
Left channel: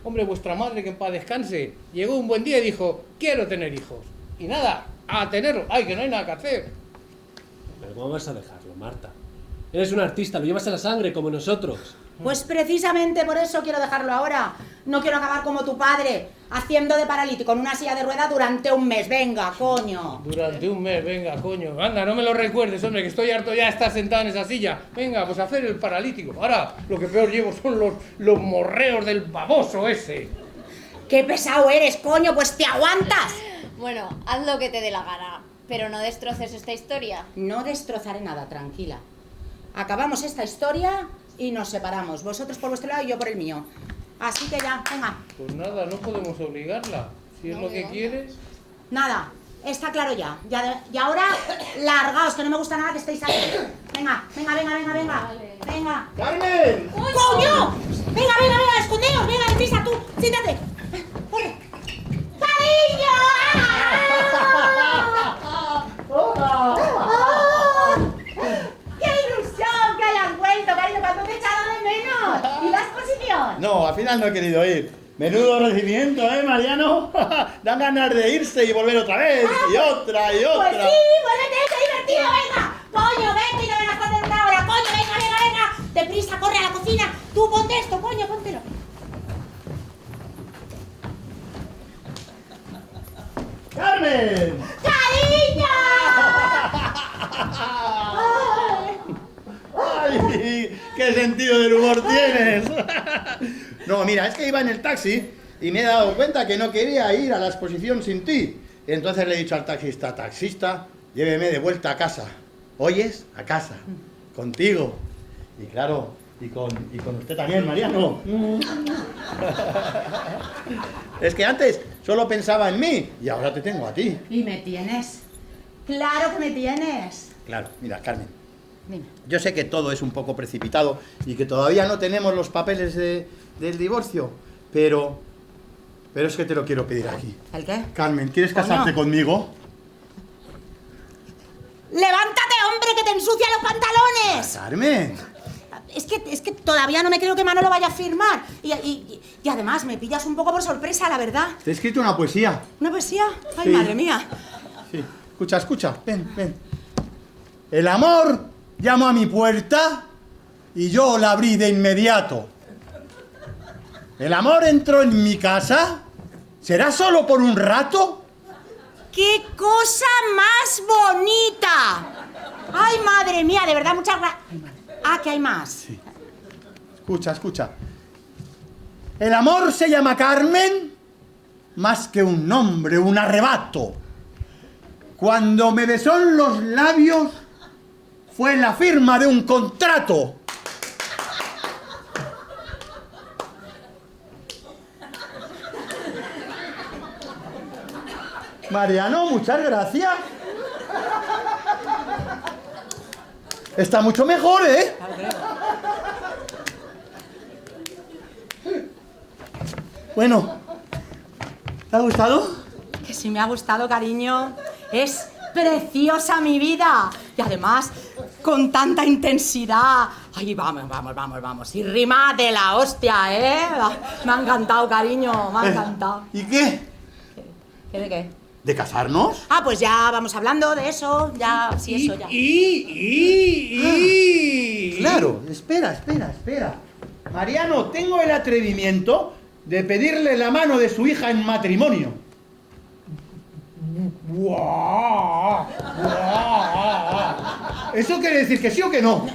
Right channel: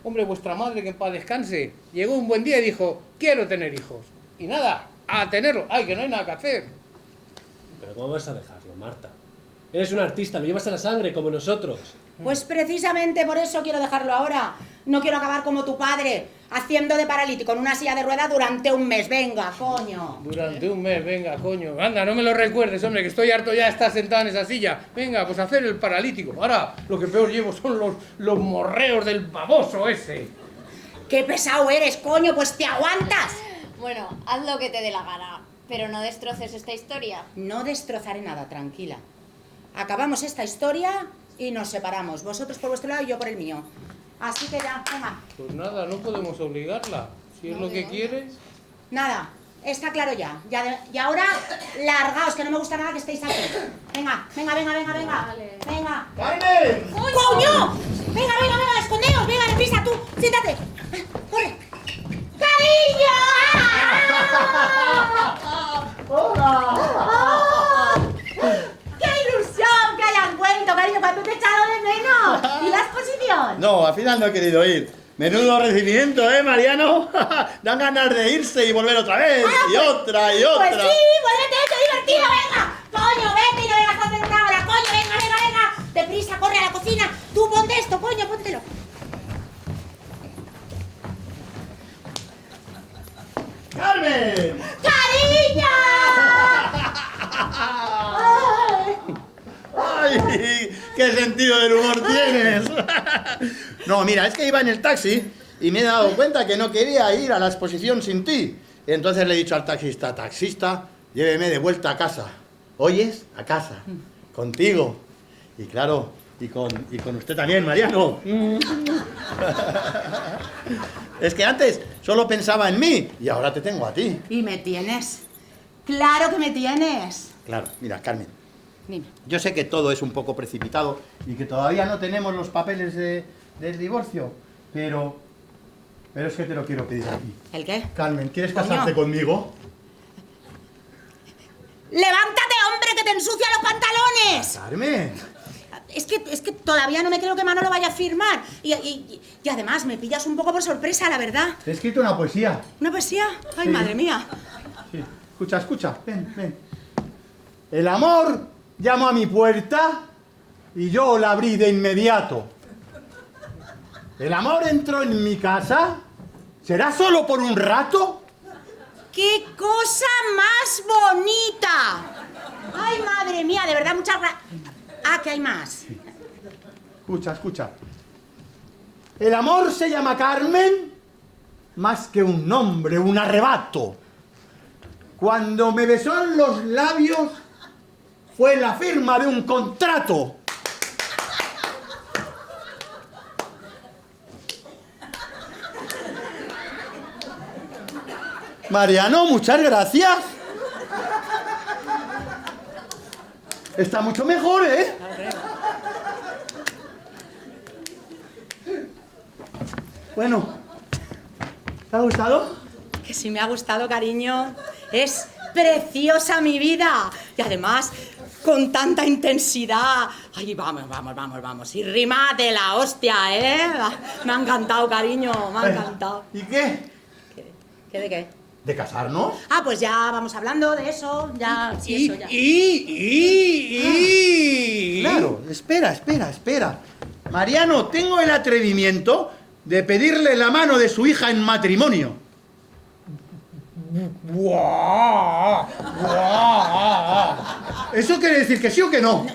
Hombre, vuestra madre, que en paz descanse, llegó un buen día y dijo, quiero tener hijos. Y nada, a tenerlo. Ay, que no hay nada que hacer. Pero ¿cómo vas a dejarlo, Marta? Eres un artista, lo llevas a la sangre, como nosotros. Pues precisamente por eso quiero dejarlo ahora. No quiero acabar como tu padre, haciendo de paralítico en una silla de ruedas durante un mes. Venga, coño. Durante un mes, venga, coño. Venga, no me lo recuerdes, hombre, que estoy harto ya de estar sentado en esa silla. Venga, pues hacer el paralítico. Ahora, lo que peor llevo son los morreos del baboso ese. ¡Qué pesado eres, coño! Pues te aguantas. Bueno, haz lo que te dé la gana, pero no destroces esta historia. No destrozaré nada, tranquila. Acabamos esta historia y nos separamos. Vosotros por vuestro lado y yo por el mío. Así que ya, venga. Pues nada, no podemos obligarla. Si es lo que quieres. Nada, está claro ya. Y ahora, largaos, que no me gusta nada que estéis aquí. Venga, venga, venga, venga, venga. Venga. ¡Carmen! ¡Coño! Venga, venga, venga, escondeos. Venga, deprisa, tú. Siéntate. Corre. ¡Cariño! ¡Qué ilusión que hayas vuelto, cariño! ¿Cuánto te he echado de menos? ¿Y la exposición? No, al final no he querido ir. Menudo recibimiento, ¿eh, Mariano? Da ganas de irse y volver otra vez, y otra, y otra. Pues sí, vuélvete, qué divertido, venga. Coño, vete y no vengas a hacer una hora. Coño, venga, venga, venga. Deprisa, corre a la cocina. Tú ponte esto, coño, póntelo. ¡Carmen! ¡Cariño! ¡Ay! ¡Qué sentido del humor tienes! No, mira, es que iba en el taxi y me he dado cuenta que no quería ir a la exposición sin ti. Entonces le he dicho al taxista, taxista, lléveme de vuelta a casa. ¿Oyes? A casa. Contigo. Y claro, y con usted también, Mariano. Es que antes solo pensaba en mí y ahora te tengo a ti. ¿Y me tienes? ¡Claro que me tienes! Claro, mira, Carmen. Dime. Yo sé que todo es un poco precipitado y que todavía no tenemos los papeles del divorcio, pero es que te lo quiero pedir aquí. ¿El qué? Carmen, ¿quieres Coño. casarte conmigo? ¡Levántate, hombre, que te ensucian los pantalones! Carmen. Es que todavía no me creo que Manolo vaya a firmar. Y además me pillas un poco por sorpresa, la verdad. Te he escrito una poesía. ¿Una poesía? ¡Ay, Sí. madre mía! Sí. Escucha. Ven. El amor llamó a mi puerta y yo la abrí de inmediato. El amor entró en mi casa. ¿Será solo por un rato? ¡Qué cosa más bonita! ¡Ay, madre mía! De verdad, muchas gracias. Ah, que hay más. Escucha. El amor se llama Carmen más que un nombre, un arrebato. Cuando me besó en los labios fue la firma de un contrato. Mariano, muchas gracias. Está mucho mejor, ¿eh? Bueno, ¿te ha gustado? Que sí me ha gustado, cariño. Es preciosa mi vida. Y además, con tanta intensidad. Ay, vamos. Y rima de la hostia, ¿eh? Me ha encantado, cariño. Me ha encantado. ¿Y qué? ¿Qué de qué? ¿De casarnos? Ah, pues ya vamos hablando de eso. Ya, sí, eso ya. Claro, espera. Mariano, tengo el atrevimiento de pedirle la mano de su hija en matrimonio. ¿Eso quiere decir que sí o que no?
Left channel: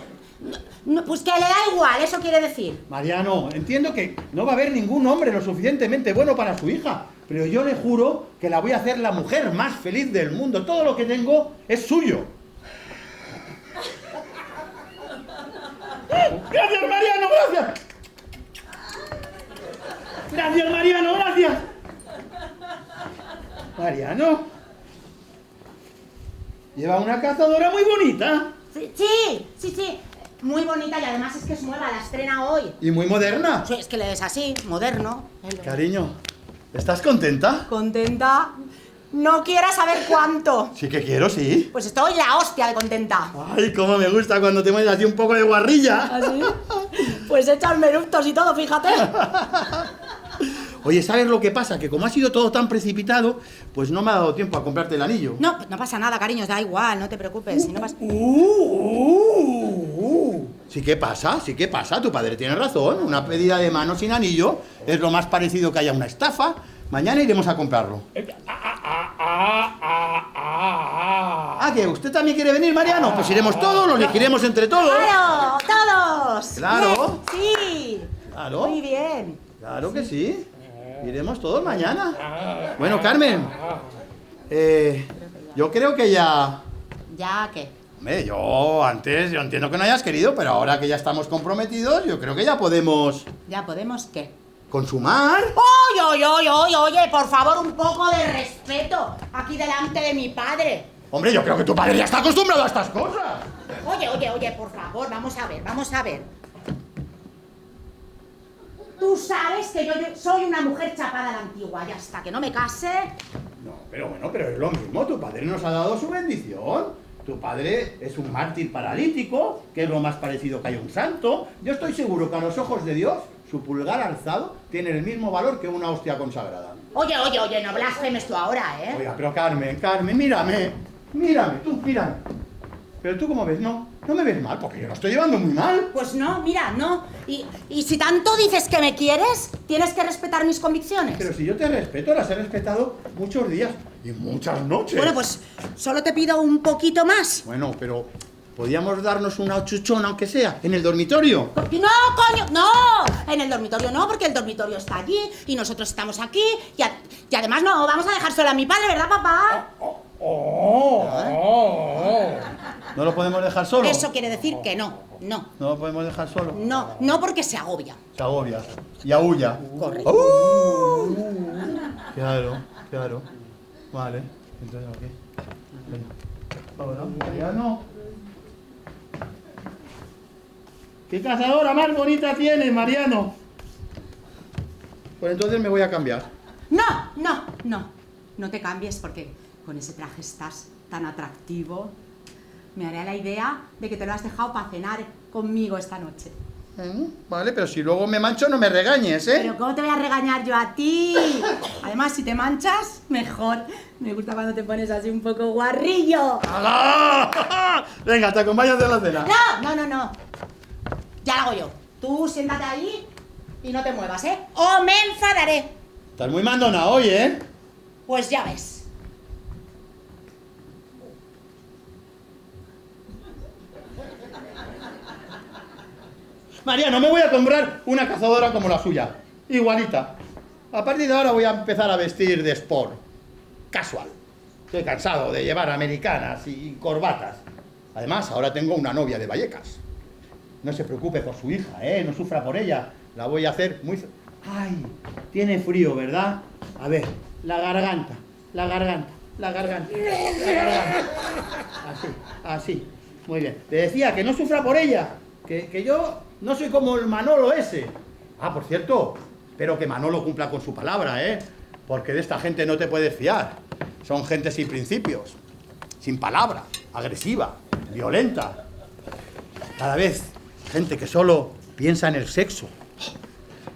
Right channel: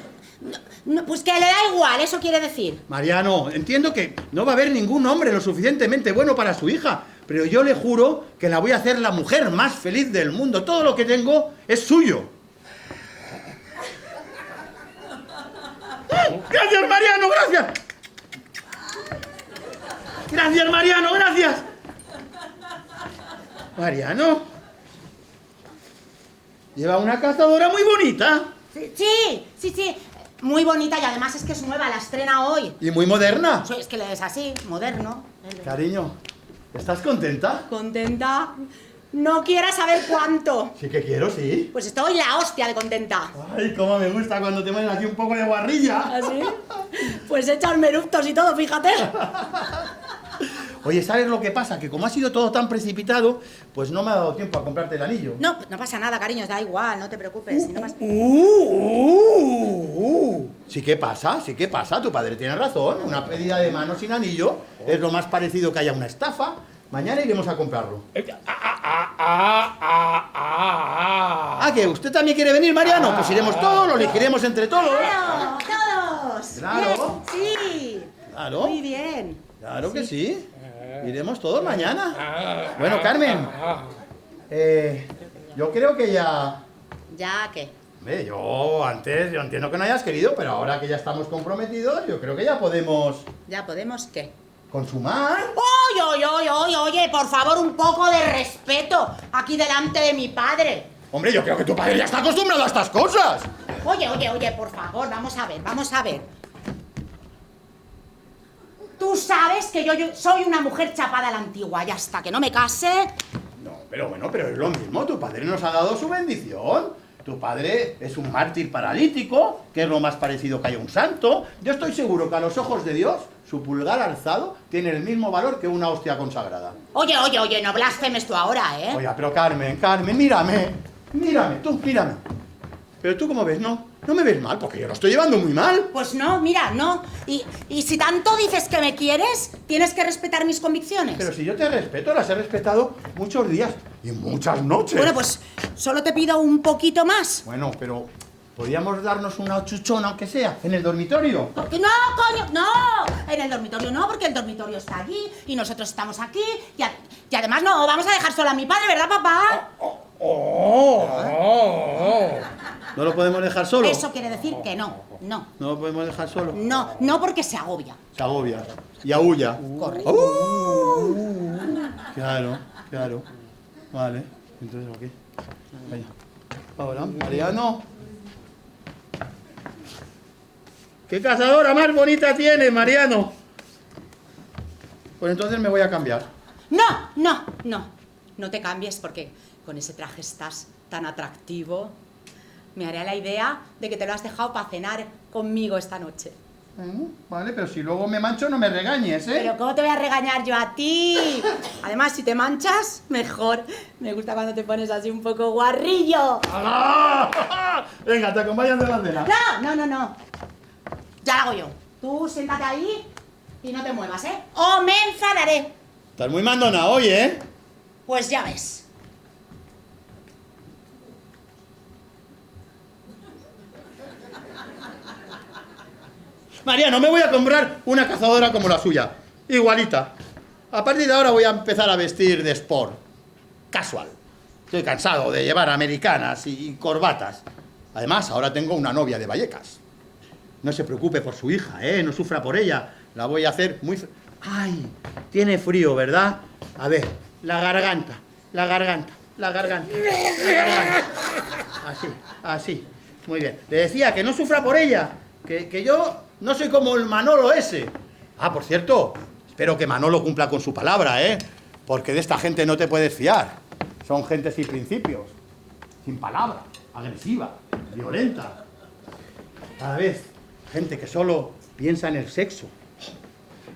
No, pues que le da igual, eso quiere decir. Mariano, entiendo que no va a haber ningún hombre lo suficientemente bueno para su hija, pero yo le juro que la voy a hacer la mujer más feliz del mundo. Todo lo que tengo es suyo. ¡Gracias, Mariano, gracias! ¡Gracias, Mariano, gracias! Mariano, lleva una cazadora muy bonita. Sí. Muy bonita y además es que es nueva, la estrena hoy. Y muy moderna. Es que es así, moderno. Cariño, ¿estás contenta? Contenta. No quieras saber cuánto. Sí que quiero, sí. Pues estoy la hostia de contenta. Ay, cómo me gusta cuando te mueves así un poco de guarrilla. ¿Ah, sí? Pues echan eructos y todo, fíjate. Oye, ¿sabes lo que pasa? Que como ha sido todo tan precipitado, pues no me ha dado tiempo a comprarte el anillo. No, no pasa nada, cariño, da igual, no te preocupes. Si no pasa... Sí que pasa, sí que pasa. Tu padre tiene razón. Una pedida de mano sin anillo es lo más parecido que haya una estafa. Mañana iremos a comprarlo. ¿Ah, que usted también quiere venir, Mariano? Pues iremos todos, lo elegiremos entre todos. ¡Claro! ¡Todos! Claro. Bien, sí. Claro. Muy bien. Claro que sí. Iremos todos mañana. Bueno, Carmen. Yo creo que ya... ¿Ya qué? Hombre, yo entiendo que no hayas querido, pero ahora que ya estamos comprometidos, yo creo que ya podemos... ¿Ya podemos qué? ¿Consumar? Oye, por favor, un poco de respeto aquí delante de mi padre. Hombre, yo creo que tu padre ya está acostumbrado a estas cosas. Oye, por favor, vamos a ver. Tú sabes que yo soy una mujer chapada a la antigua y hasta que no me case... No, pero bueno, pero es lo mismo. Tu padre nos ha dado su bendición. Tu padre es un mártir paralítico, que es lo más parecido que hay a un santo. Yo estoy seguro que a los ojos de Dios, su pulgar alzado tiene el mismo valor que una hostia consagrada. Oye, no blasfemes tú ahora, ¿eh? Oiga, pero Carmen, mírame. Mírame. Pero tú, ¿cómo ves? No me ves mal, porque yo lo estoy llevando muy mal. Pues no, mira, no. Y si tanto dices que me quieres, tienes que respetar mis convicciones. Pero si yo te respeto, las he respetado muchos días y muchas noches. Bueno, pues solo te pido un poquito más. Bueno, pero podríamos darnos una chuchona, aunque sea, en el dormitorio. No, coño, no. En el dormitorio no, porque el dormitorio está allí y nosotros estamos aquí. Y además no vamos a dejar sola a mi padre, ¿verdad, papá? ¿No lo podemos dejar solo? Eso quiere decir que no. ¿No lo podemos dejar solo? No porque se agobia. Se agobia. Y aúlla. Correcto. Claro. Vale. Entonces aquí. Venga. Ahora, Mariano. ¿Qué cazadora más bonita tienes, Mariano? Pues entonces me voy a cambiar. No te cambies porque con ese traje estás tan atractivo. Me haré la idea de que te lo has dejado para cenar conmigo esta noche. Vale, pero si luego me mancho no me regañes, ¿eh? Pero ¿cómo te voy a regañar yo a ti? Además, si te manchas, mejor. Me gusta cuando te pones así un poco guarrillo. ¡Alá! Venga, te acompañas de la cena. No. Ya lo hago yo. Tú siéntate ahí y no te muevas, ¿eh? ¡O me enfadaré! Estás muy mandona hoy, ¿eh? Pues ya ves. Mariano, me voy a comprar una cazadora como la suya. Igualita. A partir de ahora voy a empezar a vestir de sport. Casual. Estoy cansado de llevar americanas y corbatas. Además, ahora tengo una novia de Vallecas. No se preocupe por su hija, ¿eh? No sufra por ella. La voy a hacer muy... ¡Ay! Tiene frío, ¿verdad? A ver, la garganta. Así. Muy bien. Le decía que no sufra por ella. Que yo no soy como el Manolo ese. Ah, por cierto, espero que Manolo cumpla con su palabra, ¿eh? Porque de esta gente no te puedes fiar. Son gente sin principios, sin palabra, agresiva, violenta. Cada vez, gente que solo piensa en el sexo.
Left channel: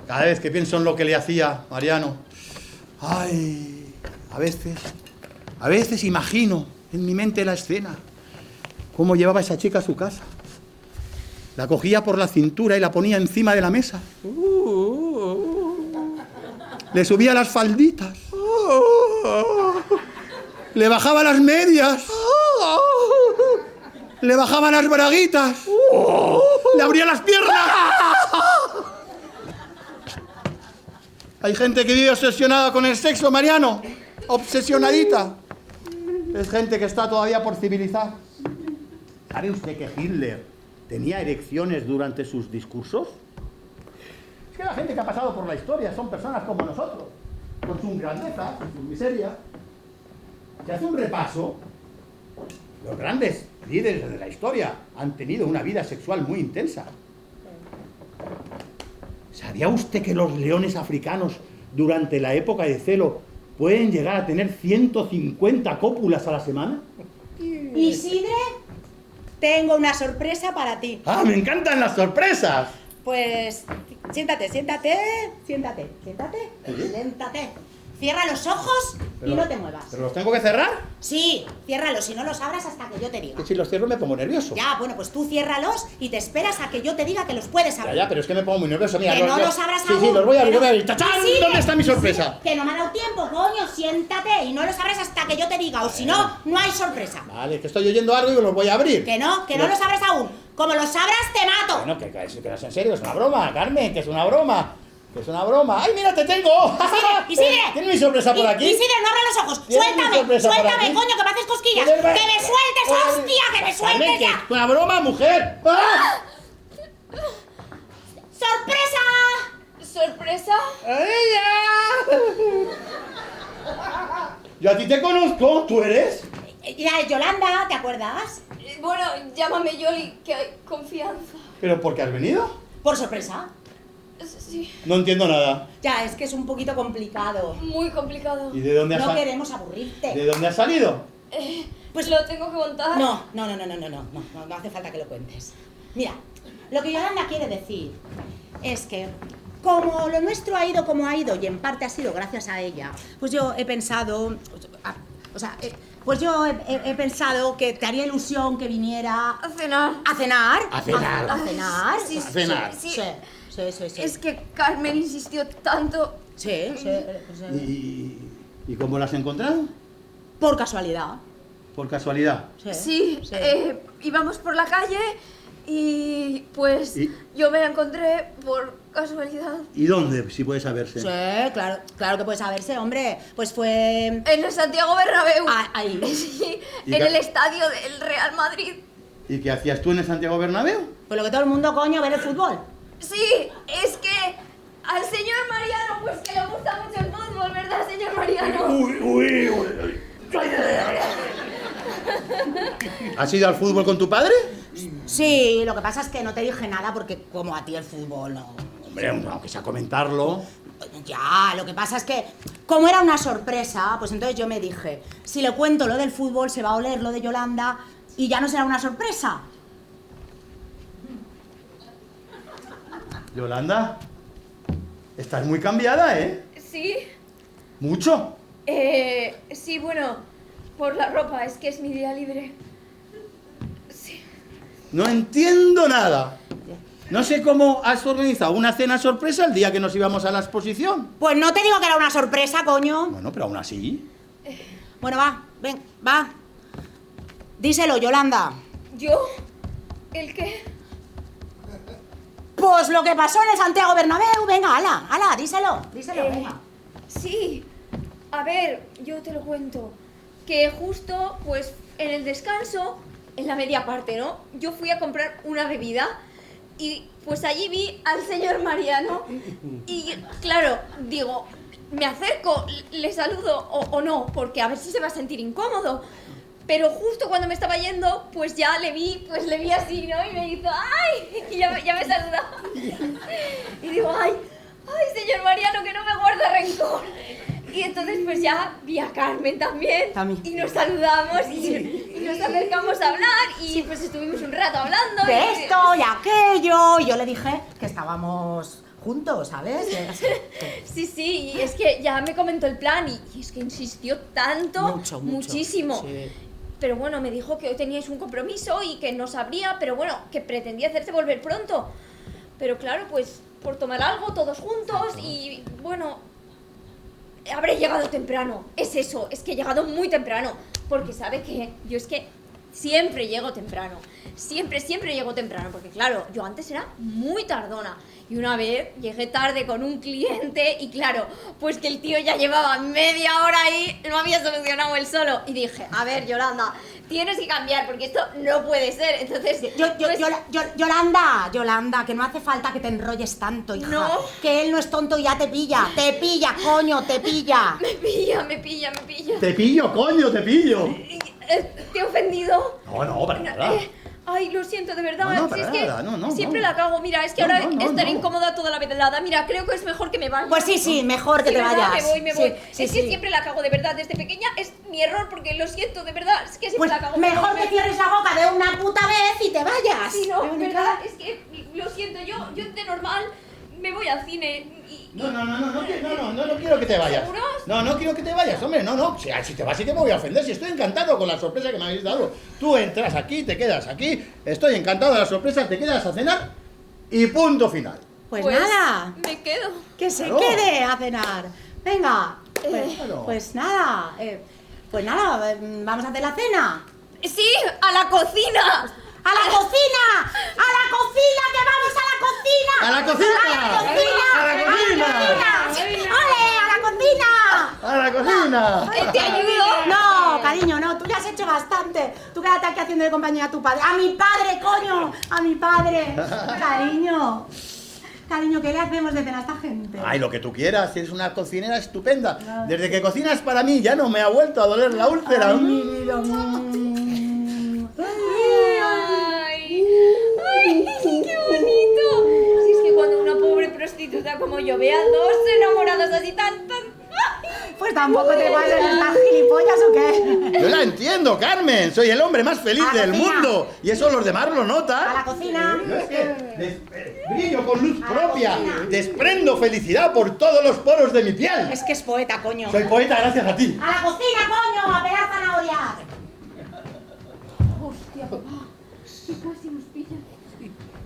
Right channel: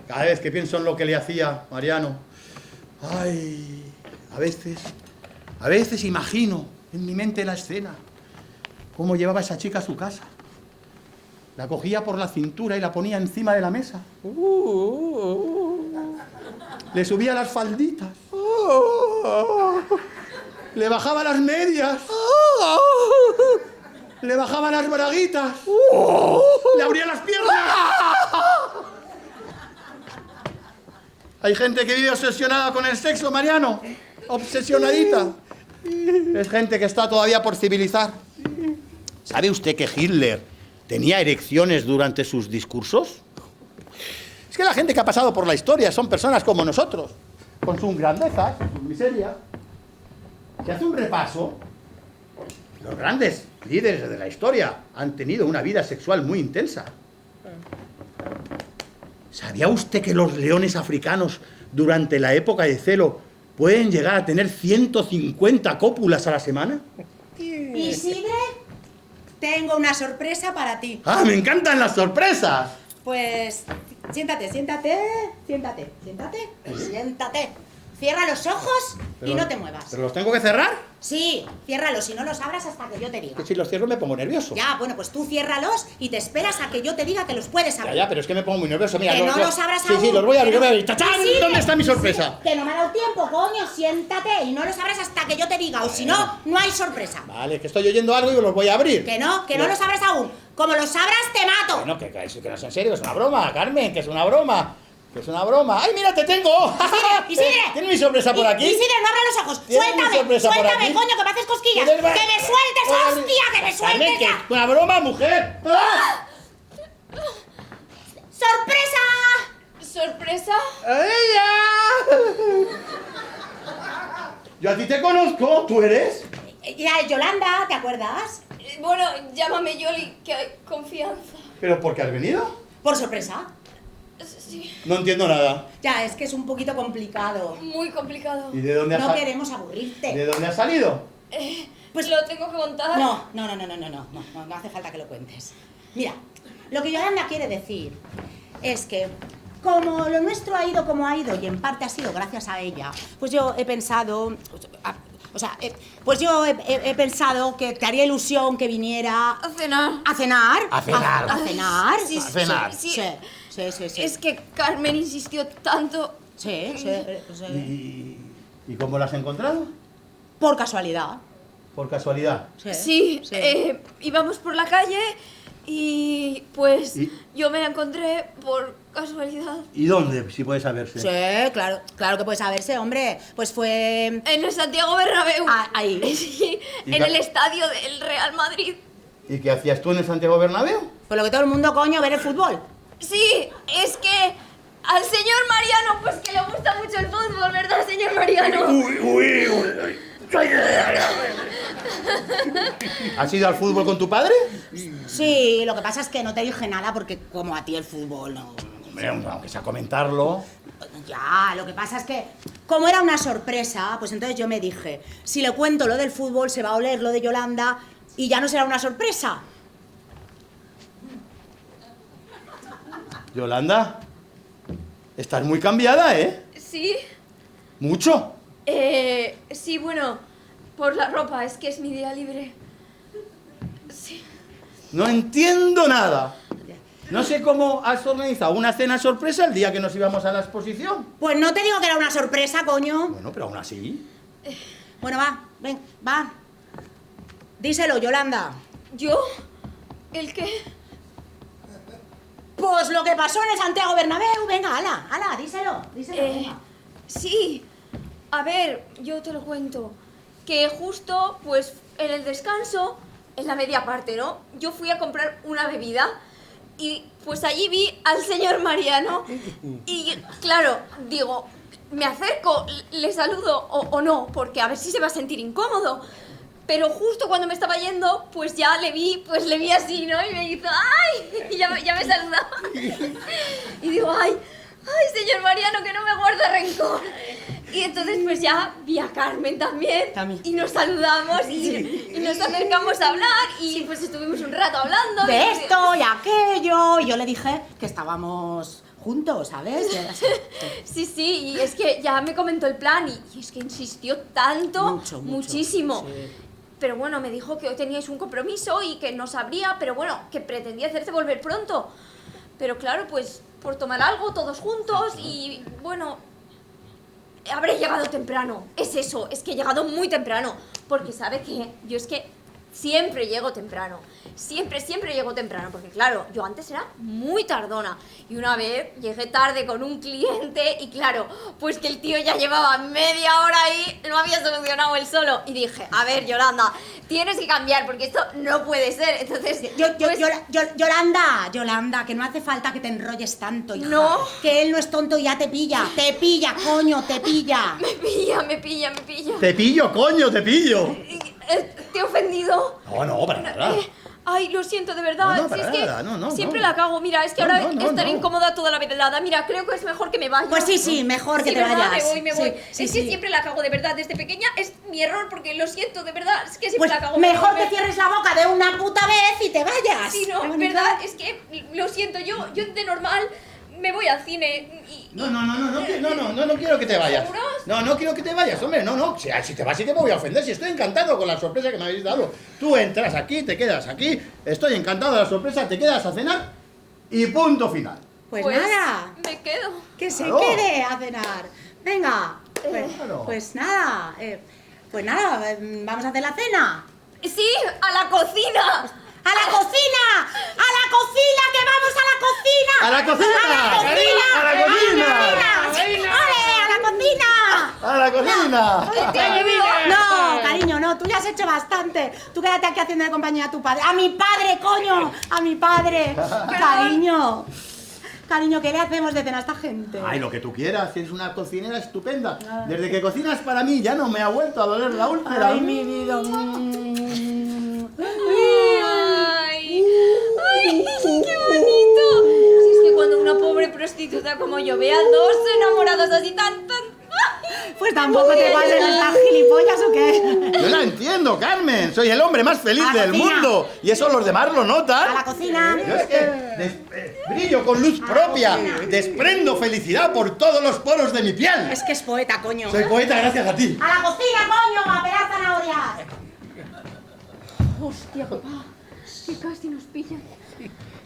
Cada vez que pienso en lo que le hacía Mariano. Ay, a veces imagino en mi mente la escena. Cómo llevaba esa chica a su casa. La cogía por la cintura y la ponía encima de la mesa. Le subía las falditas. Le bajaba las medias. Le bajaba las braguitas. Le abría las piernas. Hay gente que vive obsesionada con el sexo, Mariano. Obsesionadita. Es gente que está todavía por civilizar. ¿Sabe usted que Hitler tenía erecciones durante sus discursos? Es que la gente que ha pasado por la historia son personas como nosotros, con sus grandezas, con su miseria. Se hace un repaso. Los grandes líderes de la historia han tenido una vida sexual muy intensa. ¿Sabía usted que los leones africanos, durante la época de celo, pueden llegar a tener 150 cópulas a la semana? Isidre, tengo una sorpresa para ti. ¡Ah, me encantan las sorpresas! Pues siéntate. Cierra los ojos y no te muevas. ¿Pero los tengo que cerrar? Sí, ciérralos y no los abras hasta que yo te diga. Que si los cierro me pongo nervioso. Ya, bueno, pues tú ciérralos y te esperas a que yo te diga que los puedes abrir. Pero es que me pongo muy nervioso. Mira, Que no los abras Sí, aún. sí, los voy a abrir. ¡Tachán! Isidre, ¿Dónde está mi sorpresa? Isidre, que no me ha dado tiempo, coño. Siéntate y no los abras hasta que yo te diga. O si no, no hay sorpresa. Vale, que estoy oyendo algo y los voy a abrir. Que no los abras aún. Como los abras, te mato. Bueno, que no es en serio, es una broma, Carmen, que es una broma. Que es una broma. ¡Ay, mira, te tengo! Isidre. ¿Tienes mi sorpresa por aquí? Isidre, no abras los ojos. ¿Tienes mi sorpresa por Suéltame, aquí? coño, que me haces cosquillas. ¿Tienes- Que me sueltes, hostia, que me Carmen, sueltes que ya. es una broma, mujer. ¡Ah! ¡Sorpresa! ¿Sorpresa? Yo a ti te conozco, ¿tú eres? Ya, Yolanda, ¿te acuerdas? Bueno, llámame Yoli, que hay confianza. ¿Pero por qué has venido? Por sorpresa. Sí, No entiendo nada. Ya, es que es un poquito complicado. muy complicado. ¿Y de dónde has No salido? queremos aburrirte. ¿De dónde has salido? Pues lo tengo que contar. No hace falta que lo cuentes. Mira, lo que Yolanda quiere decir es que como lo nuestro ha ido como ha ido y en parte ha sido gracias a ella, pues yo he pensado, he pensado que te haría ilusión que viniera A cenar. a cenar. A cenar. A cenar. Sí, A cenar. Sí, Sí, sí, sí, sí. Es que Carmen insistió tanto. Sí, sí, sí. ¿Y cómo lo has encontrado? Por casualidad. Por casualidad. Sí, sí. íbamos por la calle y pues ¿Y? yo me la encontré por casualidad. ¿Y dónde, si puede saberse? Sí, claro que puede saberse, hombre. Pues fue En el Santiago Bernabéu. ahí. Sí, ¿Y en la- el estadio del Real Madrid. ¿Y qué hacías tú en el Santiago Bernabéu? Con lo que todo el mundo, coño, ver el fútbol. Sí, es que al señor Mariano, pues que le gusta mucho el fútbol, ¿verdad, señor Mariano? ¿Has ido al fútbol con tu padre? Sí, lo que pasa es que no te dije nada porque como a ti el fútbol no... Hombre, aunque sea comentarlo. Ya, lo que pasa es que como era una sorpresa, pues entonces yo me dije, si le cuento lo del fútbol se va a oler lo de Yolanda y ya no será una sorpresa. Yolanda, estás muy cambiada, ¿eh? Sí, ¿Mucho? sí, bueno, por la ropa, es que es mi día libre. Sí. No entiendo nada. No sé cómo has organizado una cena sorpresa el día que nos íbamos a la exposición. Pues no te digo que era una sorpresa, coño. Bueno, pero aún así. Bueno, va. Díselo, Yolanda. ¿Yo? ¿El qué? Pues lo que pasó en el Santiago Bernabéu, venga, ala, díselo, venga. Sí, a ver, yo te lo cuento. Que justo, pues, en el descanso, en la media parte, ¿no? Yo fui a comprar una bebida y, pues, allí vi al señor Mariano y, claro, digo, me acerco, le saludo o no, porque a ver si se va a sentir incómodo. Pero justo cuando me estaba yendo, pues ya le vi así, ¿no? Y me hizo, ¡ay! Y ya me saludaba. Y digo, ¡ay, señor Mariano, que no me guarda rencor! Y entonces pues ya vi a Carmen también. También. Y nos saludamos y nos acercamos a hablar y pues estuvimos un rato hablando. De y- esto y aquello, y yo le dije que estábamos juntos, ¿sabes? Sí, y es que ya me comentó el plan y es que insistió tanto, Mucho. muchísimo. Sí. Pero bueno, me dijo que hoy teníais un compromiso y que no sabría, pero bueno, que pretendía hacerse volver pronto. Pero claro, pues por tomar algo todos juntos y bueno, habré llegado temprano. Es eso, es que he llegado muy temprano. Porque sabe que yo es que siempre llego temprano. Siempre llego temprano. Porque claro, yo antes era muy tardona. Y una vez llegué tarde con un cliente y claro, pues que el tío ya llevaba media hora ahí, lo había solucionado él solo. Y dije, a ver, Yolanda, tienes que cambiar porque esto no puede ser. Entonces, Yolanda, que no hace falta que te enrolles tanto, hija. No. Que él no es tonto y ya te pilla, coño, te pilla. me pilla. Te pillo, coño, te pillo. ¿Te he ofendido? No, para nada. Ay, Ay, lo siento, de verdad. No, Si para es que nada, no, siempre no. la cago. Mira, es que No, ahora no, no, estaré no. incómoda toda la velada. Mira, creo que es mejor que me vaya. Pues sí, mejor que Sí, te ¿verdad? vayas. Me voy. Sí, Es sí. que siempre la cago, de verdad. Desde pequeña es mi error, porque lo siento, de verdad. Es que siempre Pues la cago. mejor que cierres la boca de una puta vez y te vayas. Sí, no, verdad. Es que lo siento, yo de normal me voy al cine y... No quiero que te vayas. ¿Seguros? No quiero que te vayas, hombre, no. Si te vas sí que me voy a ofender, si estoy encantado con la sorpresa que me habéis dado. Tú entras aquí, te quedas aquí, estoy encantado de la sorpresa, te quedas a cenar y punto final. Pues nada, Me quedo. que se Claro. quede a cenar. Venga, Claro. pues nada, vamos a hacer la cena. Sí, a la cocina. ¡A la cocina! ¡A la cocina! ¡Que vamos a la cocina! ¡A la cocina! ¡A la cocina! ¡A la cocina! ¡Ole, a la cocina! ¡A la cocina! ¿Te ayudo? No, cariño, no, tú ya has hecho bastante. Tú quédate aquí haciendo de compañía a tu padre. ¡A mi padre, coño! ¡A mi padre! Cariño. Cariño, ¿qué le hacemos de cena a esta gente? Ay, lo que tú quieras, eres una cocinera estupenda. Desde que cocinas para mí ya no me ha vuelto a doler la úlcera. Ay, mi vida. ¡Ay, qué bonito! Si es que cuando una pobre prostituta como yo ve a dos enamorados así tan... Pues tampoco te pases, ¿estás gilipollas o qué? Yo la entiendo, Carmen. Soy el hombre más feliz A la del cocina. mundo. Y eso los demás lo A la notan. cocina. Yo es que brillo con luz propia. Desprendo felicidad por todos los poros de mi piel. Es que es poeta, coño. Soy poeta gracias a ti. ¡A la cocina, coño! ¡A pegar zanahorias! Hostia, papá, que casi nos pillan.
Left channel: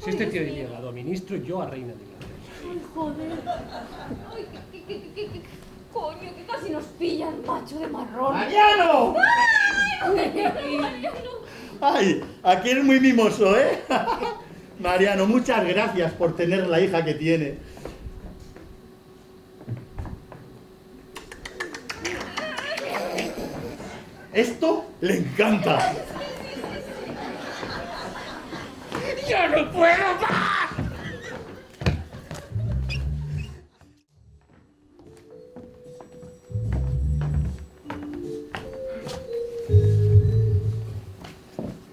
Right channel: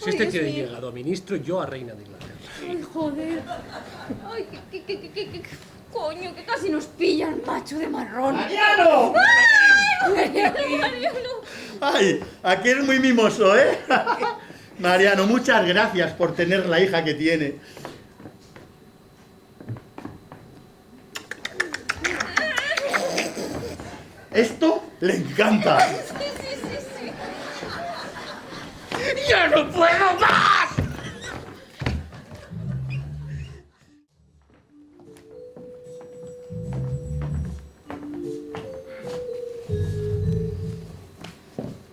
Si este tío llega a ministro, yo a reina de Inglaterra. Ay, joder. Ay, qué coño, que casi nos pillan, macho de marrón. ¡Mariano! Mariano. Ay, aquel es muy mimoso, ¿eh? Mariano, muchas gracias por tener la hija que tiene. Esto le encanta. ¡Ya no puedo más!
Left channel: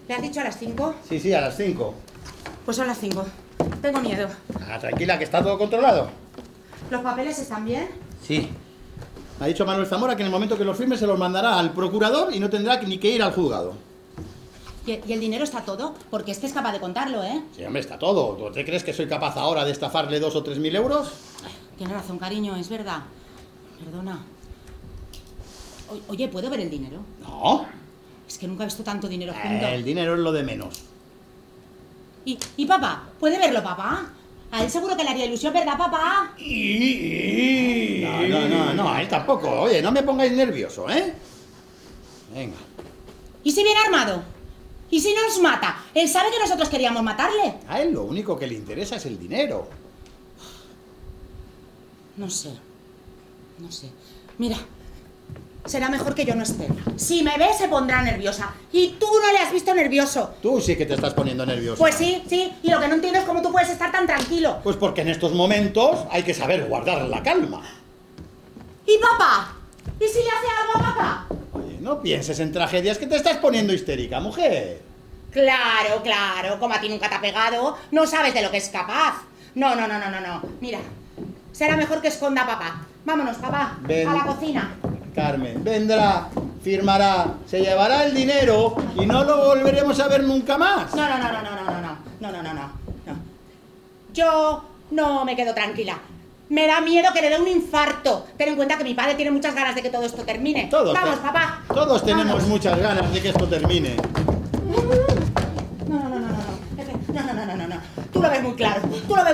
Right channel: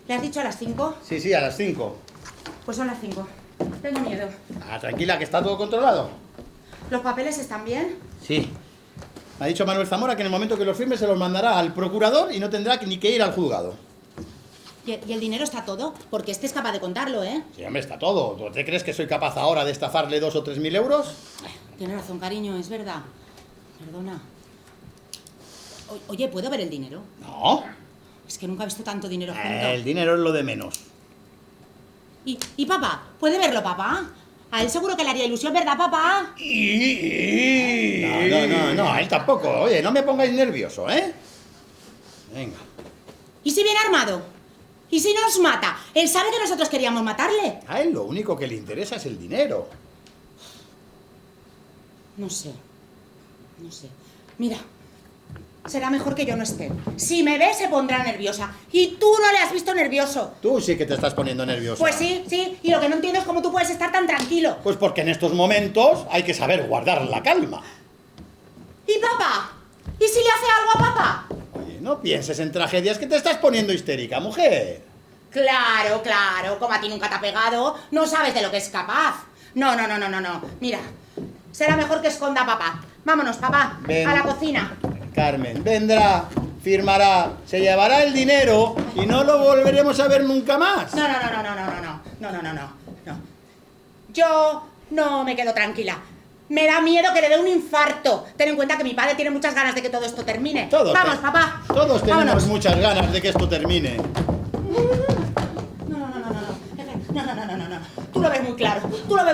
¿Le has dicho a las 5? Sí, a las 5. Pues son las 5. Tengo miedo. Ah, tranquila, que está todo controlado. ¿Los papeles están bien? Sí. Ha dicho Manuel Zamora que en el momento que los firme se los mandará al procurador y no tendrá ni que ir al juzgado. ¿Y el dinero está todo? Porque es capaz de contarlo, ¿eh? Sí, hombre, está todo. ¿Tú te crees que soy capaz ahora de estafarle 2 o 3 mil euros? Tienes razón, cariño, es verdad. Perdona. Oye, ¿puedo ver el dinero? No. Es que nunca he visto tanto dinero junto. El dinero es lo de menos. ¿Y papá? ¿Puede verlo, papá? A él seguro que le haría ilusión, ¿verdad, papá? No, a él tampoco. Oye, no me pongáis nervioso, ¿eh? Venga. ¿Y si viene armado? ¿Y si nos mata? Él sabe que nosotros queríamos matarle. A él lo único que le interesa es el dinero. No sé. Mira, será mejor que yo no esté. Si me ve, se pondrá nerviosa. Y tú no le has visto nervioso. Tú sí que te estás poniendo nervioso. Pues sí. Y lo que no entiendo es cómo tú puedes estar tan tranquilo. Pues porque en estos momentos hay que saber guardar la calma. ¿Y papá? ¿Y si le hace algo a papá? Oye, no pienses en tragedias que te estás poniendo histérica, mujer. Claro. Como a ti nunca te ha pegado, no sabes de lo que es capaz. No. Mira, será mejor que esconda a papá. Vámonos, papá. Ven. A la cocina. Carmen, vendrá, firmará, se llevará el dinero y no lo volveremos a ver nunca más. No. Yo no me quedo tranquila. Me da miedo que le dé un infarto. Ten en cuenta que mi padre tiene muchas ganas de que todo esto termine. Vamos, papá. Todos tenemos Vámonos. muchas ganas de que esto termine. No. Tú lo ves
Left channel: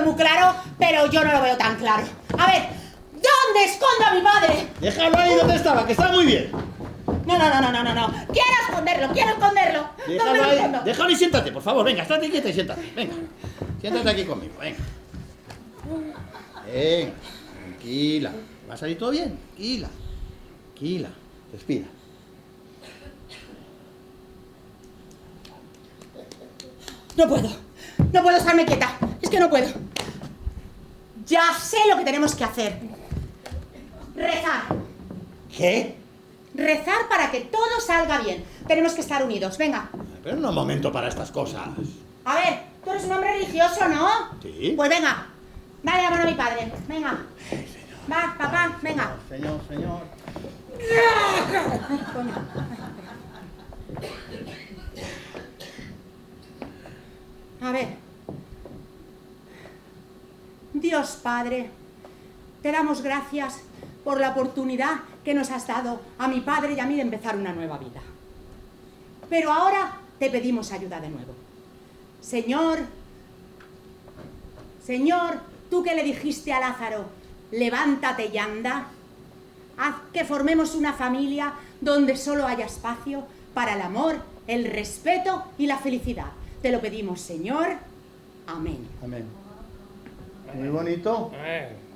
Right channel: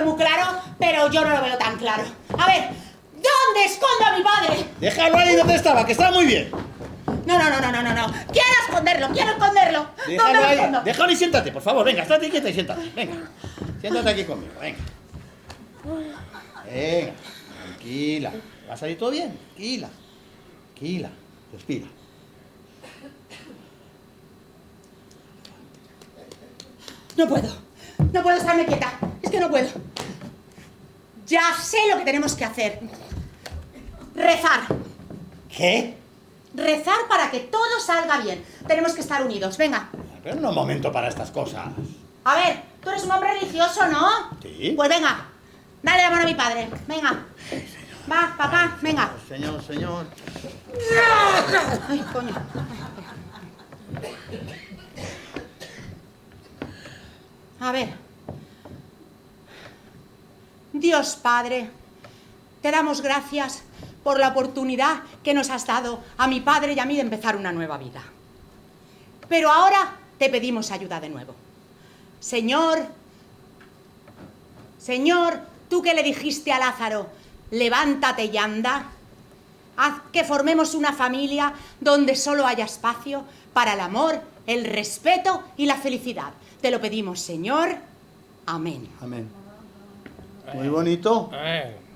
muy claro, pero yo no lo veo tan claro. A ver, ¿dónde escondo a mi padre? Déjalo ahí donde estaba, que está muy bien. No. Quiero esconderlo. Déjalo ¿Dónde lo ahí, escondo? déjalo y siéntate, por favor. Venga, estate quieta y siéntate. Venga, siéntate aquí conmigo, venga. Venga, tranquila. ¿Va a salir todo bien? Tranquila. Respira. No puedo estarme quieta. Es que no puedo. Ya sé lo que tenemos que hacer. Rezar. ¿Qué? Rezar para que todo salga bien. Tenemos que estar unidos. Venga. Pero no es momento para estas cosas. A ver, tú eres un hombre religioso, ¿no? Sí. Pues venga, dale la mano a mi padre. Venga. Va, papá, venga. Señor, señor. Ay, coño. A ver. Dios Padre, te damos gracias por la oportunidad que nos has dado a mi padre y a mí de empezar una nueva vida. Pero ahora te pedimos ayuda de nuevo. Señor, tú que le dijiste a Lázaro, levántate y anda, haz que formemos una familia donde solo haya espacio para el amor, el respeto y la felicidad. Te lo pedimos, Señor. Amén. Amén. Muy bonito.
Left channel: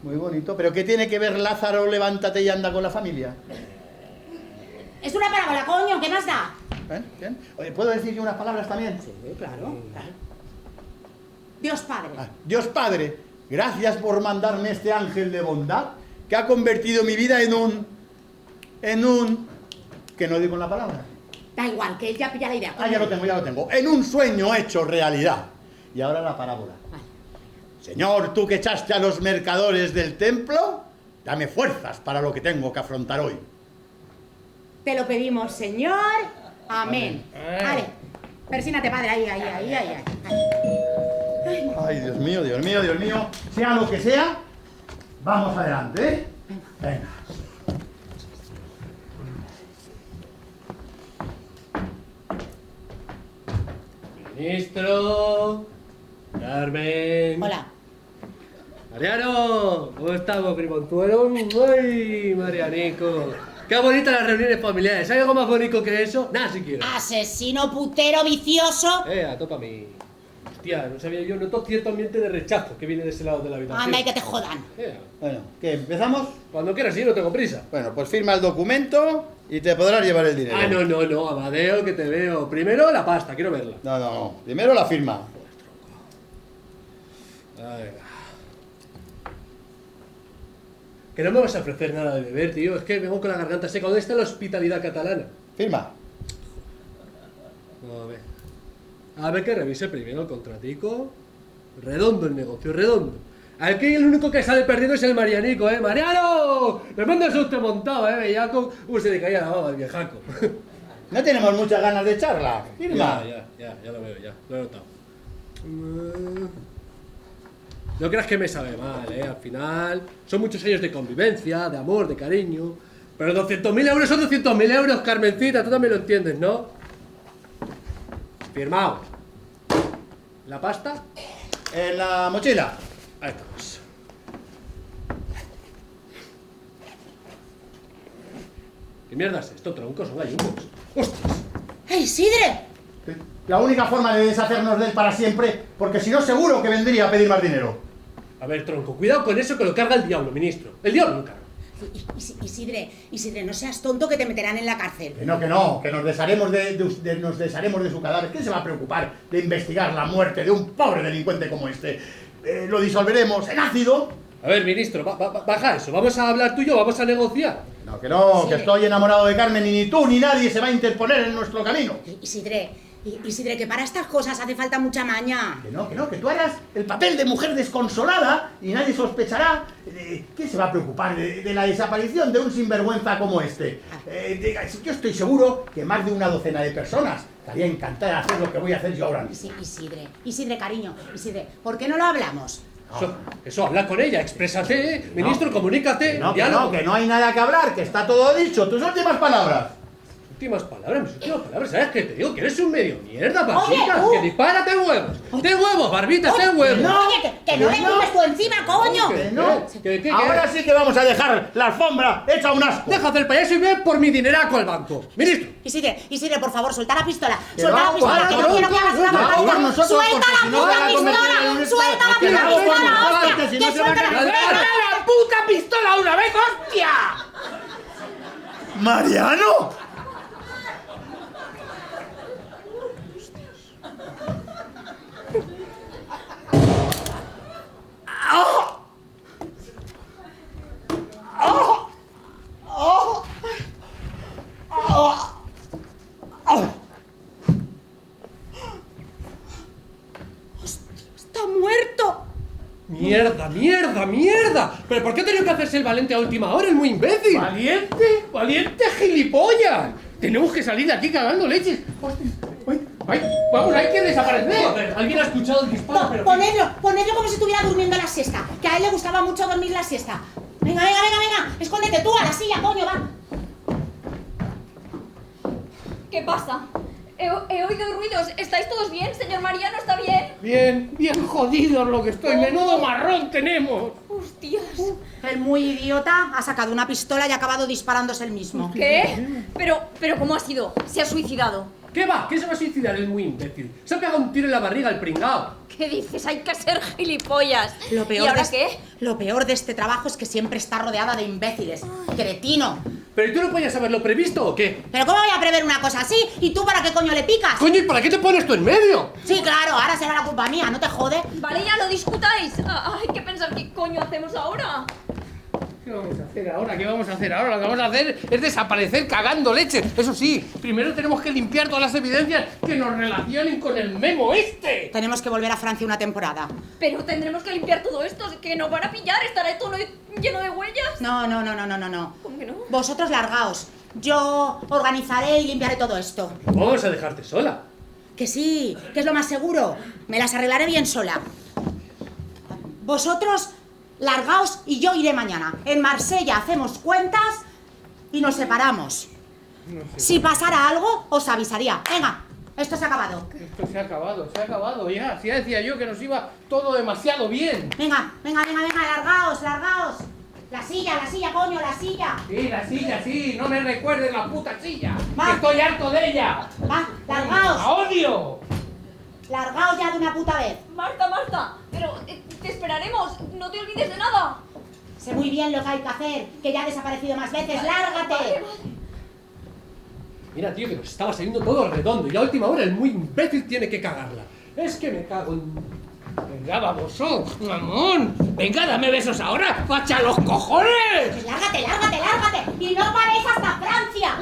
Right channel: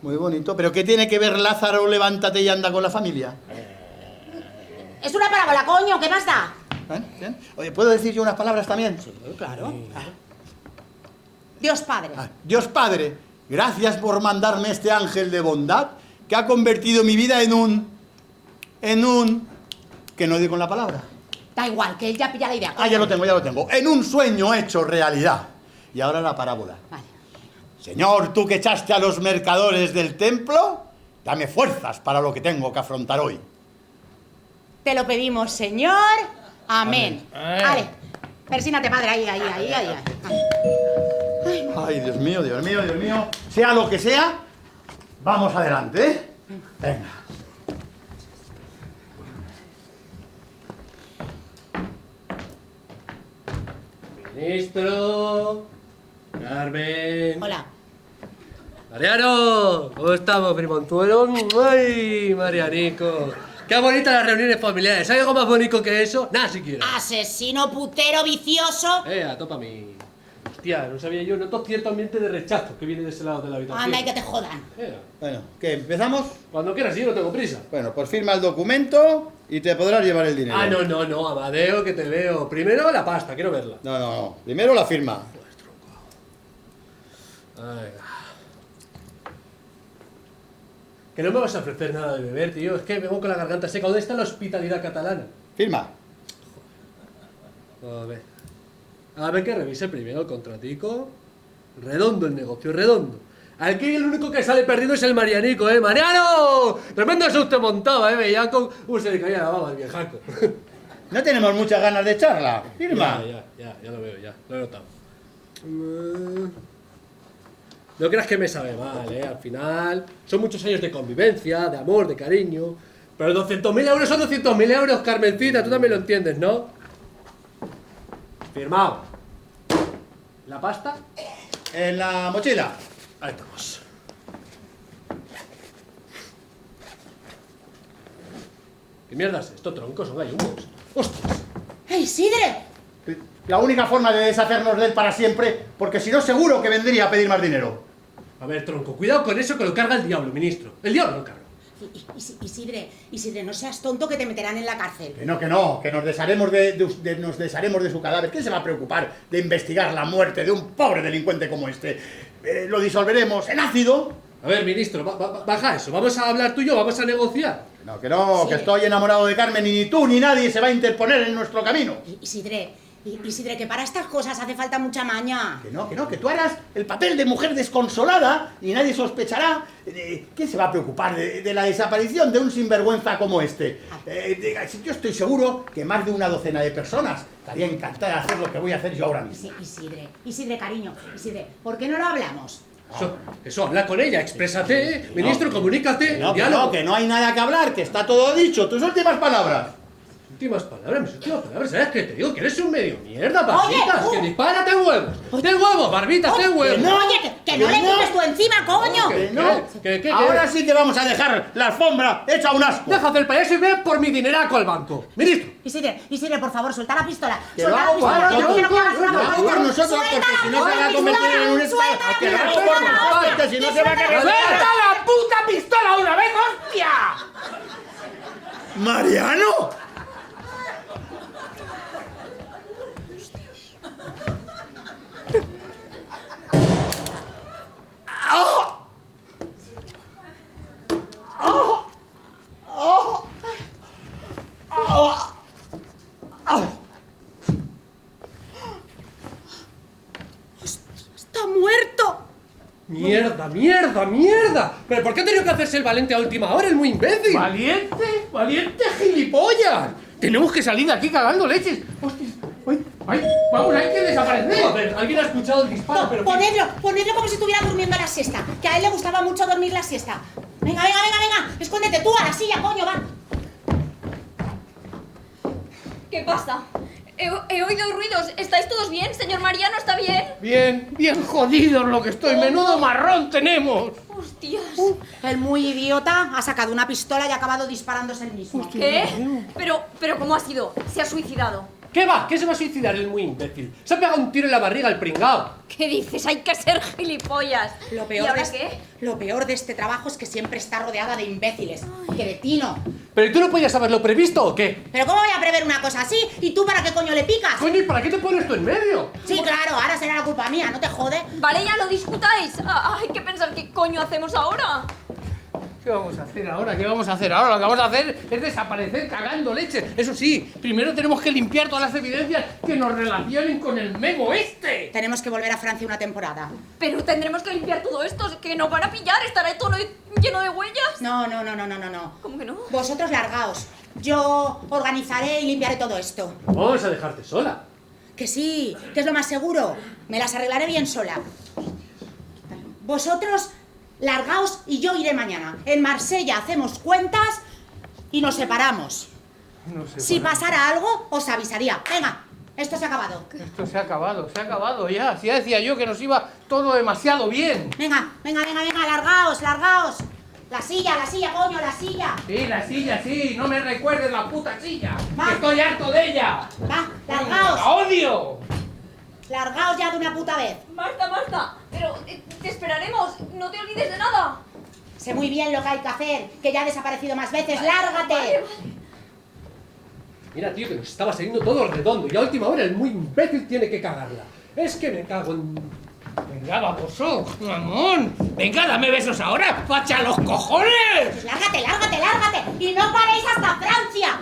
Muy bonito. ¿Pero qué tiene que ver Lázaro, levántate y anda con la familia? Es una parábola, coño, ¿qué más da? ¿Bien? Oye, ¿puedo decir yo unas palabras también? Sí, claro. Dios Padre. Dios Padre, gracias por mandarme este ángel de bondad que ha convertido mi vida en un... que no digo la palabra. Da igual, que él ya pilla la idea. Ah, ya lo tengo. En un sueño hecho realidad. Y ahora la parábola. Vale. Señor, tú que echaste a los mercadores del templo, dame fuerzas para lo que tengo que afrontar hoy. Te lo pedimos, Señor. Amén. Vale. Persínate, padre. Ahí. Ay, Dios mío. Sea lo que sea, vamos adelante, ¿eh? Venga. Ministro. Carmen. Hola. Mariano, ¿cómo estamos, primontuelo? ¡Ay, Marianico! ¡Qué bonitas las reuniones familiares! ¿Hay algo más bonito que eso? Nada siquiera. Asesino, putero, vicioso. A topa mí. Hostia, no sabía yo, noto cierto ambiente de rechazo que viene de ese lado de la habitación. Anda, y que te jodan. Bueno, ¿qué? ¿Empezamos? Cuando quieras, sí, no tengo prisa. Bueno, pues firma el documento y te podrás llevar el dinero. Ah, no, Amadeo, que te veo. Primero la pasta, quiero verla. No. Primero la firma. Ay. Que no me vas a ofrecer nada de beber, tío. Es que vengo con la garganta seca. ¿Dónde está la hospitalidad catalana? Firma. A ver que revise primero el contratico. Redondo el negocio, redondo. Aquí el único que sale perdiendo es el Marianico, ¿eh? ¡Mariano! Tremendo susto montaba, ¿eh? Veía cómo se le caía la baba al viejaco. No tenemos muchas ganas de charla. Firma. Ya lo veo, lo he notado. No creas que me sabe mal, ¿eh? Al final son muchos años de convivencia, de amor, de cariño. Pero 200.000 euros son 200.000 euros, Carmencita, tú también lo entiendes, ¿no? Firmado. ¿La pasta? En la mochila. Ahí estamos. ¿Qué mierda es esto, tronco? Son gallumbos. ¡Hostias! ¡Ey, Sidre! La única forma de deshacernos de él para siempre, porque si no seguro que vendría a pedir más dinero. A ver, tronco, cuidado con eso que lo carga el diablo, ministro. El diablo lo carga. Isidre, no seas tonto que te meterán en la cárcel. Que no, que nos desharemos de su cadáver. ¿Quién se va a preocupar de investigar la muerte de un pobre delincuente como este? Lo disolveremos en ácido. A ver, ministro, baja eso. Vamos a hablar tú y yo, vamos a negociar. Que Sí. que estoy enamorado de Carmen y ni tú ni nadie se va a interponer en nuestro camino. Isidre, que para estas cosas hace falta mucha maña. Que tú harás el papel de mujer desconsolada y nadie sospechará. ¿Quién se va a preocupar de la desaparición de un sinvergüenza como este? Yo estoy seguro que más de una docena de personas estaría encantada de hacer lo que voy a hacer yo ahora mismo. Isidre, cariño, ¿por qué no lo hablamos? Eso, habla con ella, exprésate, ministro, comunícate. Que no hay nada que hablar, que está todo dicho. Tus últimas palabras. Mis últimas palabras, ¿sabes qué te digo? Que eres un medio mierda, barbitas, Oye, que dispárate huevos. ¡De huevos, barbitas, de huevos! Oye, que no le pones tú encima, coño. ¿Qué? Ahora sí que vamos a dejar la alfombra hecha un asco. Deja hacer payaso y ve por mi dineraco al banco. Ministro. Isidre, por favor, suelta la pistola. Que Suelta lo la hago pistola. por Yo quiero que hagas una nosotros, broma. por nosotros, Suelta porque si no la se va a convertir en un pistola. Suelta la Que lo hago por pistola, nosotros, hostia. que si no Que se va a suelta la cargar. pistola. la puta pistola una vez, hostia! ¡Mariano! cosa. ¿Pero por qué ha tenido que hacerse el valiente a última hora? Es muy imbécil. ¡Valiente! ¡Valiente gilipollas! Tenemos que salir de aquí cagando leches. ¡Hostia! ¡Ay! ¡Vamos, hay que desaparecer! Joder, alguien ha escuchado el disparo, No, pero... ponedlo como si estuviera durmiendo la siesta, que a él le gustaba mucho dormir la siesta. Venga, venga, venga, venga, escóndete tú a la silla, coño, va. ¿Qué pasa? He oído ruidos. ¿Estáis todos bien? ¿Señor Mariano está bien? Bien, bien jodidos lo que estoy. Menudo marrón tenemos. ¡Hostias! El muy idiota ha sacado una pistola y ha acabado disparándose él mismo. ¿Qué? Pero ¿cómo ha sido? ¿Se ha suicidado? ¿Qué va? ¿Qué se va a suicidar? Es muy imbécil. Se ha pegado un tiro en la barriga el pringao. ¿Qué dices? Hay que ser gilipollas. Lo ¿Y peor, ahora de qué? lo peor de este trabajo es que siempre está rodeada de imbéciles. Cretino. ¿Pero tú no podías haberlo previsto o qué? ¿Pero cómo voy a prever una cosa así? ¿Y tú para qué coño le picas? Coño, ¿y para qué te pones tú en medio? Sí, claro, ahora será la culpa mía, ¿no te jode? Vale, ya lo discutáis. Hay que pensar qué coño hacemos ahora. ¿Qué vamos a hacer ahora? ¿Qué vamos a hacer ahora? Lo que vamos a hacer es desaparecer cagando leche. Eso sí, primero tenemos que limpiar todas las evidencias que nos relacionen con el memo este. Tenemos que volver a Francia una temporada. Pero tendremos que limpiar todo esto, que nos van a pillar. ¿Estará todo lleno de huellas? No. ¿Cómo que no? Vosotros largaos. Yo organizaré y limpiaré todo esto. Vamos a dejarte sola. Que sí, que es lo más seguro. Me las arreglaré bien sola. Vosotros largaos y yo iré mañana. En Marsella hacemos cuentas y nos separamos. No sé. Si pasara algo, os avisaría. Venga, esto se ha acabado. Esto se ha acabado ya. Si ya decía yo que nos iba todo demasiado bien. Venga, largaos. La silla, coño, la silla. Sí, la silla, sí. No me recuerdes la puta silla. Va. Estoy harto de ella. Va, ¡La largaos. odio! Largaos ya de una puta vez. Marta, pero te esperaremos. No te olvides de nada. Sé muy bien lo que hay que hacer, que ya ha desaparecido más veces. ¡Lárgate! Vale. Mira, tío, que nos estaba saliendo todo redondo y a última hora el muy imbécil tiene que cagarla. Es que me cago en... Venga, vamos, mamón. Venga, dame besos ahora. ¡Facha los cojones! Pues lárgate. Y no paréis hasta Francia.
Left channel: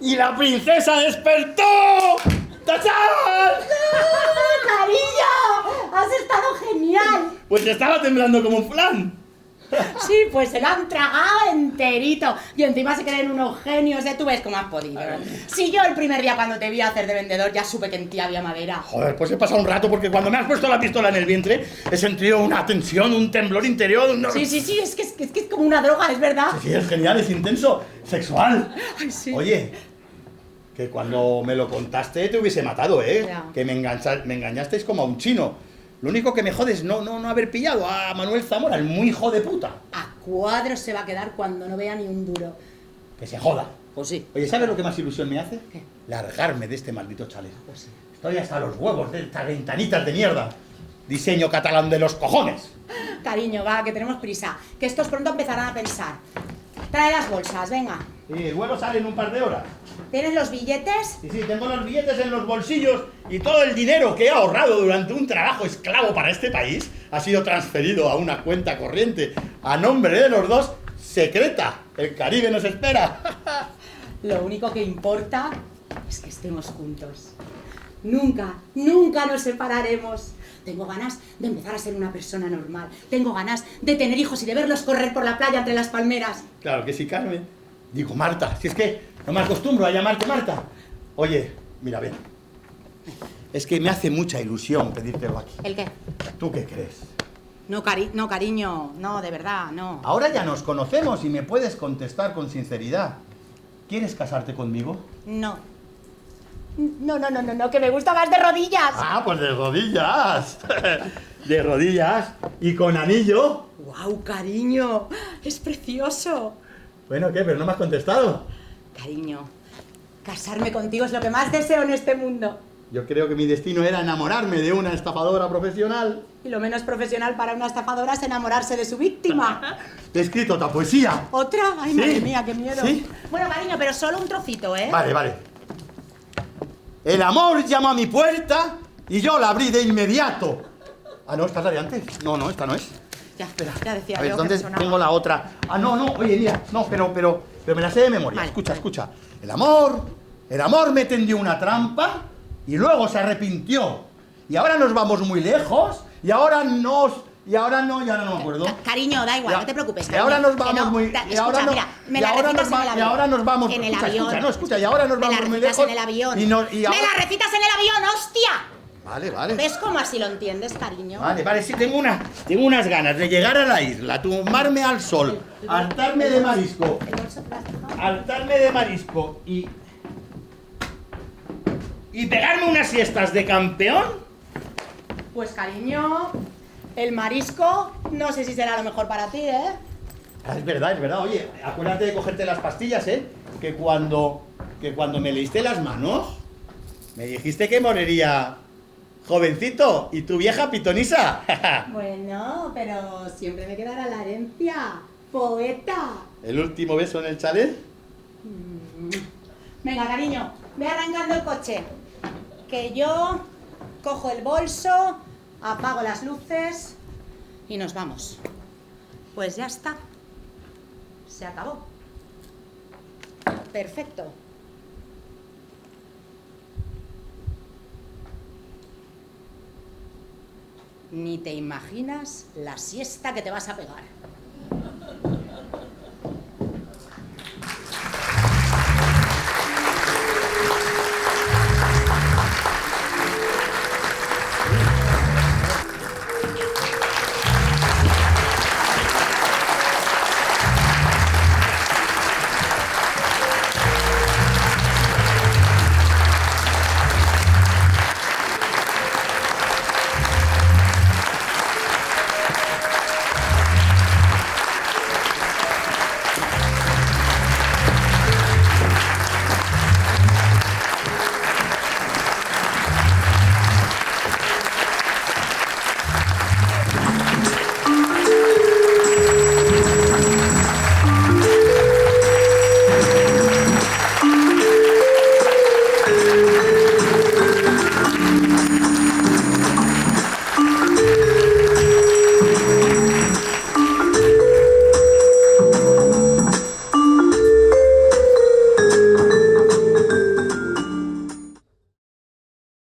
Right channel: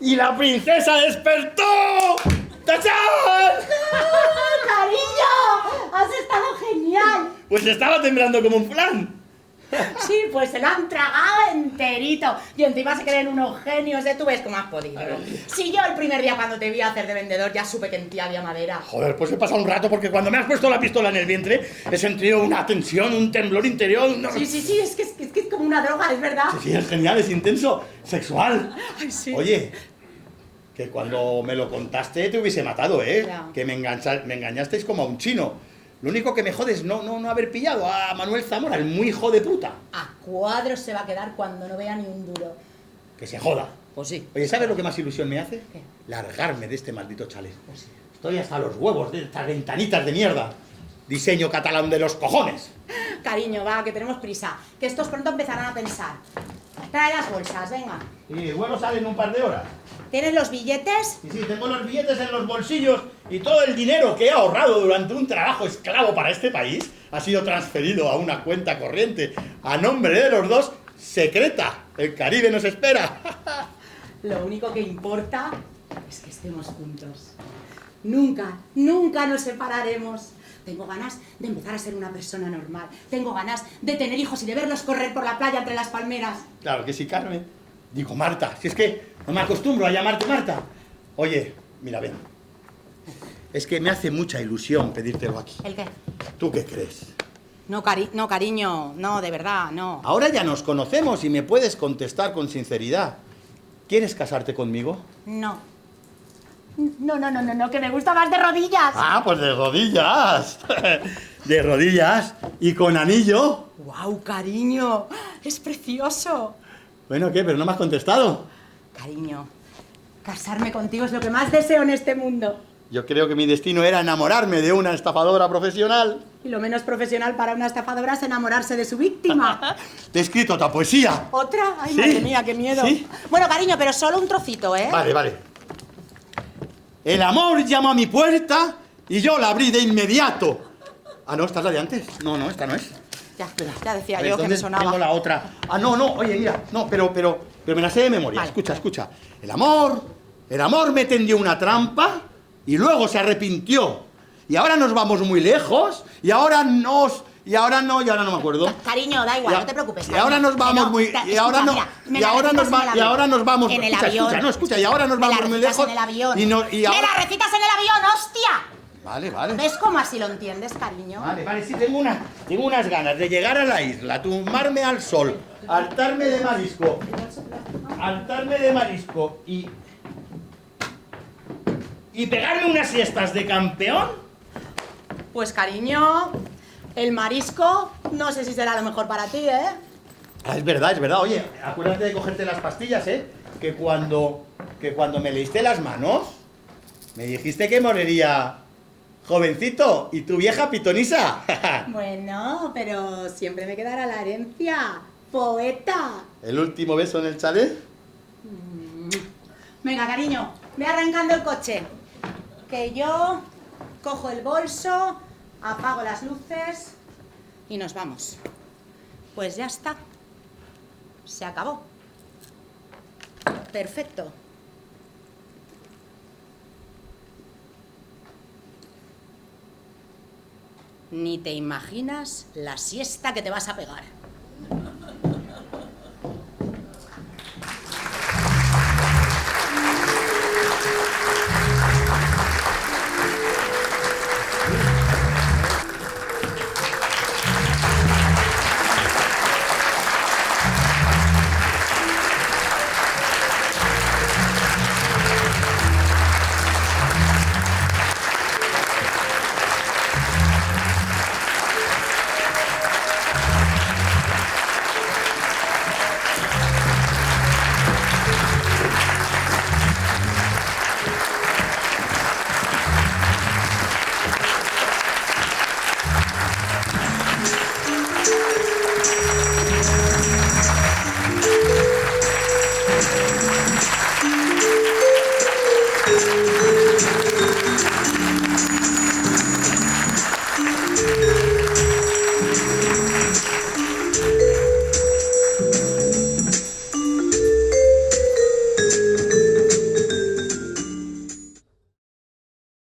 ¡Y la princesa despertó! ¡Tachán! ¡Cariño! ¡Has estado genial! Pues estaba temblando como un flan. Sí, pues se lo han tragado enterito. Y encima se creen unos genios, ¿eh? Tú ves cómo has podido. Si yo el primer día cuando te vi hacer de vendedor ya supe que en ti había madera. Joder, pues he pasado un rato porque cuando me has puesto la pistola en el vientre he sentido una tensión, un temblor interior. Sí, es que es como una droga, es verdad. Sí, es genial, es intenso, sexual. Ay, sí. Oye, que cuando me lo contaste te hubiese matado, ¿eh? Ya. Que me engañasteis como a un chino. Lo único que me jode es no haber pillado a Manuel Zamora, el muy hijo de puta. A cuadros se va a quedar cuando no vea ni un duro. Que se joda. Pues sí. Oye, ¿sabes lo que más ilusión me hace? ¿Qué? Largarme de este maldito chalet. Pues sí. Estoy hasta los huevos de estas ventanitas de mierda. Diseño catalán de los cojones. Cariño, va, que tenemos prisa. Que estos pronto empezarán a pensar. Trae las bolsas, venga. Y el vuelo sale en un par de horas. ¿Tienes los billetes? Y sí, tengo los billetes en los bolsillos y todo el dinero que he ahorrado durante un trabajo esclavo para este país ha sido transferido a una cuenta corriente a nombre de los dos, secreta. El Caribe nos espera. Lo único que importa es que estemos juntos. Nunca nos separaremos. Tengo ganas de empezar a ser una persona normal. Tengo ganas de tener hijos y de verlos correr por la playa entre las palmeras. Claro que sí, Carmen. Digo, Marta, si es que no me acostumbro a llamarte Marta. Oye, mira, ven. Es que me hace mucha ilusión pedírtelo aquí. ¿El qué? ¿Tú qué crees? No, cariño, no, de verdad, no. Ahora ya nos conocemos y me puedes contestar con sinceridad. ¿Quieres casarte conmigo? No, que me gusta más de rodillas. Ah, pues de rodillas. De rodillas y con anillo. ¡Guau, cariño! Es precioso. Bueno, ¿qué? Pero no me has contestado. Cariño, casarme contigo es lo que más deseo en este mundo. Yo creo que mi destino era enamorarme de una estafadora profesional. Y lo menos profesional para una estafadora es enamorarse de su víctima. Te he escrito otra poesía. ¿Otra? Ay, Sí. madre mía, qué miedo. Sí. Bueno, cariño, pero solo un trocito, ¿eh? Vale. El amor llama a mi puerta y yo la abrí de inmediato. Ah, no, esta es la de antes. No, esta no es. Ya decía A ver, yo que me ¿dónde sonaba. tengo la otra? Ah, no, oye, mira, no, pero me la sé de memoria. Vale. Escucha. El amor El amor me tendió una trampa y luego se arrepintió. Y ahora nos vamos muy lejos y ahora no me acuerdo. Cariño, da igual, Ya. no te preocupes. Y cariño. ahora nos Que vamos no, muy... ta- Y ahora escucha, no... mira, me Y la ahora nos recitas en el y ahora nos vamos... en el Escucha, avión. y ahora nos Me la vamos muy recitas lejos. en el avión. Y ahora... ¡Me la recitas en el avión, hostia! Vale. ¿Ves cómo así lo entiendes, cariño? Vale, sí, tengo unas ganas de llegar a la isla, tumbarme al sol, hartarme de marisco y pegarme unas siestas de campeón. Pues, cariño, el marisco no sé si será lo mejor para ti, ¿eh? Es verdad. Oye, acuérdate de cogerte las pastillas, ¿eh? Que cuando me leíste las manos, me dijiste que moriría jovencito y tu vieja pitonisa. Bueno, pero siempre me quedará la herencia. Poeta. ¿El último beso en el chalet? Venga, cariño, ve arrancando el coche. Que yo cojo el bolso, apago las luces y nos vamos. Pues ya está. Se acabó. Perfecto. Ni te imaginas la siesta que te vas a pegar.